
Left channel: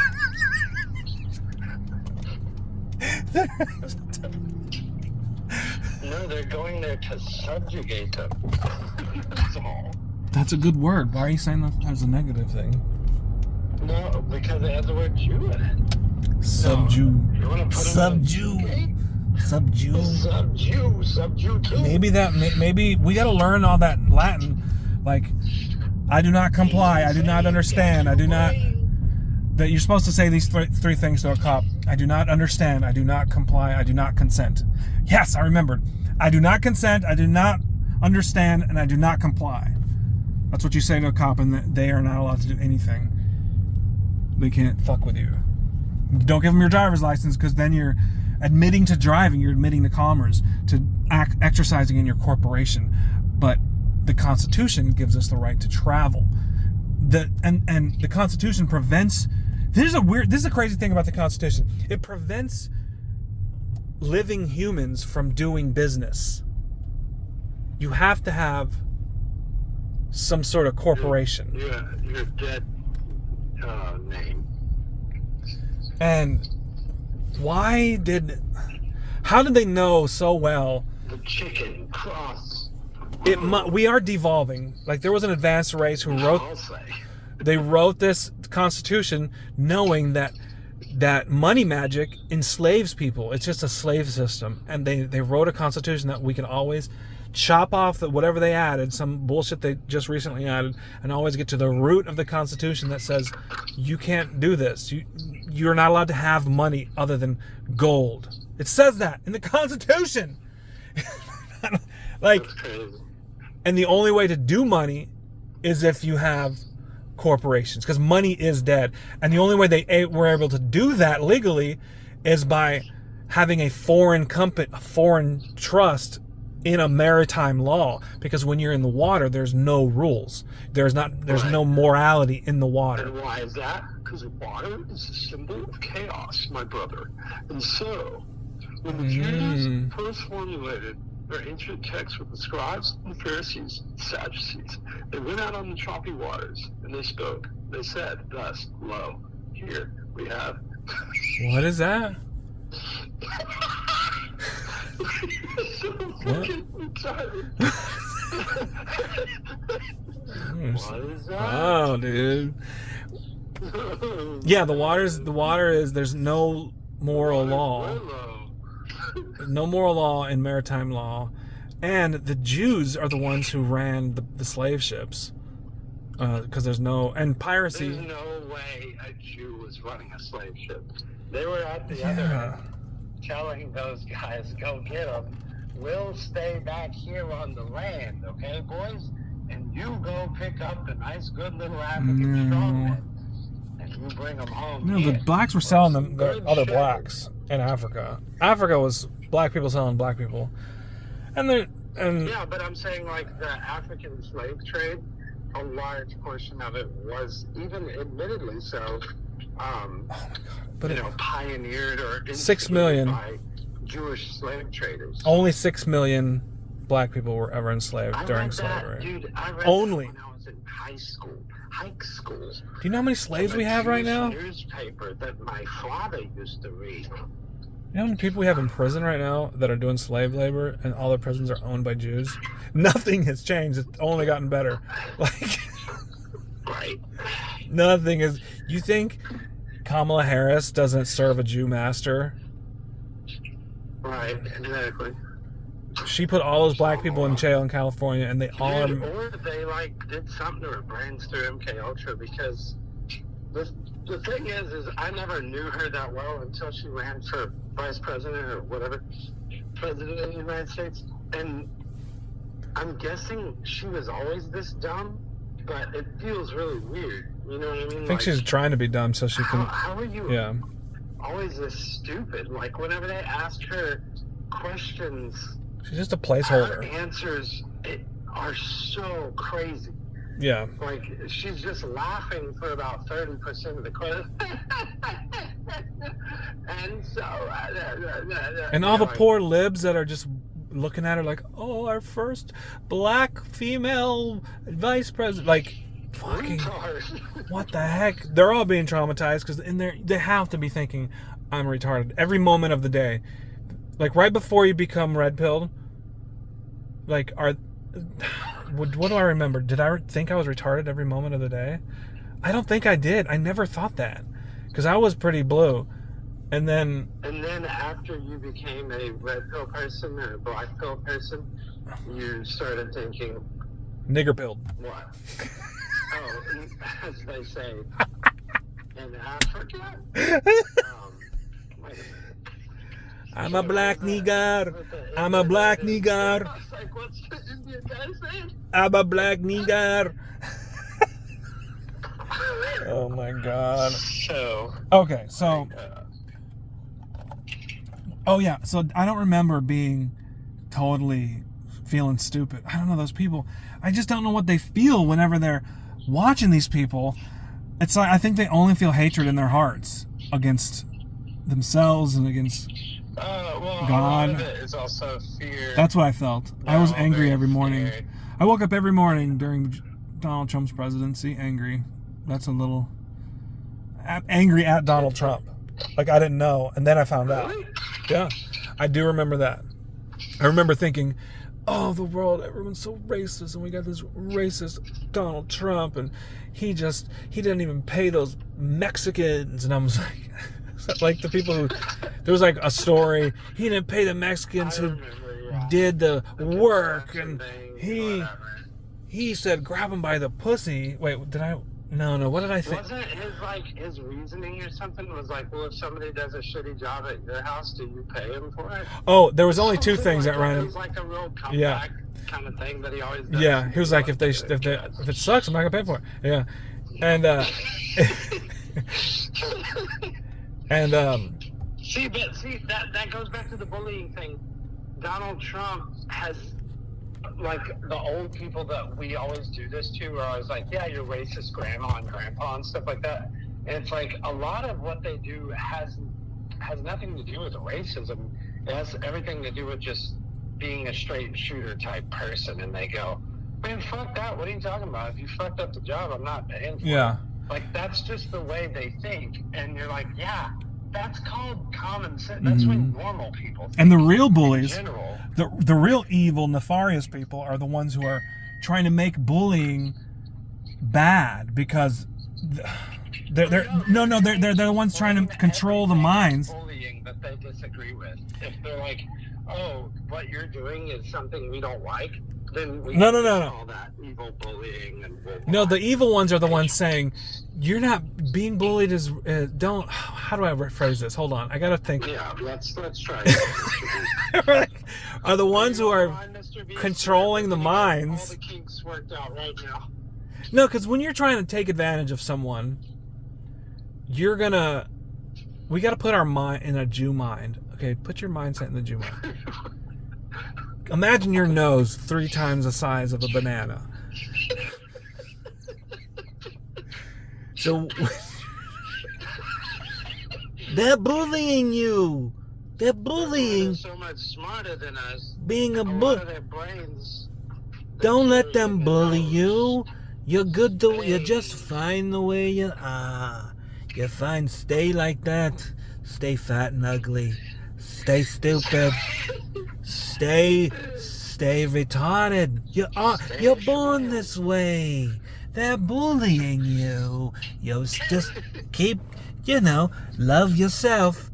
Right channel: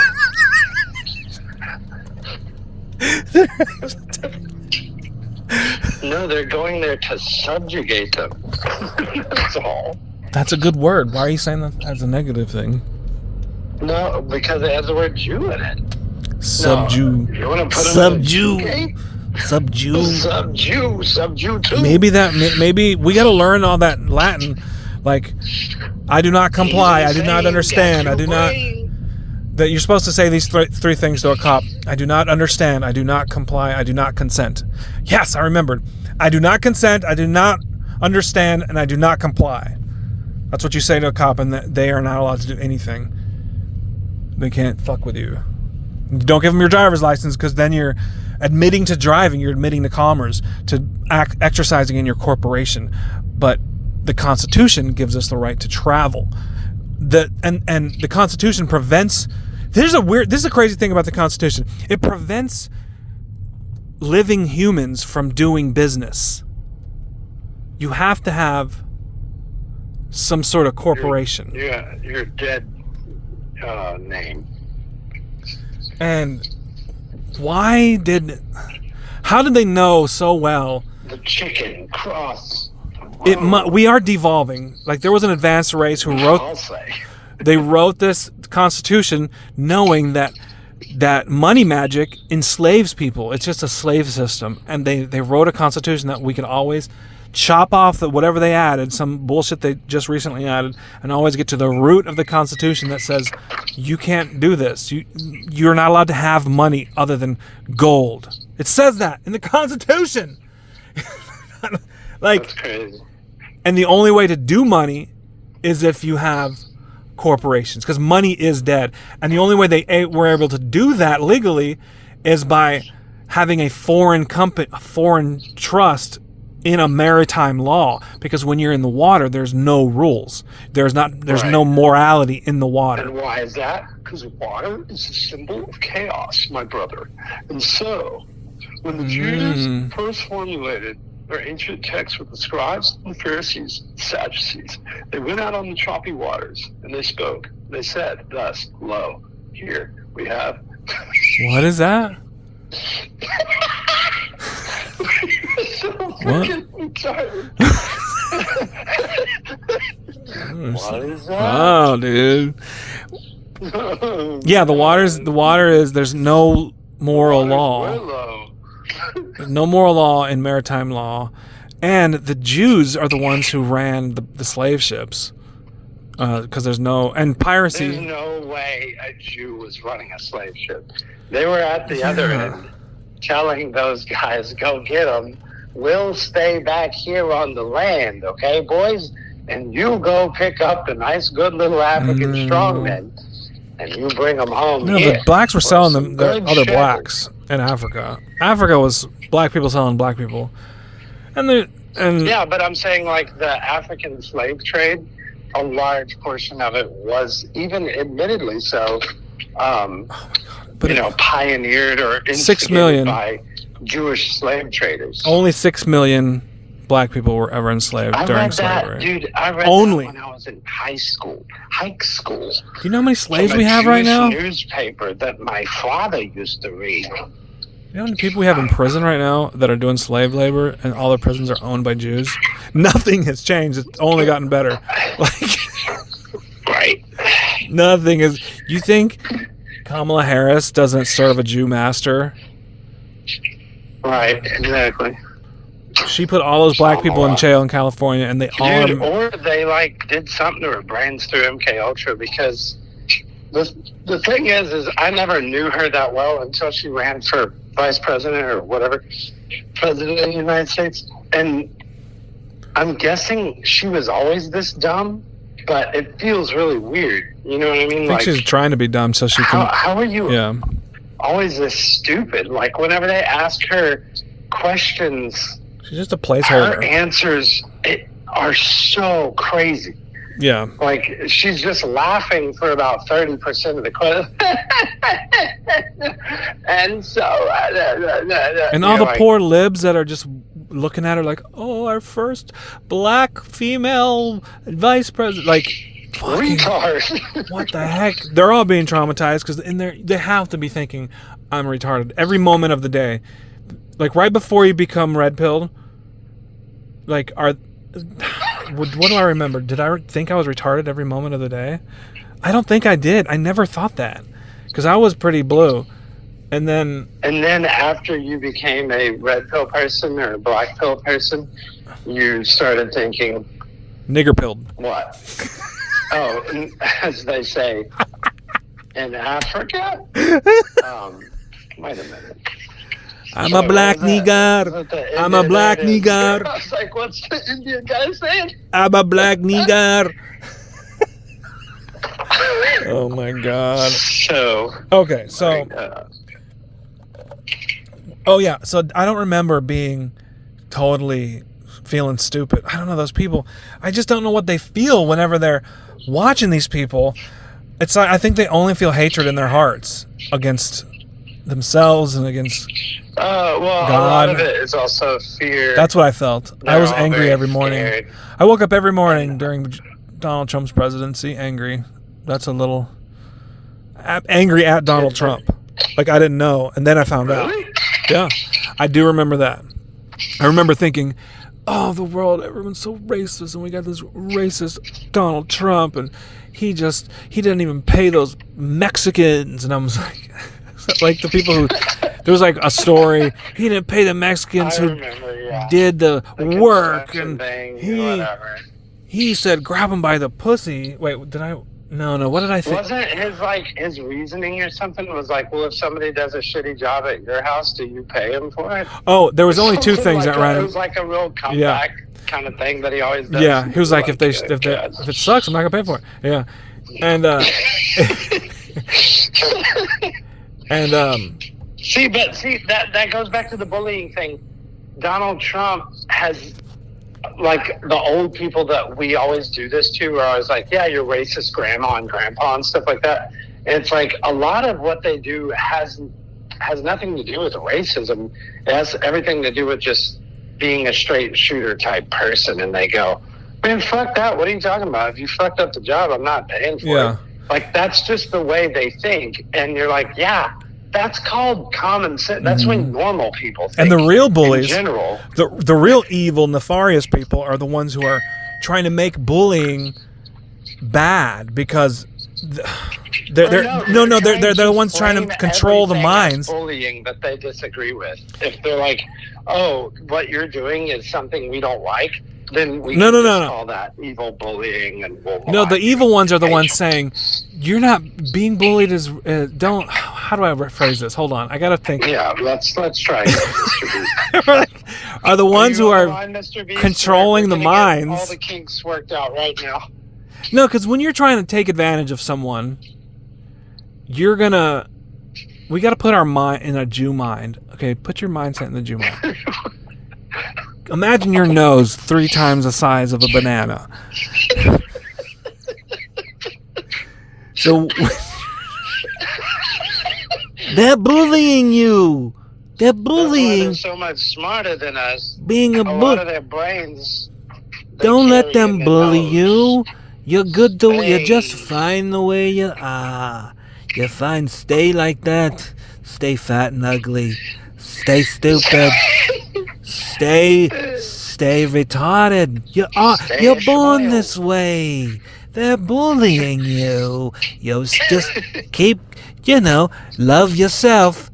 No, they're going there to subjugate them. That's all. That's a good word. Why are you saying that as a negative thing? No, because it has the word Jew in it. Subdue. No, you want to put Subdue. Subdue. Subdue too. Maybe we got to learn all that Latin. Like, I do not comply. I do not understand. I do not. That you're supposed to say these three things to a cop. I do not understand. I do not comply. I do not consent. Yes, I remembered. I do not consent. I do not understand, and I do not comply. That's what you say to a cop, and they are not allowed to do anything. They can't fuck with you. Don't give them your driver's license, because then you're admitting to driving. You're admitting to commerce, to exercising in your corporation. But the Constitution gives us the right to travel. And the Constitution prevents. This is a crazy thing about the Constitution. It prevents living humans from doing business. You have to have some sort of corporation. Your dead name. And how did they know so well? The chicken cross. We are devolving. Like, there was an advanced race who they wrote this Constitution knowing that money magic enslaves people. It's just a slave system. And they wrote a Constitution that we could always chop off whatever they added, some bullshit they just recently added, and always get to the root of the Constitution that says you can't do this. You're not allowed to have money other than gold. It says that in the Constitution. Like, that's crazy. And the only way to do money is if you have corporations, because money is dead. And the only way they were able to do that legally is by having a foreign company, a foreign trust in a maritime law. Because when you're in the water, there's no rules. There's no morality in the water. And why is that? Because water is a symbol of chaos, my brother. And so, when the Jews first formulated their ancient texts with the scribes, the Pharisees, the Sadducees, they went out on the choppy waters and they spoke. They said, thus, lo, here we have. What is that? So freaking tired. What is that? Oh, dude. Yeah, the water is, there's no moral law. no moral law in maritime law, and the Jews are the ones who ran the slave ships. Because there's no... And piracy... There's no way a Jew was running a slave ship. They were at the other end telling those guys, go get them. We'll stay back here on the land, okay, boys? And you go pick up the nice, good little African strongmen, and you bring them home here. The blacks were selling them good other shit. blacks in Africa. Africa was black people selling black people. Yeah, but I'm saying, like, the African slave trade, a large portion of it was, even admittedly so, pioneered or 6 million by Jewish slave traders. Only 6 million black people were ever enslaved during slavery. Dude, I read Only. that when I was in high school. Do you know how many slaves we have right now? Newspaper that my father used to read. You know how many people we have in prison right now that are doing slave labor, and all the prisons are owned by Jews? Nothing has changed. It's only gotten better. Like, right. Nothing is... You think Kamala Harris doesn't serve a Jew master? Right, exactly. She put all those black people in jail in California, and they all... Dude, or they, like, did something to her brains through MK Ultra, because the thing is I never knew her that well until she ran for vice president or whatever, president of the United States. And I'm guessing she was always this dumb, but it feels really weird. You know what I mean? I think she's trying to be dumb so she can... How are you always this stupid? Like, whenever they ask her questions... She's just a placeholder. Her answers are so crazy. Yeah. Like, she's just laughing for about 30% of the question. And so... and all the poor libs that are just looking at her like, oh, our first black female vice president. Like, retard. What the heck? They're all being traumatized because in there they have to be thinking, I'm retarded every moment of the day. Like, right before you become red pilled, like, what do I remember? Did I think I was retarded every moment of the day? I don't think I did. I never thought that, because I was pretty blue. And then after you became a red pill person or a black pill person, you started thinking... Nigger pilled. What? Oh, as they say, in Africa? Wait a minute. I'm a black nigger. I'm a black nigger. I was like, what's the Indian guy saying? I'm a black nigger. Oh my God. So. Okay, so. Oh yeah, so I don't remember being totally feeling stupid. I don't know, those people. I just don't know what they feel whenever they're watching these people. It's like, I think they only feel hatred in their hearts against themselves and against well, God. A lot of it is also fear. That's what I felt. I was angry every morning. Scared. I woke up every morning during Donald Trump's presidency angry. That's a little angry at Donald Trump. Like, I didn't know, and then I found out. Yeah, I do remember that. I remember thinking, oh, the world, everyone's so racist, and we got this racist Donald Trump, and he didn't even pay those Mexicans. And I was like the people who, there was like a story, he didn't pay the Mexicans who did the work, and he said grab him by the pussy. Wait, did I? No, what did I think? Wasn't his reasoning or something was like, well, if somebody does a shitty job at your house, do you pay him for it? Oh, there was only two things that ran. It was like a real comeback kind of thing that he always does. Yeah, he was like, if it sucks, I'm not gonna pay for it. Yeah, and see, that goes back to the bullying thing. Donald Trump has, like, the old people that we always do this to are always like, yeah, you're racist grandma and grandpa and stuff like that. And it's like a lot of what they do has nothing to do with racism. It has everything to do with just being a straight shooter type person. And they go, man, fuck that. What are you talking about? If you fucked up the job, I'm not paying for it. Like, that's just the way they think. And you're like, yeah, that's called common sense. That's when normal people think. And the real bullies, in general, the real evil, nefarious people are the ones who are trying to make bullying bad, because they're they're the ones trying to control the minds. Bullying that they disagree with. If they're like, oh, what you're doing is something we don't like, then we can call that evil bullying, and no, the evil ones are the ones saying, you're not being bullied as don't. How do I rephrase this? Hold on, I gotta think. Yeah, let's try it, Mr. Beast. Are the ones who are line, controlling the minds. All the kinks worked out right now. No, because when you're trying to take advantage of someone, we gotta put our mind in a Jew mind. Okay, put your mindset in the Jew mind. Imagine your nose 3 times the size of a banana. So they're bullying you. They're bullying. They're so much smarter than us. Being a lot of their brains. Don't let them bully you. You're good to. You're just fine the way you are. You're fine. Stay like that. Stay fat and ugly. Stay stupid. Stay retarded. You're born this way. They're bullying you. You just keep, love yourself.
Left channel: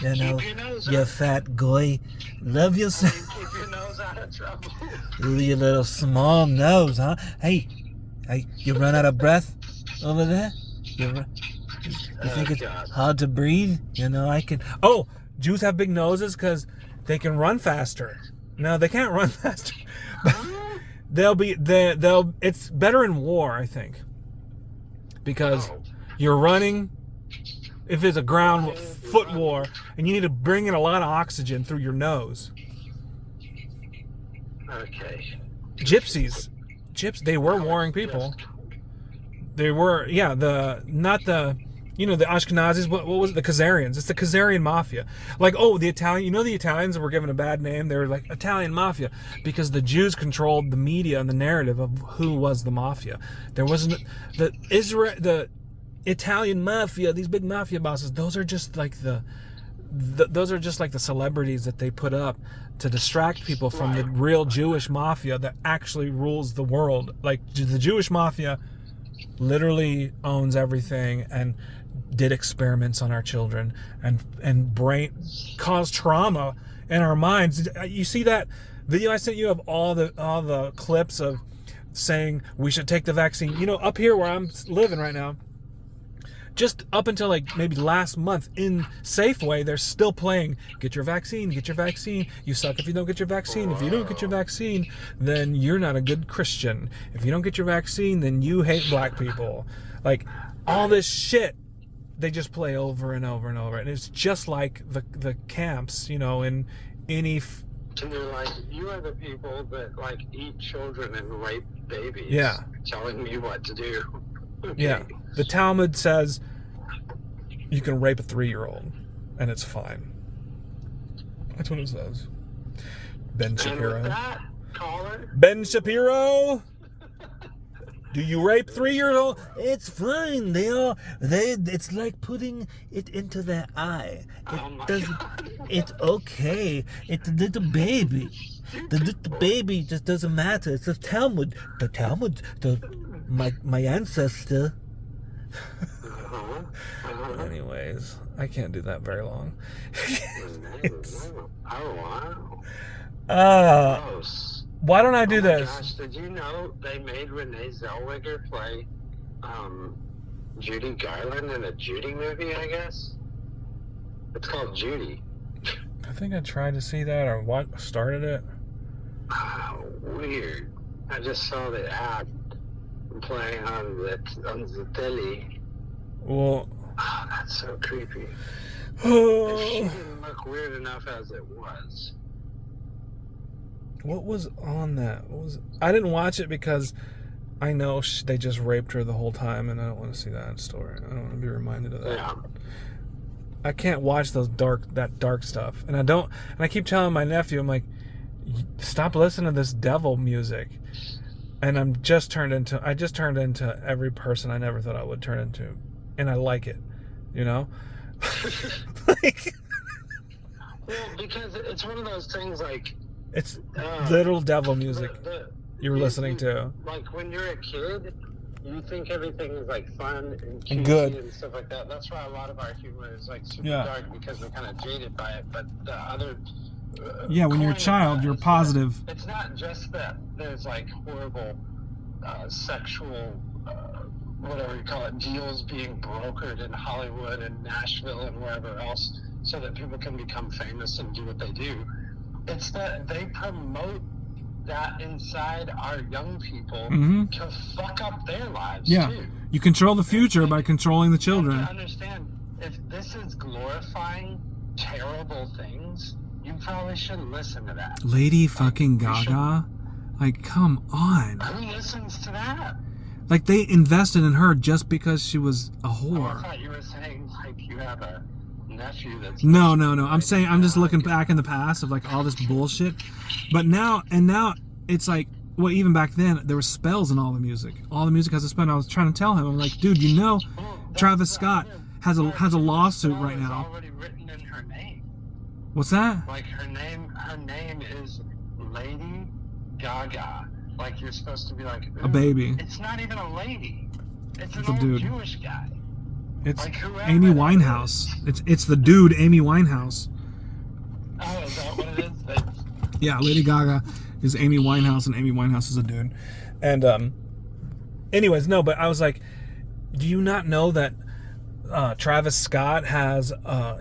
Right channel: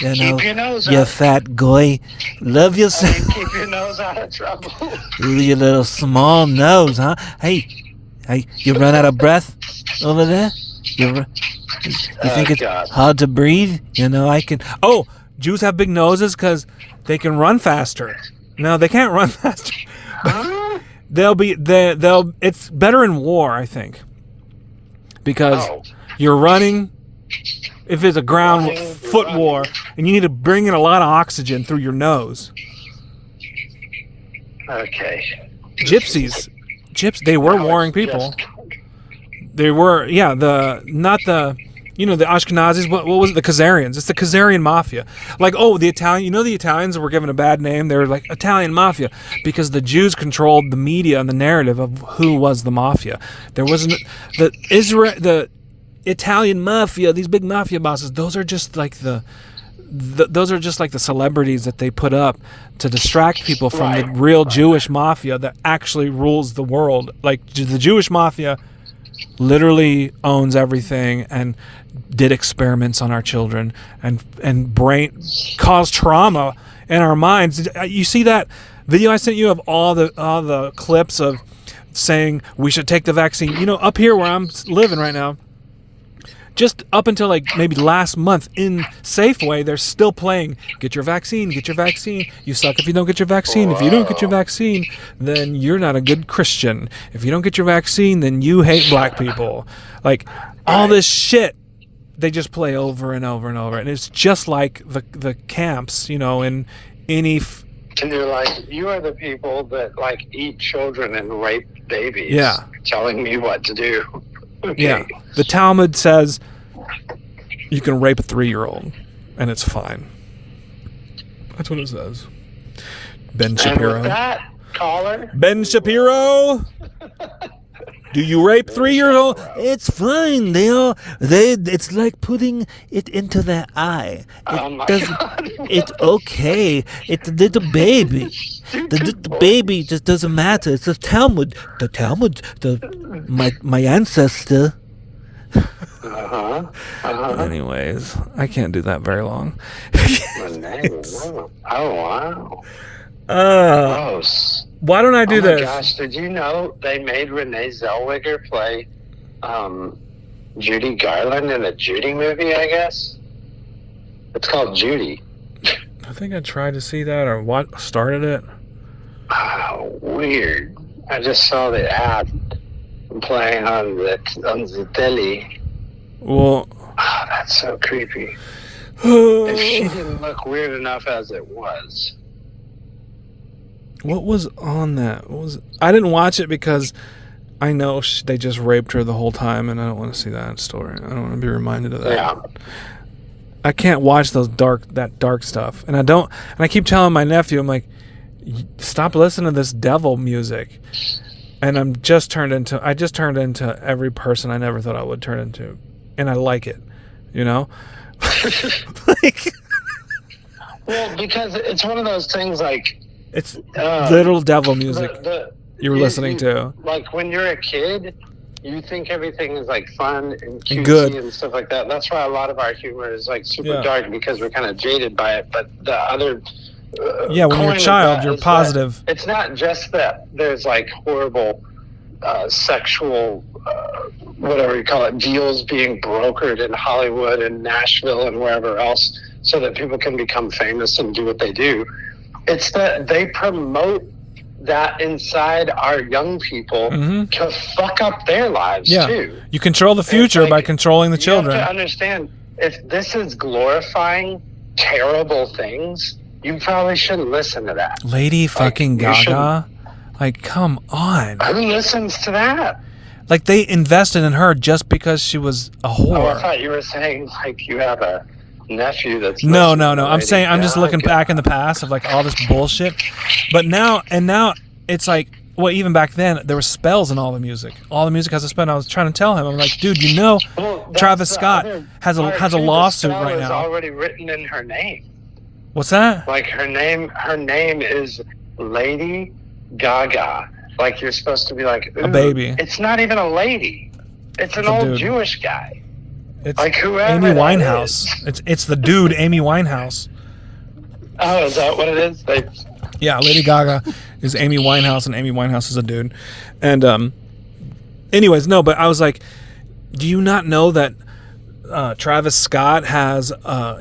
Keep your nose you up. Fat guy. Love yourself. Keep your nose out of trouble. Your little small nose, huh? Hey, you run out of breath over there? You think it's hard to breathe? I can. Oh, Jews have big noses because they can run faster. No, they can't run faster. Huh? It's better in war, I think, because you're running. If it's a ground foot war, and you need to bring in a lot of oxygen through your nose. Okay. Gypsies, they were warring people. They were, the Ashkenazis. What was it? The Khazarians. It's the Khazarian mafia. Like, the Italian. The Italians were given a bad name. They were like Italian mafia because the Jews controlled the media and the narrative of who was the mafia. There wasn't the Italian mafia. These big mafia bosses. Those are just like the celebrities that they put up to distract people from the real Jewish mafia that actually rules the world. Like the Jewish mafia literally owns everything and did experiments on our children and caused trauma in our minds. You see that video I sent you of all the clips of saying we should take the vaccine. Up here where I'm living right now, just up until like maybe last month in Safeway, they're still playing, get your vaccine, you suck if you don't get your vaccine. If you don't get your vaccine, then you're not a good Christian. If you don't get your vaccine, then you hate black people. Like, all this shit, they just play over and over and over. And it's just like the camps, in any... And you're like, you are the people that, like, eat children and rape babies. Yeah. Telling me what to do. Okay. Yeah. The Talmud says you can rape a 3-year-old and it's fine. That's what it says. Ben Shapiro. And with that, caller. Ben Shapiro. Do you rape 3-year-old? It's fine. It's like putting it into their eye. It's okay. It's a little baby. The baby just doesn't matter. It's the Talmud. The Talmud. My ancestor. Anyways, I can't do that very long. Oh wow. Gross. Why don't I do this? Oh my gosh, did you know they made Renee Zellweger play Judy Garland in a Judy movie, I guess? It's called Judy. I think I tried to see that or what started it. Oh, weird. I just saw the ad playing on the telly. Well... Oh, that's so creepy. And she didn't look weird enough as it was. What was on that? I didn't watch it because I know they just raped her the whole time, and I don't want to see that story. I don't want to be reminded of that. Yeah. I can't watch that dark stuff, and I keep telling my nephew, I'm like, stop listening to this devil music, and I just turned into every person I never thought I would turn into, and I like it, like, well, because it's one of those things like. It's little devil music you were listening to. Like when you're a kid, you think everything is like fun and cutesy good and stuff like that. That's why a lot of our humor is like super dark, because we're kind of jaded by it. But the other when you're a child, you're positive. It's not just that there's like horrible sexual whatever you call it, deals being brokered in Hollywood and Nashville and wherever else so that people can become famous and do what they do. It's that they promote that inside our young people to fuck up their lives too. You control the future by controlling the children. You have to understand, if this is glorifying terrible things, you probably shouldn't listen to that. Lady fucking Gaga? Like, come on. Who listens to that? Like, they invested in her just because she was a whore. Oh, I thought you were saying, like, you have a nephew that's... No. I'm saying, I'm just looking back in the past of, like, all this bullshit. But now it's like, well, even back then, there were spells in all the music. All the music has a spell. And I was trying to tell him, I'm like, dude, you know, Travis Scott has a lawsuit right now. It's already written in her name. What's that? Like, her name is Lady Gaga. Like, you're supposed to be like, ooh, a baby. It's not even a lady. It's an old Jewish guy. It's like whoever Amy Winehouse. It's the dude Amy Winehouse. Oh, is that what it is? Yeah, Lady Gaga is Amy Winehouse, and Amy Winehouse is a dude. And anyways, no, but I was like, do you not know that Travis Scott has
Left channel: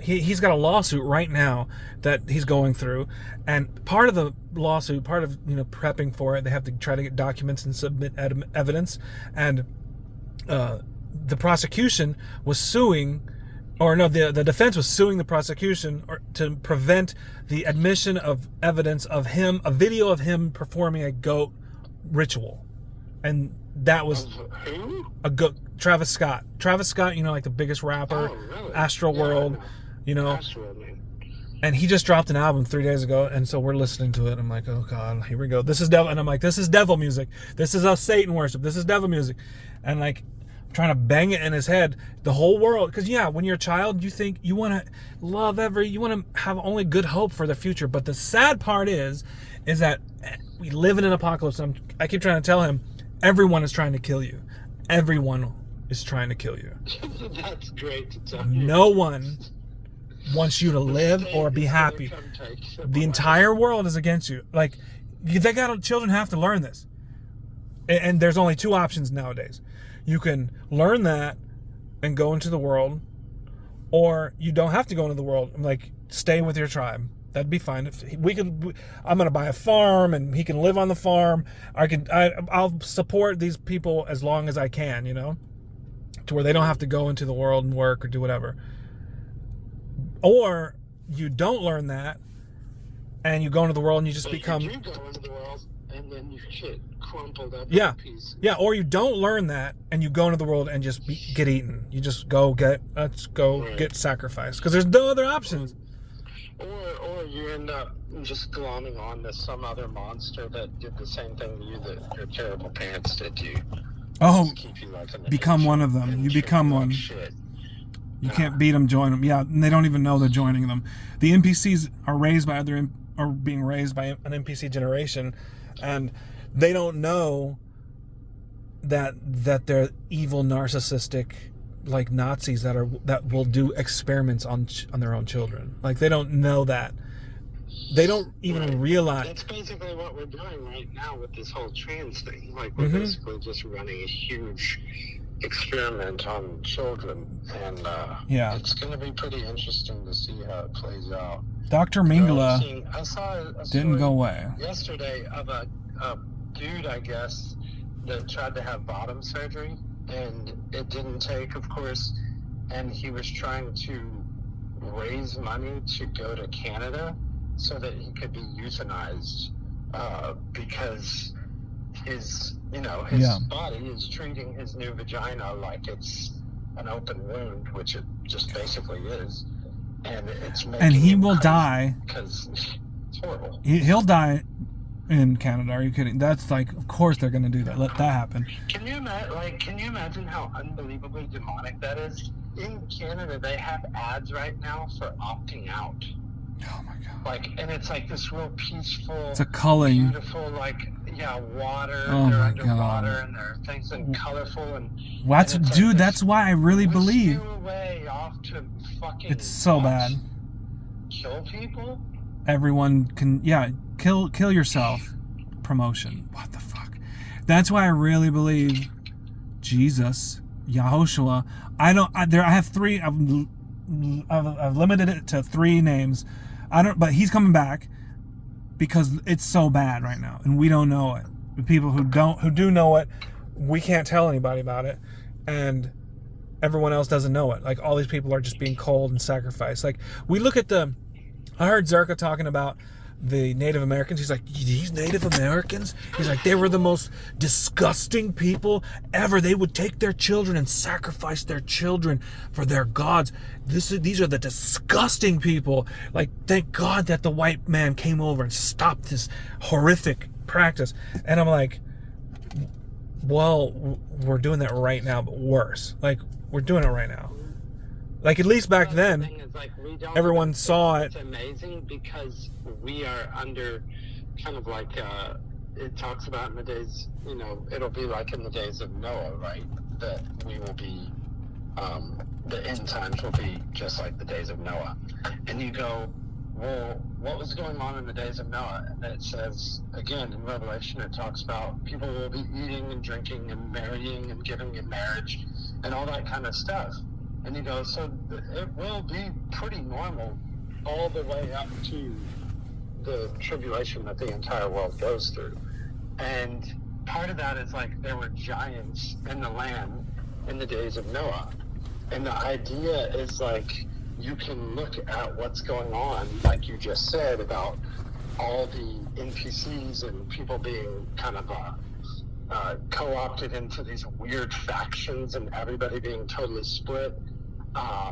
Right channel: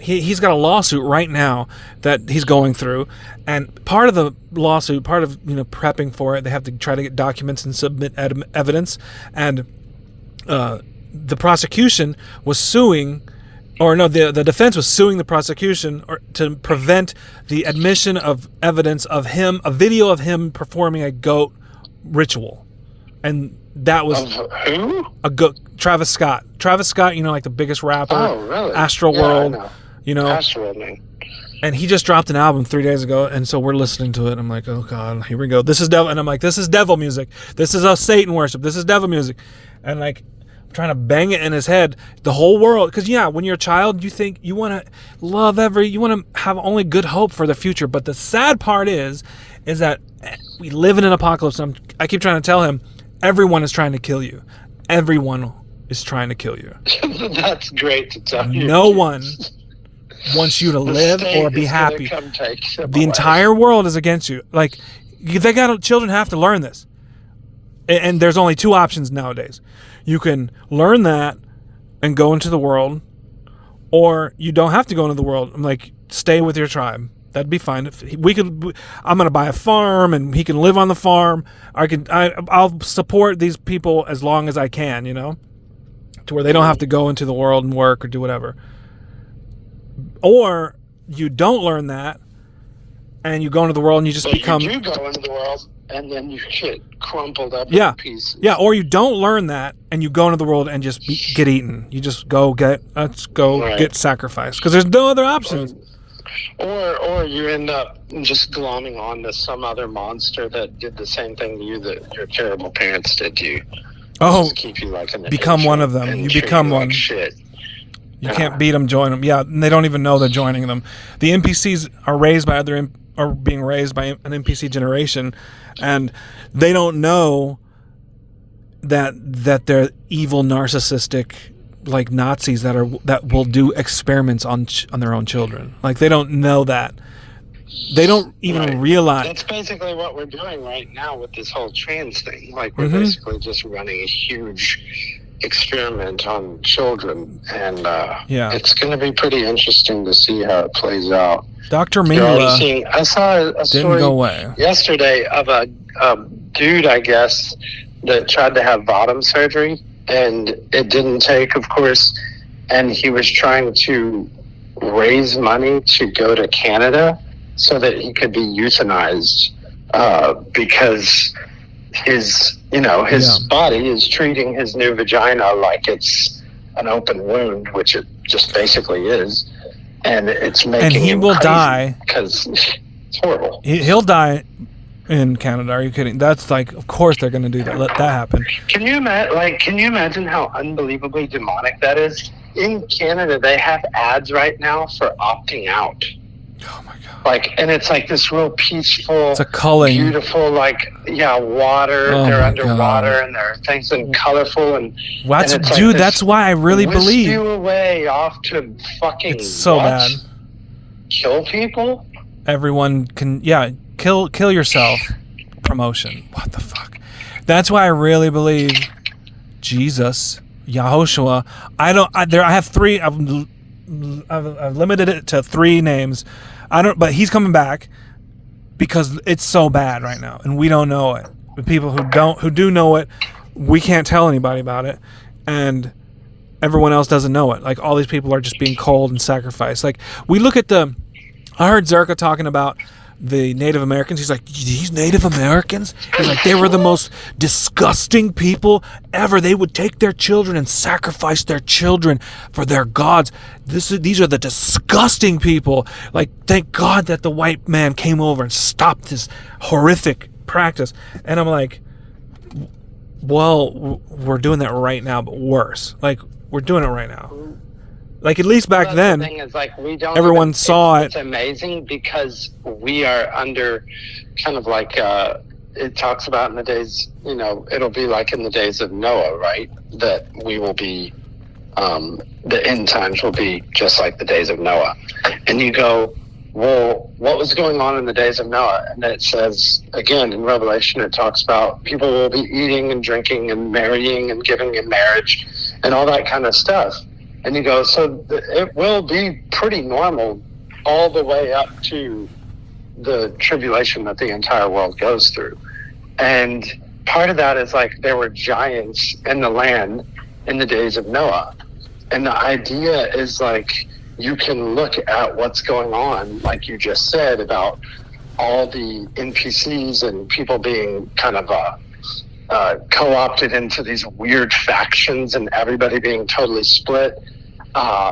he's got a lawsuit right now that he's going through, and part of the lawsuit, part of prepping for it, they have to try to get documents and submit evidence, and the prosecution was suing, or no, the defense was suing the prosecution to prevent the admission of evidence of him, a video of him performing a goat ritual, and that was who? Travis Scott. Travis Scott, like the biggest rapper. Oh, really? Astroworld. I know. Astroworld, man. And he just dropped an album 3 days ago, and so we're listening to it. I'm like, oh God, here we go. This is devil, and I'm like, this is devil music. This is a Satan worship. This is devil music, and like, I'm trying to bang it in his head. The whole world, because when you're a child, you think you want to love you want to have only good hope for the future. But the sad part is that we live in an apocalypse. And I keep trying to tell him, everyone is trying to kill you. Everyone is trying to kill you. That's great to tell you. No one wants you to live or be happy. The entire world is against you. Like, children have to learn this. And there's only two options nowadays. You can learn that and go into the world, or you don't have to go into the world. I'm like, stay with your tribe. That'd be fine. I'm gonna buy a farm, and he can live on the farm. I'll support these people as long as I can, to where they don't have to go into the world and work or do whatever. Or you don't learn that, and you go into the world and you just become. You do go into the world, and then you get crumpled up in pieces. Yeah, or you don't learn that, and you go into the world and just get eaten. You just get sacrificed, because there's no other options. Or you end up just glomming on to some other monster that did the same thing to you that your terrible parents did to you. Oh, just keep you like become one of them. You become one. Like shit. You can't beat them, join them. Yeah, and they don't even know they're joining them. The NPCs are being raised by an NPC generation, and they don't know that they're evil, narcissistic, like Nazis that will do experiments on their own children. Like, they don't know that. They don't even realize. That's basically what we're doing right now with this whole trans thing. Like, we're basically just running a huge experiment on children, and it's going to be pretty interesting to see how it plays out. Dr. Mingla I saw a story go away. yesterday of a dude, I guess, that tried to have bottom surgery, and it didn't take, of course, and he was trying to raise money to go to Canada so that he could be euthanized, because his body is treating his new vagina like it's an open wound, which it just basically is, and it's making him will crazy die because it's horrible. He'll die in Canada. Are you kidding? That's like, of course they're going to do that. Let that happen. Can you imagine how unbelievably demonic that is? In Canada, they have ads right now for opting out. Oh my God. Like, and it's like this real peaceful, it's a culling, beautiful, like, water. Oh they're my underwater, God. and there are things and colorful, and That's, and it's dude, like that's why I really whisk believe you away off to fucking it's so what? bad. Kill people. Everyone can, kill yourself. Promotion. What the fuck? That's why I really believe Jesus, Yahushua. I have three. I've limited it to 3 names. But he's coming back because it's so bad right now, and we don't know it. The people who do know it, we can't tell anybody about it, and everyone else doesn't know it. Like, all these people are just being cold and sacrificed. Like, we look at I heard Zerka talking about the Native Americans. He's like, these Native Americans? He's like, they were the most disgusting people ever. They would take their children and sacrifice their children for their gods. These are the disgusting people. Like, thank God that the white man came over and stopped this horrific practice. And I'm like, well, we're doing that right now, but worse. Like, we're doing it right now. Like, at least back then, the thing is, like, everyone saw it. It's amazing because we are under kind of like, it talks about in the days, it'll be like in the days of Noah, right? That we will be, the end times will be just like the days of Noah. And you go, well, what was going on in the days of Noah? And it says, again, in Revelation, it talks about people will be eating and drinking and marrying and giving in marriage and all that kind of stuff. And you go, so it will be pretty normal all the way up to the tribulation that the entire world goes through. And part of that is like there were giants in the land in the days of Noah. And the idea is like you can look at what's going on, like you just said, about all the NPCs and people being kind of co-opted into these weird factions and everybody being totally split.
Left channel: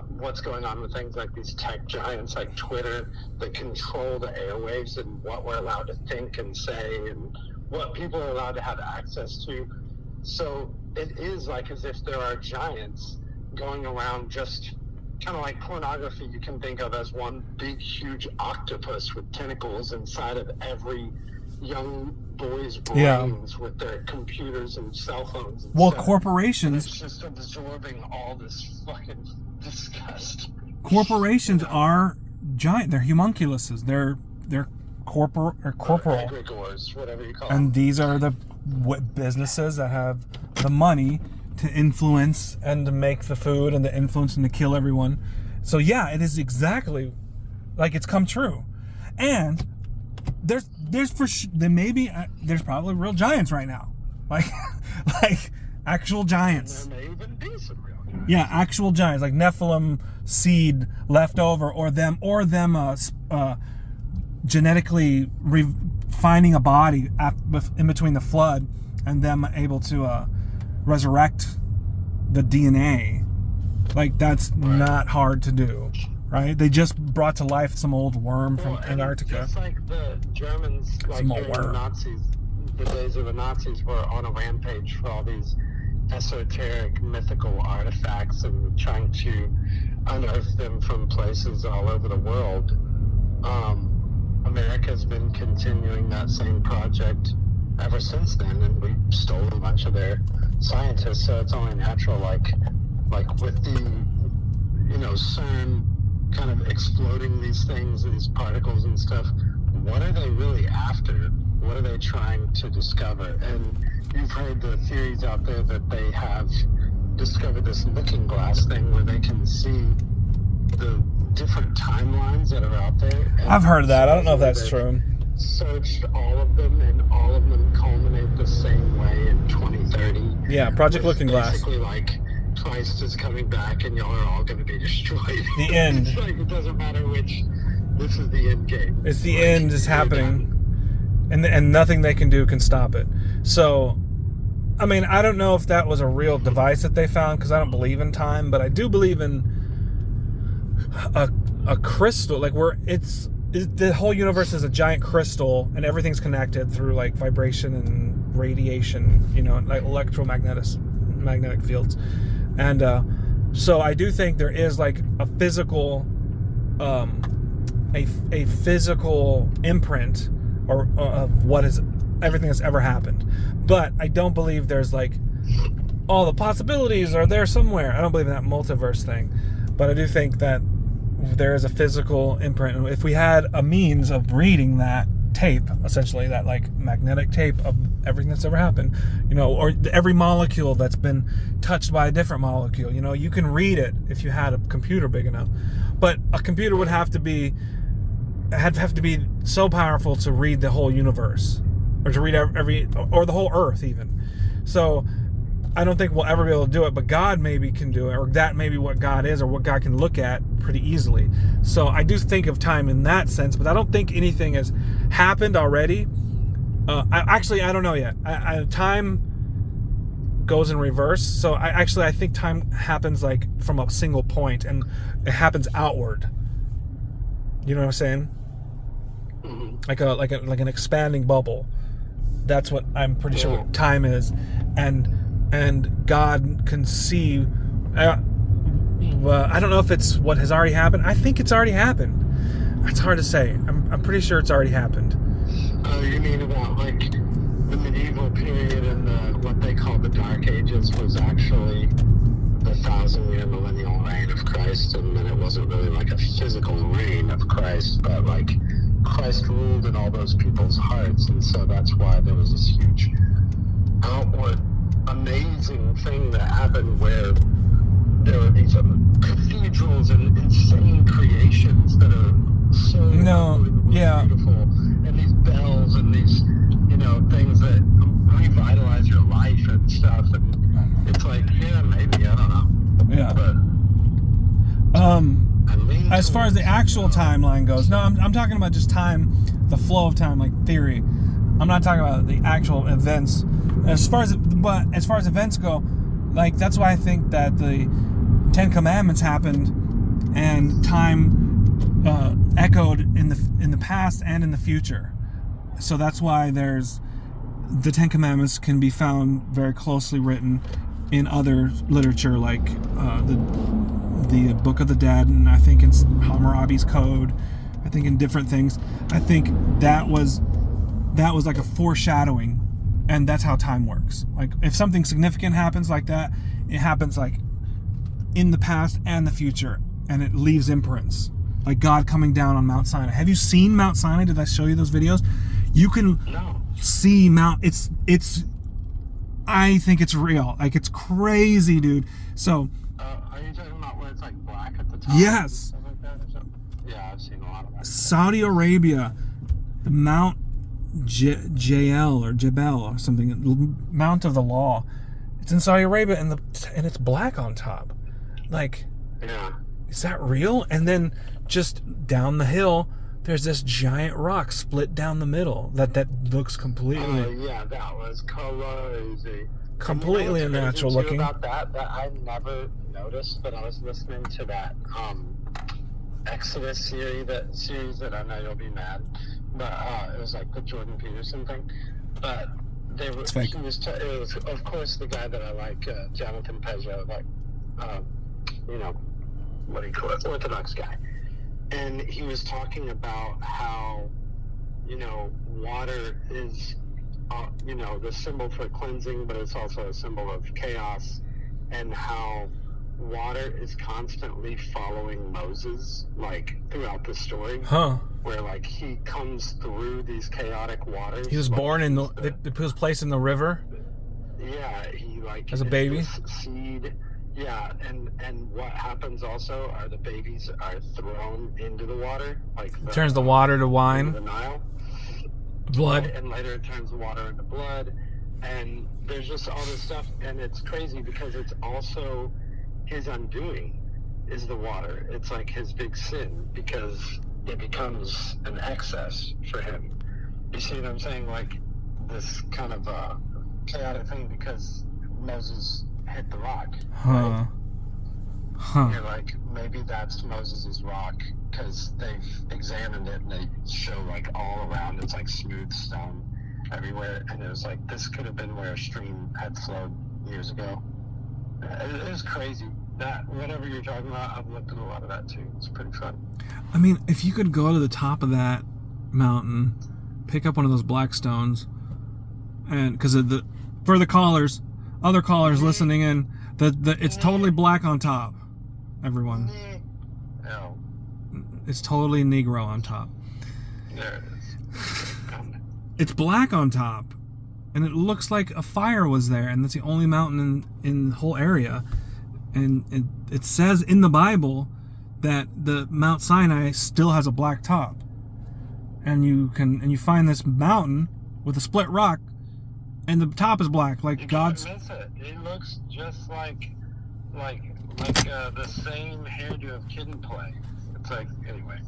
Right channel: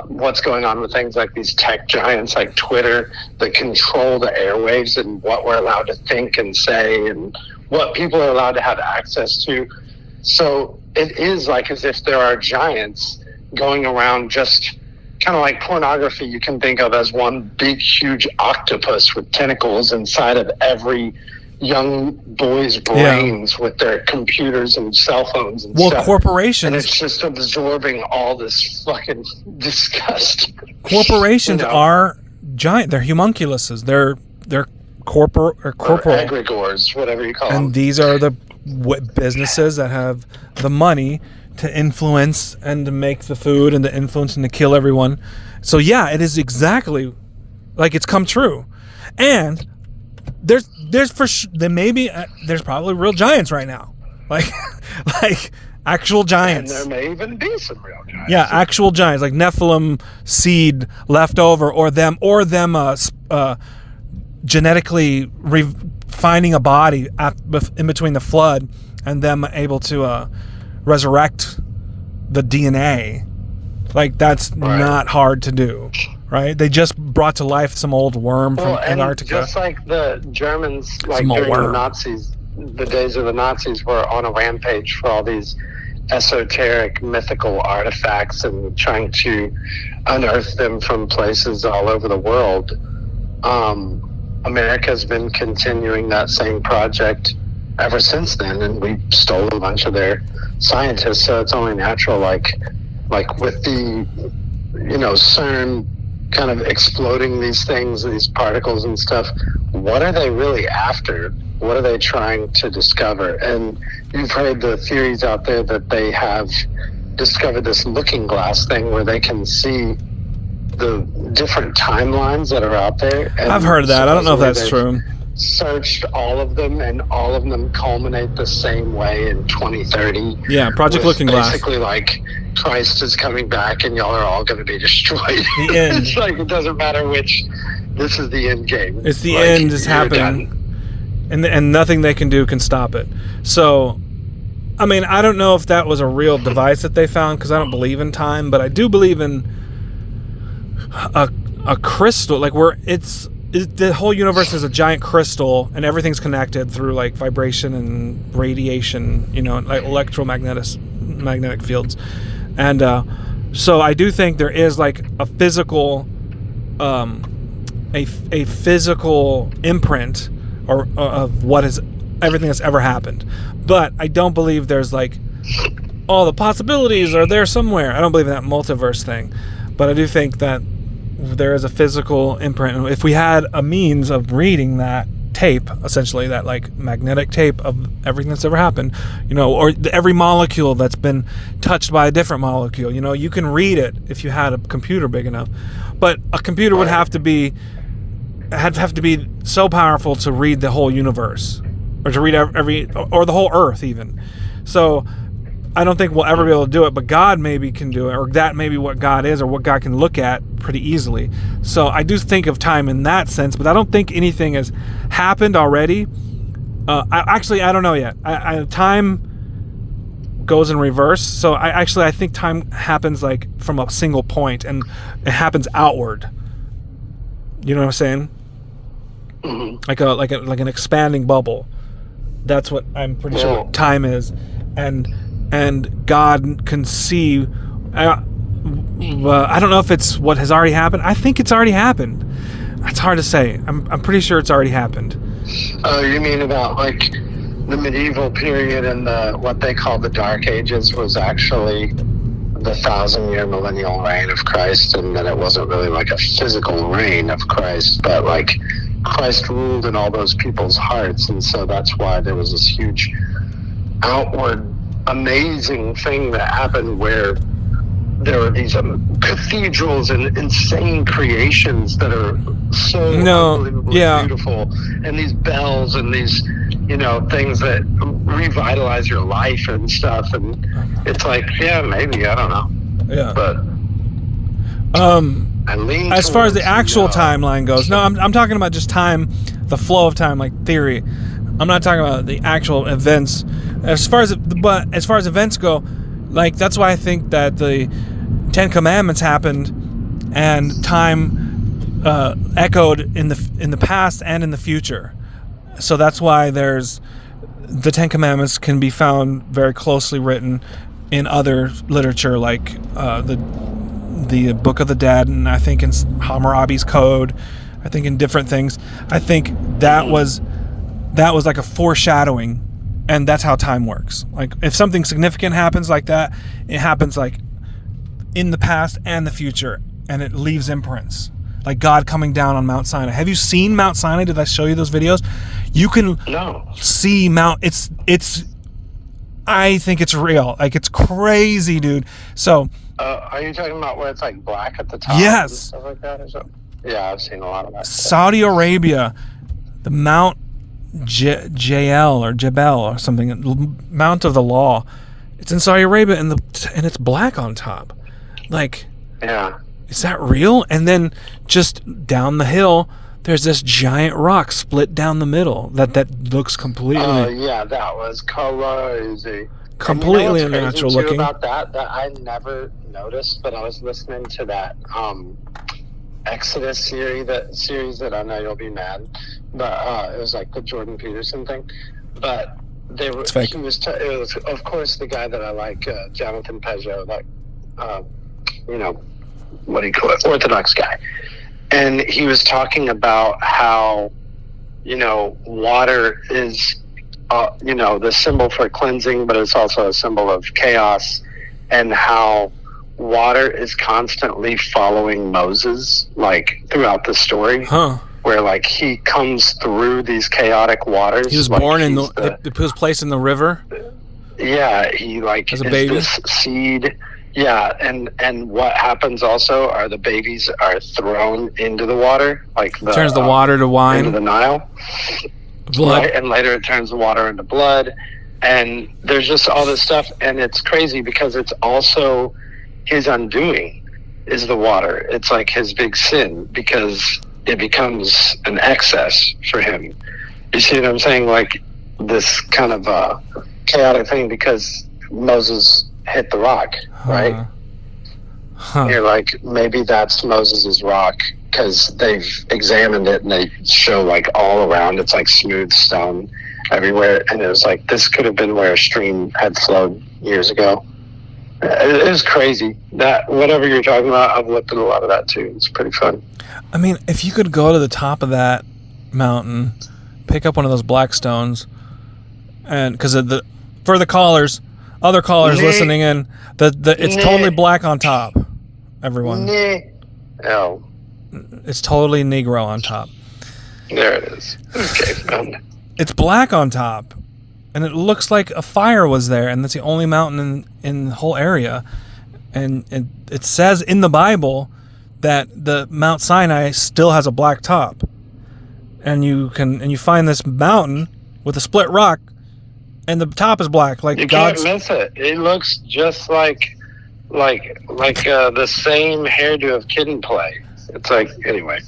What's going on with things like these tech giants like Twitter that control the airwaves and what we're allowed to think and say and what people are allowed to have access to. So it is like as if there are giants going around, just kind of like pornography you can think of as one big huge octopus with tentacles inside of every young boys' brains with their computers and cell phones and stuff. Corporations. And it's just absorbing all this fucking disgust. Corporations are giant. They're homunculuses. They're corporal. Or egregores, whatever you call them. And these are the businesses that have the money to influence and to make the food and to influence and to kill everyone. So yeah, it is exactly like it's come true. And there's probably real giants right now, like actual giants. And there may even be some real giants. Yeah, actual giants, like Nephilim seed left over, or them genetically finding a body in between the flood, and them able to resurrect the DNA. Like, that's not hard to do. Right? They just brought to life some old worm from Antarctica. Just like the Germans, like during the Nazis, the days of the Nazis were on a rampage for all these esoteric, mythical artifacts and trying to unearth them from places all over the world. America's been continuing that same project ever since then, and we stole a bunch of their scientists, so it's only natural, like with the, CERN kind of exploding these things, these particles and stuff. What are they really after? What are they trying to discover? And you've heard the theories out there that they have discovered this looking glass thing where they can see the different timelines that are out there. And I've heard that. I don't know if that's true. Searched all of them, and all of them culminate the same way in 2030. Yeah, Project Looking Glass. Basically, like, Christ is coming back, and y'all are all going to be destroyed. The end. It's like, it doesn't matter which. This is the end game. It's the end is happening, and nothing they can do can stop it. So, I mean, I don't know if that was a real device that they found, because I don't believe in time, but I do believe in a crystal, like the whole universe is a giant crystal, and everything's connected through like vibration and radiation, like magnetic fields. And so I do think there is like a physical a physical imprint or of what is everything that's ever happened. But I don't believe there's like all the possibilities are there somewhere. I don't believe in that multiverse thing. But I do think that there is a physical imprint. If we had a means of reading that tape, essentially that like magnetic tape of everything that's ever happened, or every molecule that's been touched by a different molecule, you can read it if you had a computer big enough. But a computer would have to be so powerful to read the whole universe, or to read or the whole Earth even. So I don't think we'll ever be able to do it, but God maybe can do it, or that may be what God is, or what God can look at pretty easily. So I do think of time in that sense, but I don't think anything has happened already. I don't know yet. Time goes in reverse, so I think time happens like from a single point, and it happens outward. You know what I'm saying? Mm-hmm. Like an expanding bubble. That's what I'm pretty sure time is, and God can see. I don't know if it's what has already happened. I think it's already happened. It's hard to say. I'm pretty sure it's already happened. Oh, you mean about like the medieval period and what they call the Dark Ages was actually the 1,000-year millennial reign of Christ, and that it wasn't really like a physical reign of Christ, but like Christ ruled in all those people's hearts, and so that's why there was this huge outward amazing thing that happened where there are these cathedrals and insane creations that are so unbelievably beautiful, and these bells and these things that revitalize your life and stuff, and it's like maybe I don't know, but I lean as far as the actual timeline goes, I'm talking about just time, the flow of time, like theory. I'm not talking about the actual events. As far as events go, like that's why I think that the Ten Commandments happened, and time echoed in the past and in the future. So that's why there's the Ten Commandments can be found very closely written in other literature, like the Book of the Dead, and I think in Hammurabi's Code, I think in different things. I think that was like a foreshadowing, and that's how time works. Like if something significant happens like that, it happens like in the past and the future, and it leaves imprints. Like God coming down on Mount Sinai. Have you seen Mount Sinai? Did I show you those videos? You can see Mount. It's. I think it's real. Like it's crazy, dude. So. Are you talking about where it's like black at the top? Yes. And stuff like that, or something? Yeah, I've seen a lot of that. Saudi Arabia, the Mount Jael or Jebel or something, Mount of the Law. It's in Saudi Arabia, and it's black on top. Like. Yeah. Is that real? And then just down the hill, there's this giant rock split down the middle that looks completely. Oh yeah, that was crazy. Completely unnatural looking. About that I never noticed, but I was listening to that Exodus series that I know you'll be mad, but it was like the Jordan Peterson thing. But they were. It was of course the guy that I like, Jonathan Peugeot, like what do you call it, Orthodox guy, and he was talking about how water is the symbol for cleansing, but it's also a symbol of chaos, and how water is constantly following Moses like throughout the story, where like he comes through these chaotic waters. He was born in he was placed in the river. Yeah, he like as a baby. This seed. Yeah, and what happens also are the babies are thrown into the water, like turns the water to wine, into the Nile, blood, right? And later it turns the water into blood, and there's just all this stuff, and it's crazy because it's also his undoing is the water. It's like his big sin because it becomes an excess for him. You see what I'm saying? Like this kind of chaotic thing because Moses hit the rock, right? You're like, maybe that's Moses's rock because they've examined it and they show like all around it's like smooth stone everywhere, and it was like this could have been where a stream had flowed years ago. It is crazy. That whatever you're talking about, I've looked at a lot of that too. It's pretty fun. I mean, if you could go to the top of that mountain, pick up one of those black stones, and because for the callers, other callers listening in, it's totally black on top. Everyone, oh, it's totally Negro on top. There it is. Okay, found it. It's black on top, and it looks like a fire was there, and that's the only mountain in the whole area. And it says in the Bible that the Mount Sinai still has a black top, and you find this mountain with a split rock, and the top is black. Like you can't miss it. It looks just like the same hairdo of Kid and Play. It's like, anyway.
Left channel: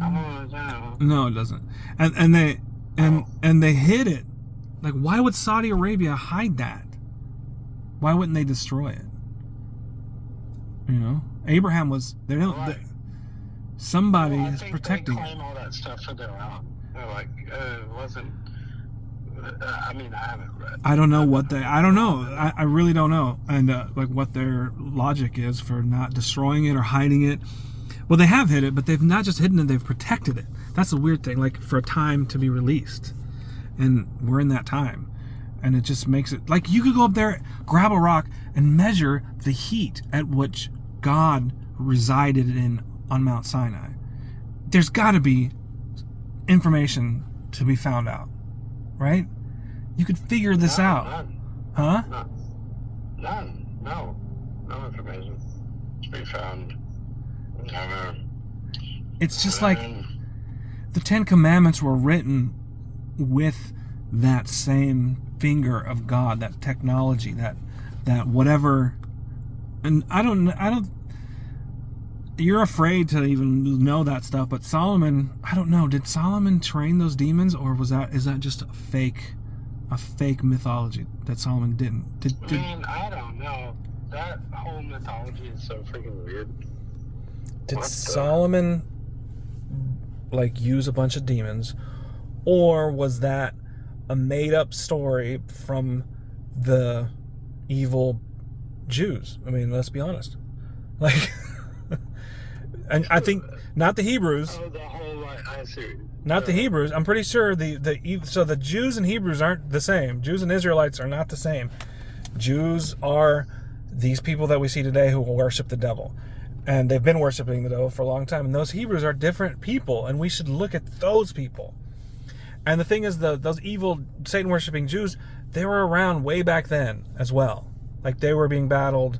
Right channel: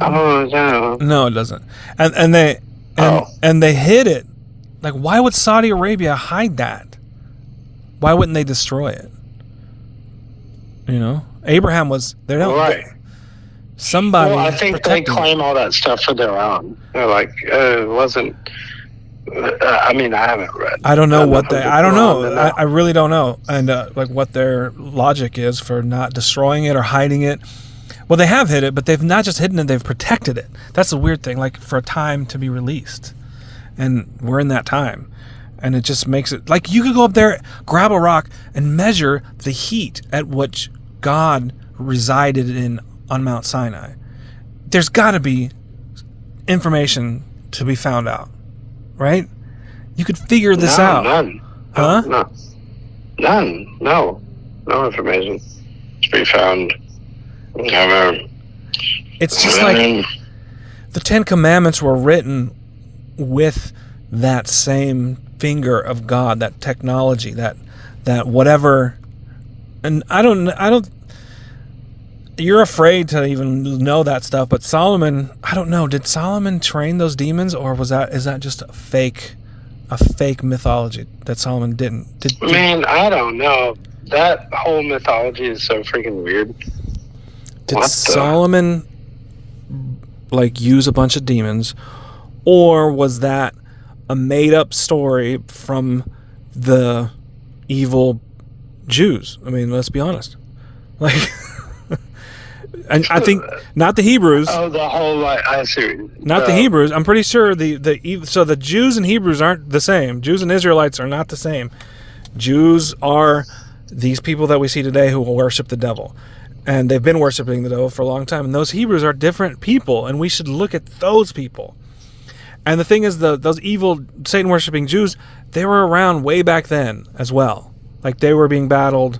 Oh no. No, it doesn't. And they hid it. Like, why would Saudi Arabia hide that? Why wouldn't they destroy it? You know, Abraham was there. Right. Somebody. Well, I think they claim all that stuff for their own. They're like, it wasn't. I mean, I haven't read. I don't know what they. I don't know. I really don't know, and like what their logic is for not destroying it or hiding it. Well, they have hid it, but they've not just hidden it; they've protected it. That's the weird thing. Like for a time to be released, and we're in that time, and it just makes it like you could go up there, grab a rock, and measure the heat at which God resided in on Mount Sinai. There's got to be information to be found out. Right? You could figure this out. None. Huh? No. None. No. No information to be found. It's just like the Ten Commandments were written with that same finger of God, that technology, that whatever. And I don't. You're afraid to even know that stuff, but Solomon, I don't know. Did Solomon train those demons, or is that just a fake mythology that Solomon didn't? Man, I don't know. That whole mythology is so freaking weird. Did Solomon like use a bunch of demons, or was that a made-up story from the evil Jews? I mean, let's be honest. Like. And I think not the Hebrews. Oh, the whole I see. Not the Hebrews. I'm pretty sure so the Jews and Hebrews aren't the same. Jews and Israelites are not the same. Jews are these people that we see today who will worship the devil, and they've been worshiping the devil for a long time. And those Hebrews are different people, and we should look at those people. And the thing is, those evil Satan worshiping Jews, they were around way back then as well. Like they were being battled.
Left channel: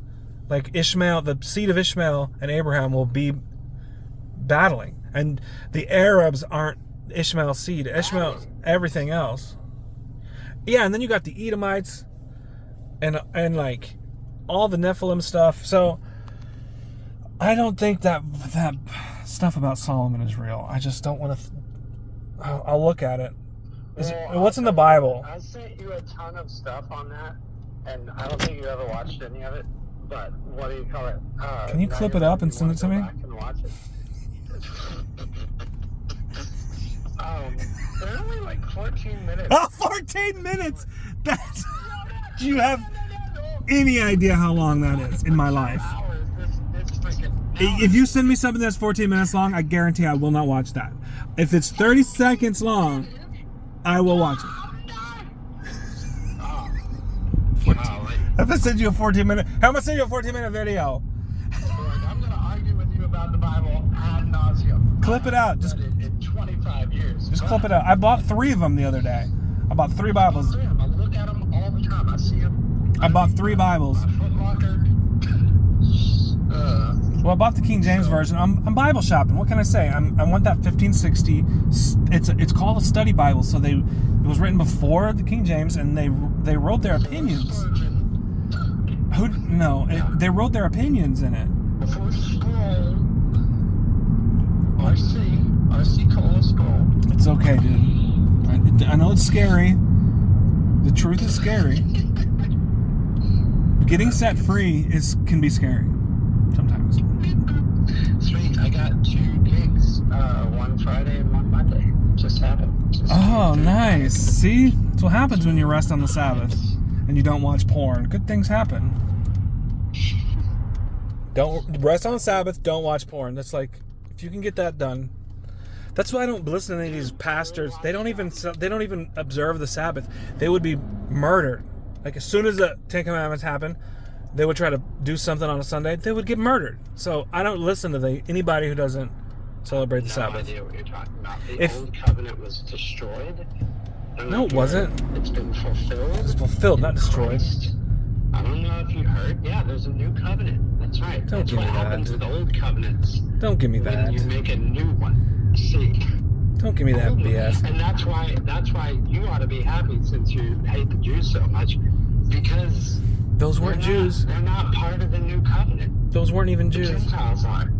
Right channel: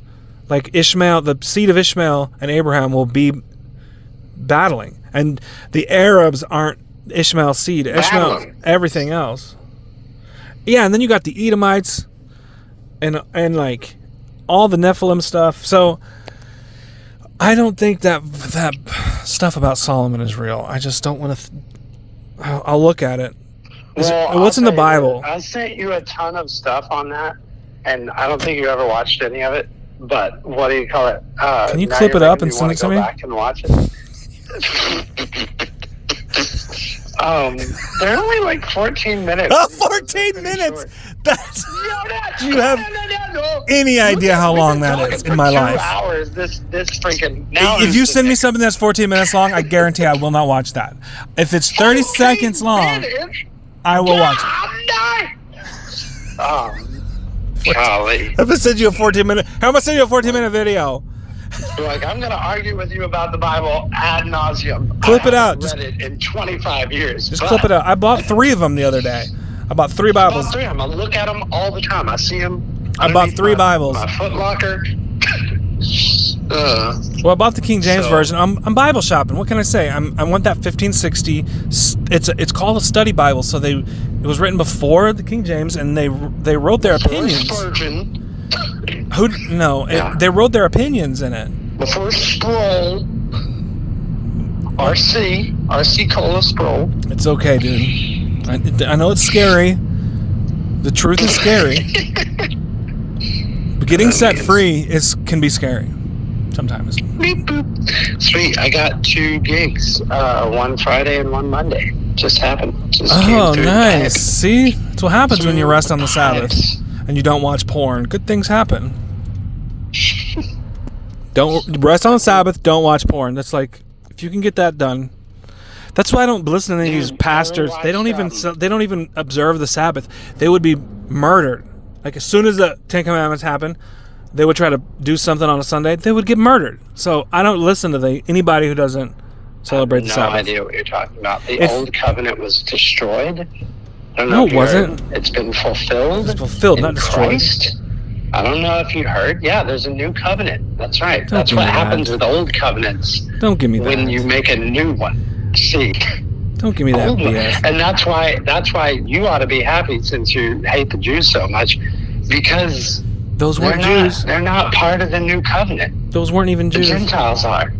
Like Ishmael, the seed of Ishmael and Abraham will be battling. And the Arabs aren't Ishmael's seed. Ishmael, everything else. Yeah, and then you got the Edomites and like all the Nephilim stuff. So I don't think that stuff about Solomon is real. I just don't want to. I'll look at it. What's in the Bible? I sent you a ton of stuff on that, and I don't think you ever watched any of it. But what do you call it? Can you clip it up and send it to me? Go back and watch it. They're only like 14 minutes. 14 minutes. That's. Do you have any idea how long that is in my life? 2 hours. This freaking. If you send me something that's 14 minutes long, I guarantee I will not watch that. If it's 30 seconds long, I will watch it. Golly. If I send you a 14-minute, how am I send you a 14-minute video? You're like, I'm going to argue with you about the Bible ad nauseum. Clip it out. Read it in 25 years. Just clip it out. I bought 3 of them the other day. I bought 3 Bibles. I look at them all the time. I see them. I bought 3 Bibles. My Foot Locker. Well, I bought the King James version. I'm Bible shopping. What can I say? I want that 1560. It's called a study Bible. So it was written before the King James, and they wrote their opinions. They wrote their opinions in it. Before Sproul, RC Cola Sproul. It's okay, dude. I know it's scary. The truth is scary. But getting set free can be scary. Sometimes. Beep, boop. Sweet. I got 2 gigs. One Friday and one Monday. Just happened. Nice. See? That's what happens when you rest on the Sabbath and you don't watch porn. Good things happen. Don't rest on Sabbath. Don't watch porn. That's like, if you can get that done. That's why I don't listen to these pastors. They don't even observe the Sabbath. They would be murdered. Like as soon as the Ten Commandments happen, they would try to do something on a Sunday. They would get murdered. So I don't listen to anybody who doesn't celebrate the Sabbath. No idea what you're talking about. The old covenant was destroyed. I don't know no, it wasn't. It's been fulfilled. It's fulfilled, not destroyed. Christ. I don't know if you heard. Yeah, there's a new covenant. That's right. That's what happens with old covenants. Don't give me that. When you make a new one. See. Don't give me that BS. And that's why you ought to be happy since you hate the Jews so much, because those weren't Jews. They're not part of the new covenant. Those weren't even Jews. The Gentiles are.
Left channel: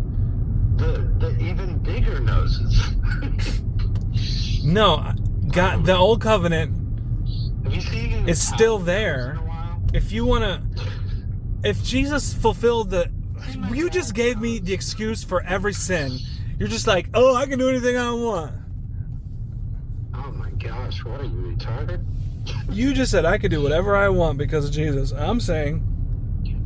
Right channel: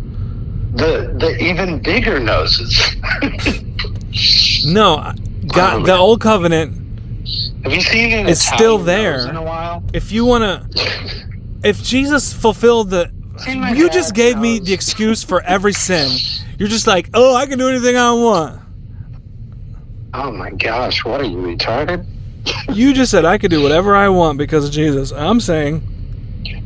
The even bigger noses. No, God, the old covenant. Have you seen it? It's still there. In a while? If you wanna, if Jesus fulfilled you just gave me the excuse for every sin. You're just like, oh, I can do anything I want. Oh my gosh, what are you, retarded? You just said I could do whatever I want because of Jesus. I'm saying,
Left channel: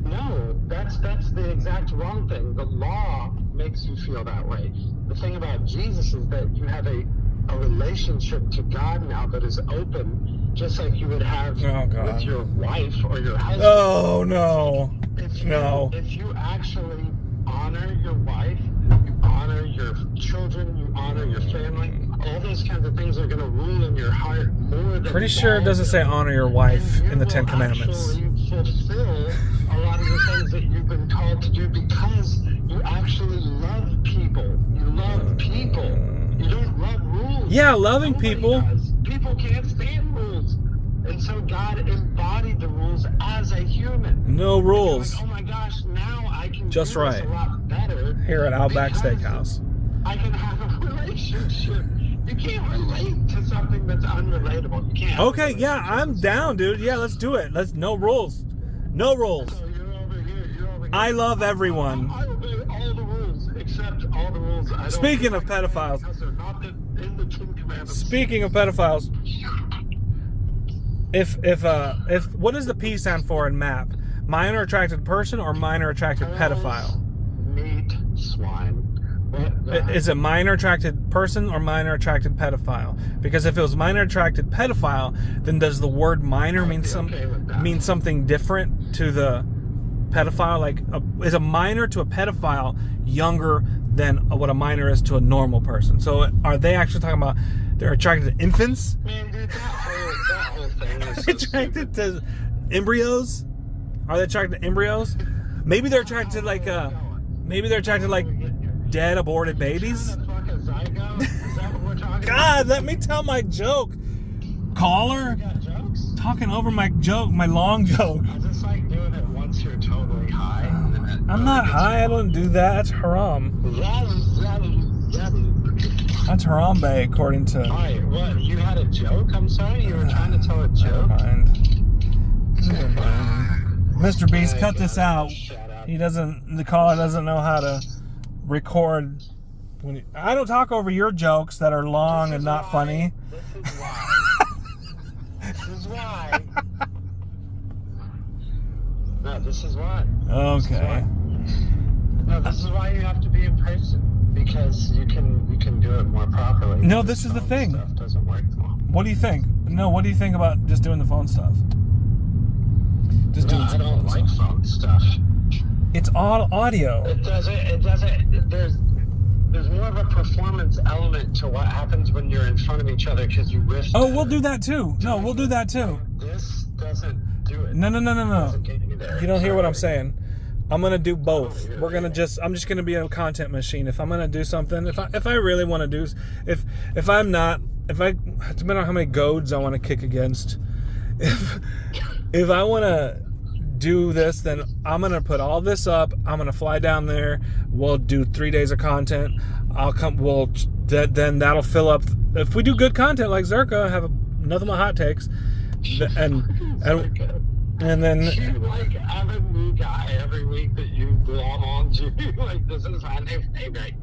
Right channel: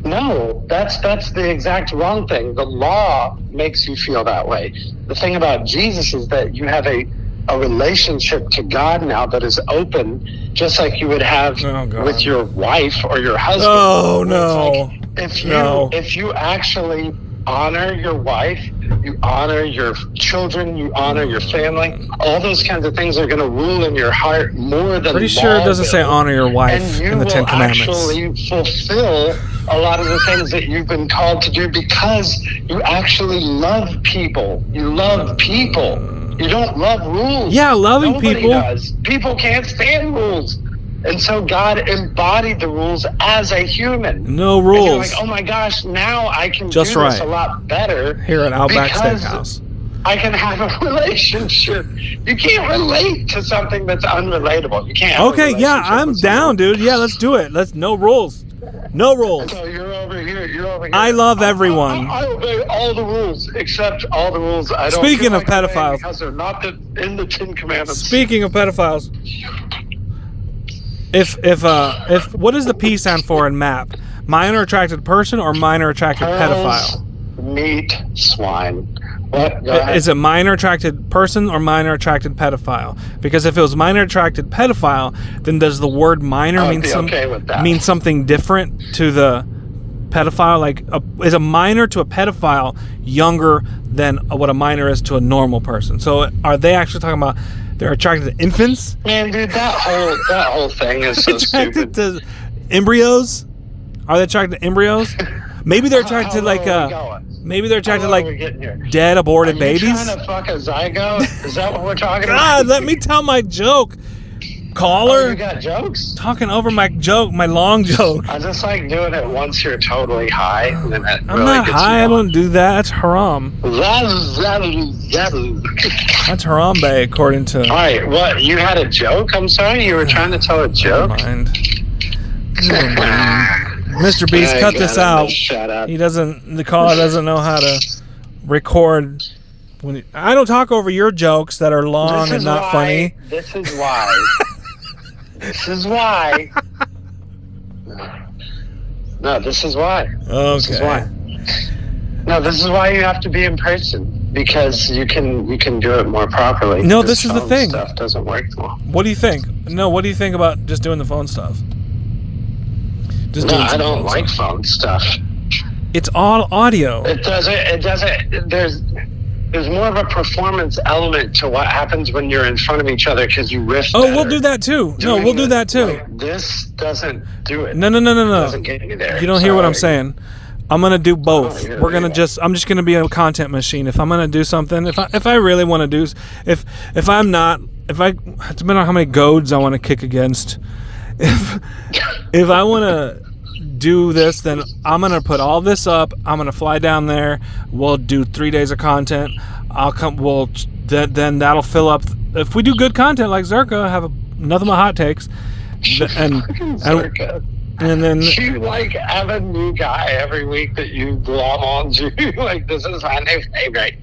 no, that's the exact wrong thing. The law makes you feel that way. The thing about Jesus is that you have a relationship to God now that is open, just like you would have with your wife or your husband. Oh no! Like if you actually honor your wife, you honor your children, you honor your family, all those kinds of things are going to rule in your heart more than Pretty sure it doesn't say honor your wife in the Ten Commandments. And you will actually fulfill a lot of the things that you've been called to do because you actually love people. You love people. You don't love rules. Yeah, loving Nobody people. Does. People can't stand rules. And so God embodied the rules as a human. No rules. And you're like, oh my gosh, now I can Just do right. this a lot better. Here at Outback Steakhouse. I can have a relationship. You can't relate to something that's unrelatable. You can't. Okay, yeah, I'm down, dude. Yeah, let's do it. No rules. No rules. So you're over here. I love everyone. I obey all the rules, except all the rules I don't. Speaking of pedophiles, because they're not in the Ten Commandments. Speaking of pedophiles, if what does the P stand for in MAP? Minor attracted person or minor attracted pedophile? Meat swine. What? Is it minor attracted person or minor attracted pedophile? Because if it was minor attracted pedophile, then does the word minor mean something different to the pedophile? Like, is a minor to a pedophile younger than what a minor is to a normal person? So are they actually talking about they're attracted to infants? Man, dude, that whole thing is so attracted stupid. To embryos? Are they attracted to embryos? Maybe they're attracted to like maybe they're attracted to like dead aborted babies. Are you trying to fuck a zygote? Is that what we're talking about? God, let me tell my joke. Caller. Oh, you got jokes? Talking over my joke, my long joke. I just like doing it once you're totally high. And then I'm not high. I don't do that. That's haram. That's harambe, according to. All right, what? You had a joke? I'm sorry, you were trying to tell a joke. Never mind. Mr. Beast, cut this out. Shut up. The caller doesn't know how to record. I don't talk over your jokes that are long and not funny. This is why. This is why. No, this is why. Okay. This is why. No, this is why you have to be in person, because you can do it more properly. No, this is the thing. Stuff doesn't work well. What do you think? No, what do you think about just doing the phone stuff? I don't like phone stuff. It's all audio. It doesn't. There's more of a performance element to what happens when you're in front of each other because you riff. Oh, we'll do that too. No, we'll do that too. Like, this doesn't do it. No. It doesn't get you there. You don't hear what I'm saying. I'm gonna do both. Oh, I'm just gonna be a content machine. If I'm gonna do something, if I really want to do, if I depending on how many goads I want to kick against. If I want to do this, then I'm gonna put all this up. I'm gonna fly down there. We'll do 3 days of content. Then that'll fill up. If we do good content like Zerka, have nothing but hot takes, and then you like have a new guy every week that you glom on to. Like, this is my new favorite.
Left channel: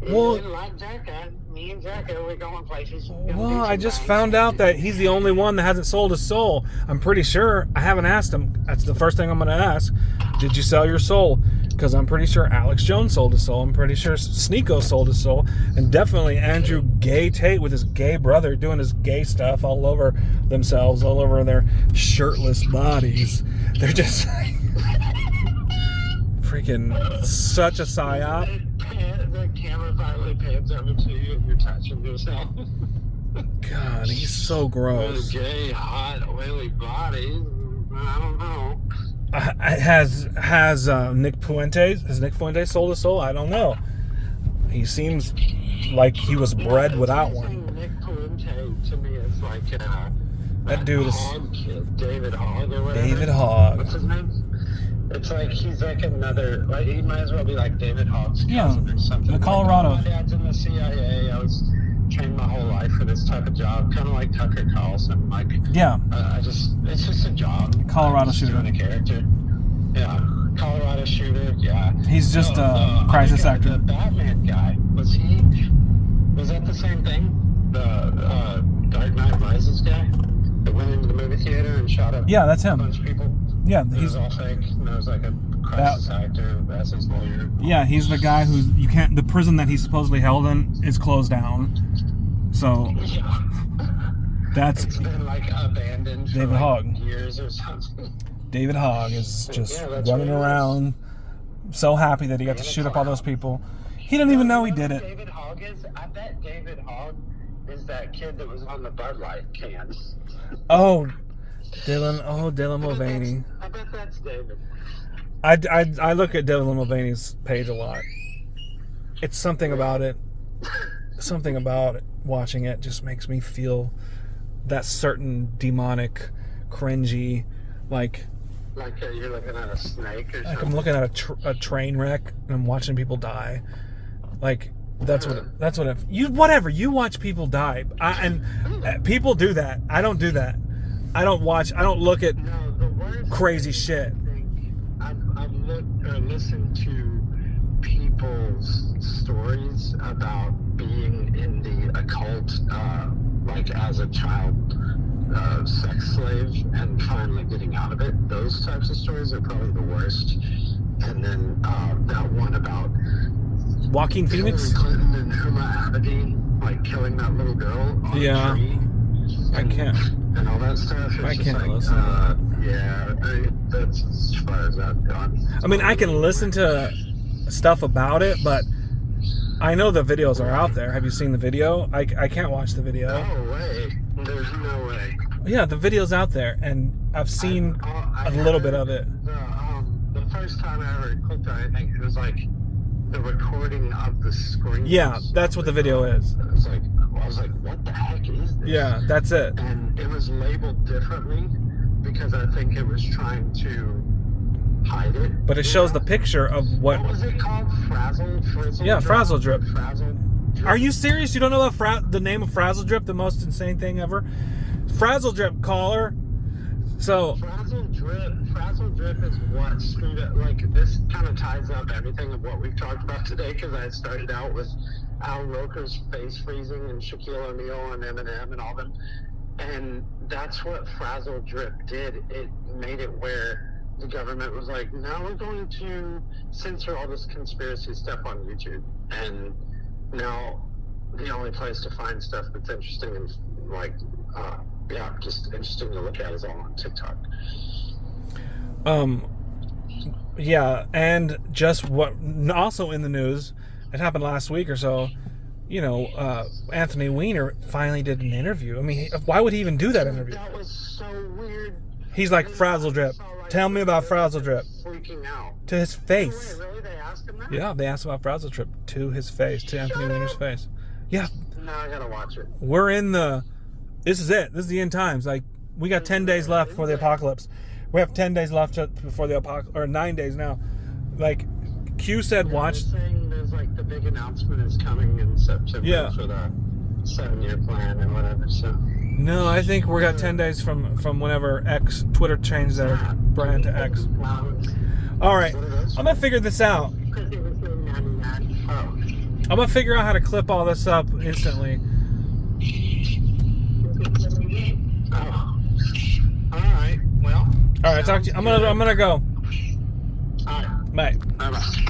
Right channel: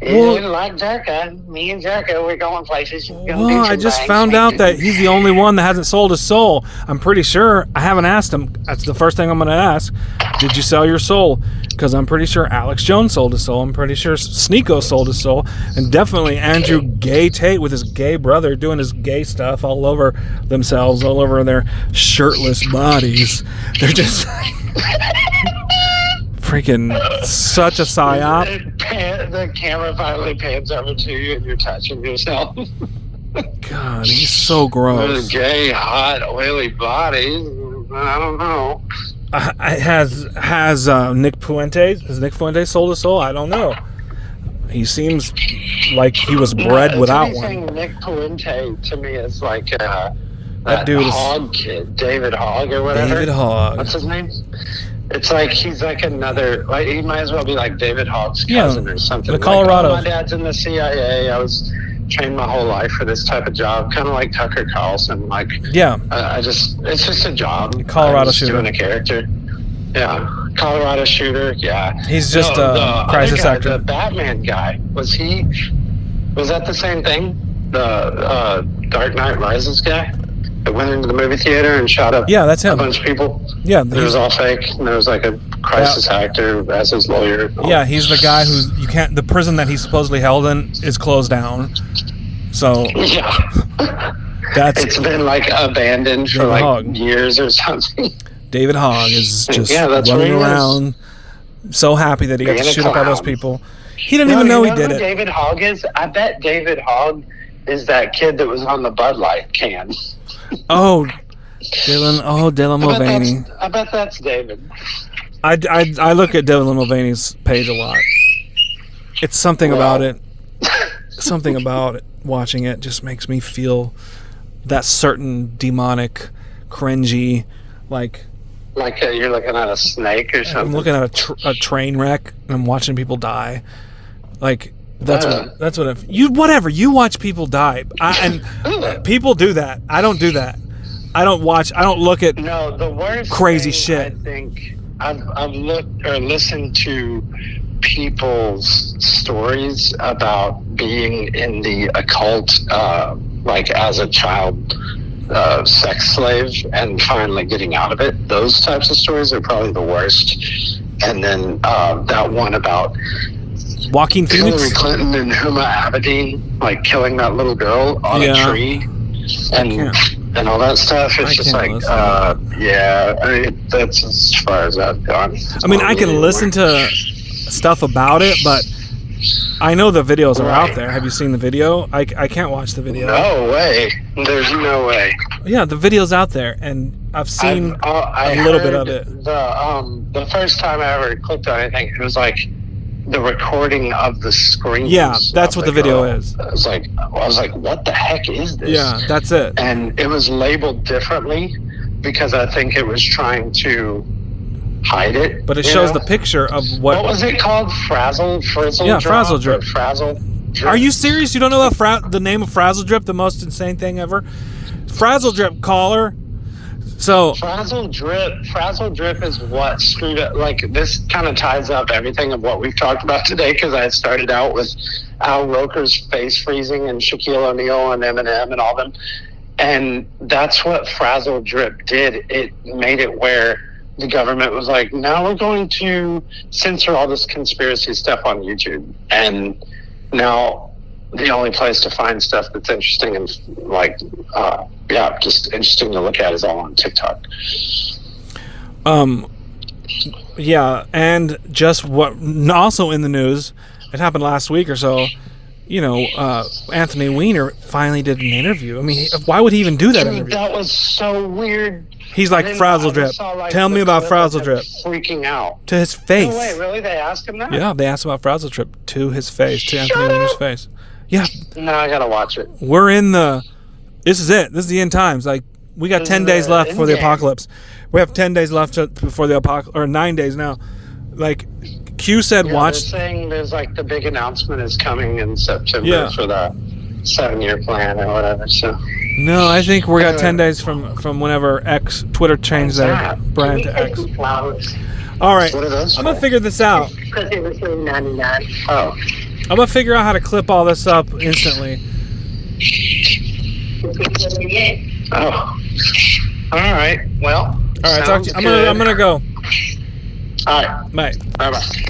Like Jerka. Me and Jerka, we're going places. Well, I just found out that he's the only one that hasn't sold his soul. I'm pretty sure. I haven't asked him. That's the first thing I'm going to ask. Did you sell your soul? Because I'm pretty sure Alex Jones sold his soul. I'm pretty sure Sneeko sold his soul. And definitely Andrew Gay Tate with his gay brother doing his gay stuff all over themselves, all over their shirtless bodies. They're just... freaking such a psyop. The camera finally pans over to you and you're touching yourself. God, he's so gross. Those gay, hot, oily bodies. I don't know. Has Nick Fuentes? Has Nick Fuentes sold his soul? I don't know. He seems like he was bred without one. Saying Nick Fuente to me is like that dude Hogg kid, David Hogg or whatever. David Hogg. What's his name? It's like he's like another, like he might as well be like David Hogg's cousin or something. The Colorado. Like, my dad's in the CIA. I was trained my whole life for this type of job, kind of like Tucker Carlson. Like, yeah, it's just a job. Colorado shooter. Doing a character. Yeah, Colorado shooter. Yeah, he's just a crisis actor. The Batman guy, was that the same thing? The Dark Knight Rises guy that went into the movie theater and shot up that's him. A bunch of people? Yeah. It was all fake. And there was like a crisis actor as his lawyer. Yeah, he's the guy who's, the prison that he's supposedly held in is closed down. So. Yeah. It's been like abandoned for like years or something. David Hogg is just running around, so happy that he got to shoot up all those people. He didn't even know he did it. David Hogg is? I bet David Hogg is that kid that was on the Bud Light can. Oh, Dylan Mulvaney. I bet that's David. I look at Dylan Mulvaney's page a lot. It's something about it. Something about it. Watching it just makes me feel that certain demonic, cringy, like you're looking at a snake or something. I'm looking at a train wreck and I'm watching people die. Like that's what you watch people die. And people do that. I don't do that. I don't look at the worst crazy thing, shit. I think I've looked or listened to people's stories about being in the occult, like as a child sex slave and finally getting out of it. Those types of stories are probably the worst. And then that one about Joaquin Phoenix, Hillary Clinton and Huma Abedin, like killing that little girl on a tree, and all that stuff. It's just like, I mean, that's as far as I've gone. I mean, I can listen to stuff about it, but I know the videos are out there. Have you seen the video? I can't watch the video. No way. There's no way. Yeah, the video's out there, and I've seen a little bit of it. The first time I ever clicked on anything, it was like the recording of the screen. Yeah, that's what the video is. I was like, what the heck is this? Yeah, that's it. And it was labeled differently because I think it was trying to hide it. But it shows the picture of what was it called? Frizzle Drip. Frazzle Drip. Are you serious? You don't know the name of Frazzle Drip, the most insane thing ever? Frazzle Drip, caller. So Frazzle Drip is what screwed up. Like, this kind of ties up everything of what we've talked about today, because I started out with Al Roker's face freezing and Shaquille O'Neal and Eminem and all them, and that's what Frazzle Drip did. It made it where the government was like, now we're going to censor all this conspiracy stuff on YouTube, and now the only place to find stuff that's interesting and like just interesting to look at is all on TikTok. Yeah, and just what also in the news, it happened last week or so, Anthony Weiner finally did an interview. I mean, why would he even do that interview? That was so weird. He's like, Frazzle Drip. Tell me about Frazzle Drip. Freaking out. To his face. No way, really? They asked him that? Yeah, they asked about Frazzle Drip to his face, to Anthony Weiner's face. Yeah. No, I gotta watch it. We're in this is it. This is the end times. Like, we got 10 days left before the apocalypse. We have 10 days left before the apocalypse, or 9 days now. Like, Q said watch. They're saying there's like the big announcement is coming in September for the 7-year plan or whatever, so. No, I think we got 10 days from whenever Twitter changed their brand to X. Flowers. All right. What are those? I'm going to figure this out. Because it was $99. Oh. I'm gonna figure out how to clip all this up instantly. Oh. All right. Well. All right. Talk to you. I'm gonna go. All right. Bye. Bye-bye.